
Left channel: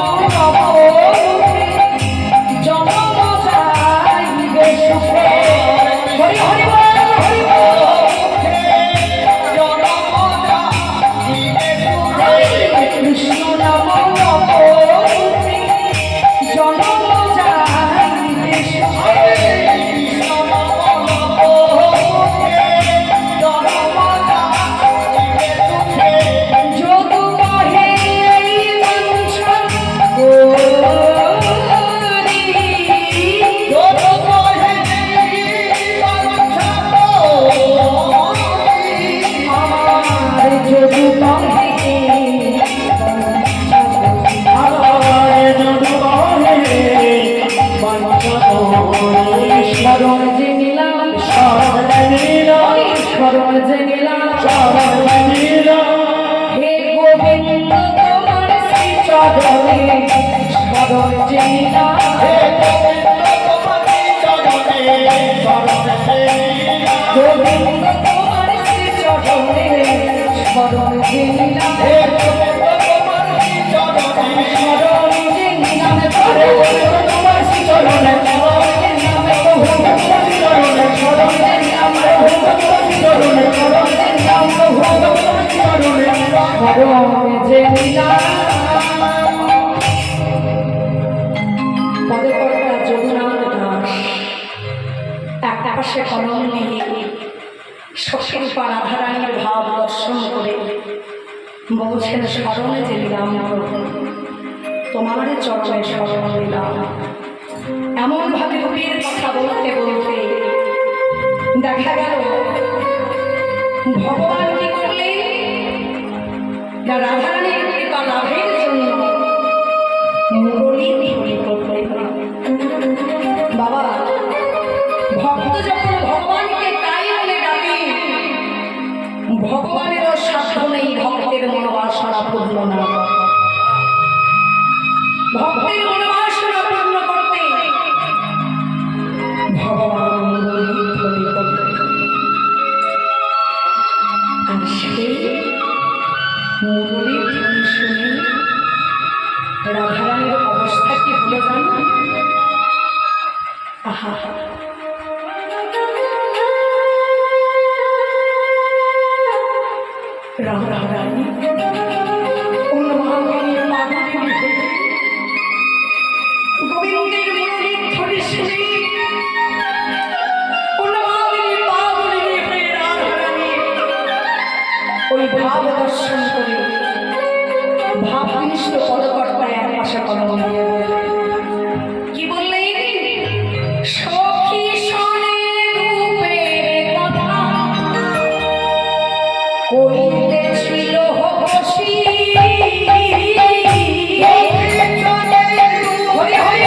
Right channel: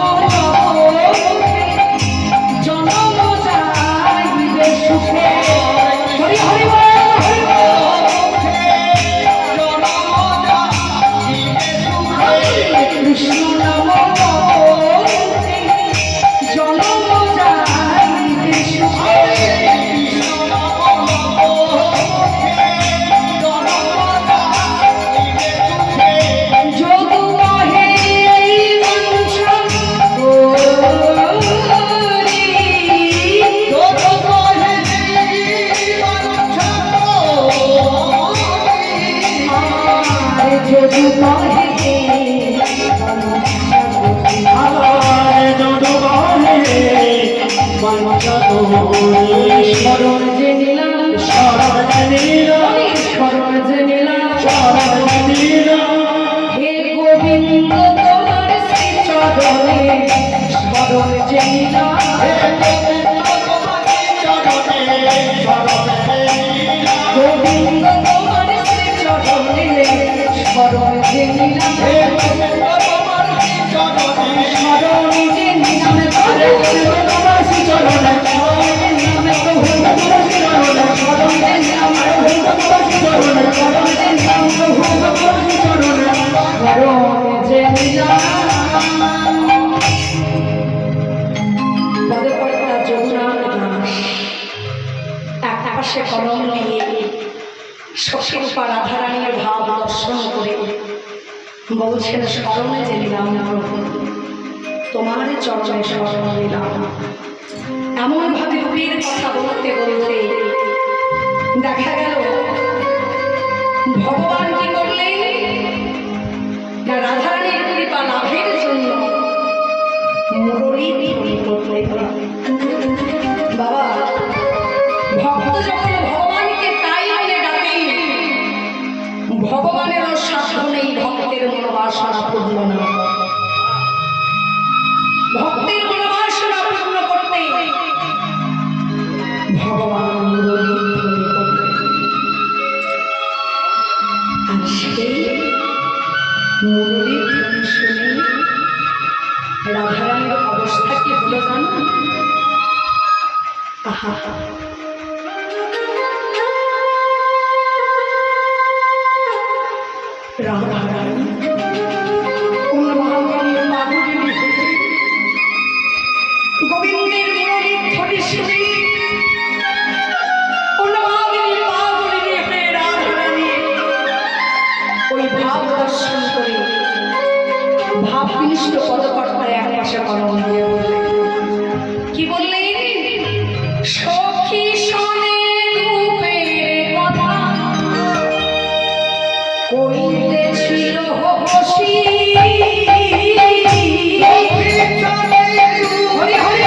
জনম যাইবে সুখে হরি হরি কৃষ্ণ নাম জনম যাইবে সুখে স্মরণ যে নিলাম স্মরণ যে নিলাম হে গোবিন্দ তোমার শ্রী চরণে স্মরণ যে নিলাম গোবিন্দ তোমার শ্রী চরণে স্মরণ যে নিলাম স্মরণে যে নিলাম আরে বলে তোমার চরণে পদকর্তা যমুনার দাস এক পাশে কলম নিয়ে সখীরূপা রাধারানীর ভাব দর্শন করে বলছেন স্মরণে যে নিলাম প্রভু, তোমার চরণে স্মরণ নিলাম। এমন ভাবে রূপের কথা বলতে বলতে দেখা গেল ভগবান কি করলেন না, রাধারানীর কৃপা লাভের জন্য মুরলী ধ্বনি করলেন। বাবা, ভক্ত যখন ভগবানকে তাই বলে ডাকে, ভগবানেরও সাধ্য নেই ভক্তের মনোবাসনা পূর্ণ না করা। ভক্তের মনোবাসনা পূর্ণ করতে ভগবান মুরলী ধ্বনি করলেন। আর সেই মুরলী ধ্বনি শুনে রাধারানীর অবস্থা কি হলো জানো? আহা, রাধারানী অন্য মহাকালীর মাধুরী হয়ে গোবিন্দের মুরলী ধ্বনি শুনে অন্য মহাকালীর মাধুরী হয়ে রাধারানী ওই ভাব দর্শন করে ভাবনিষ্ঠ পদকর্তা এক পাশে কলম দিয়ে বললেন, কি বললেন? সখী শোনে রূপের কথা কইতেছিল বসি, হরি হরি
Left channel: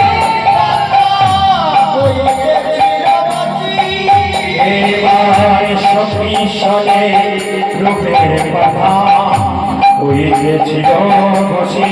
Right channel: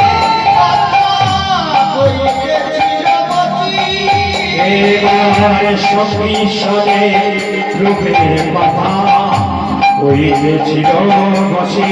এবার সখী শোনে রূপের কথা হইতেছিল বসে।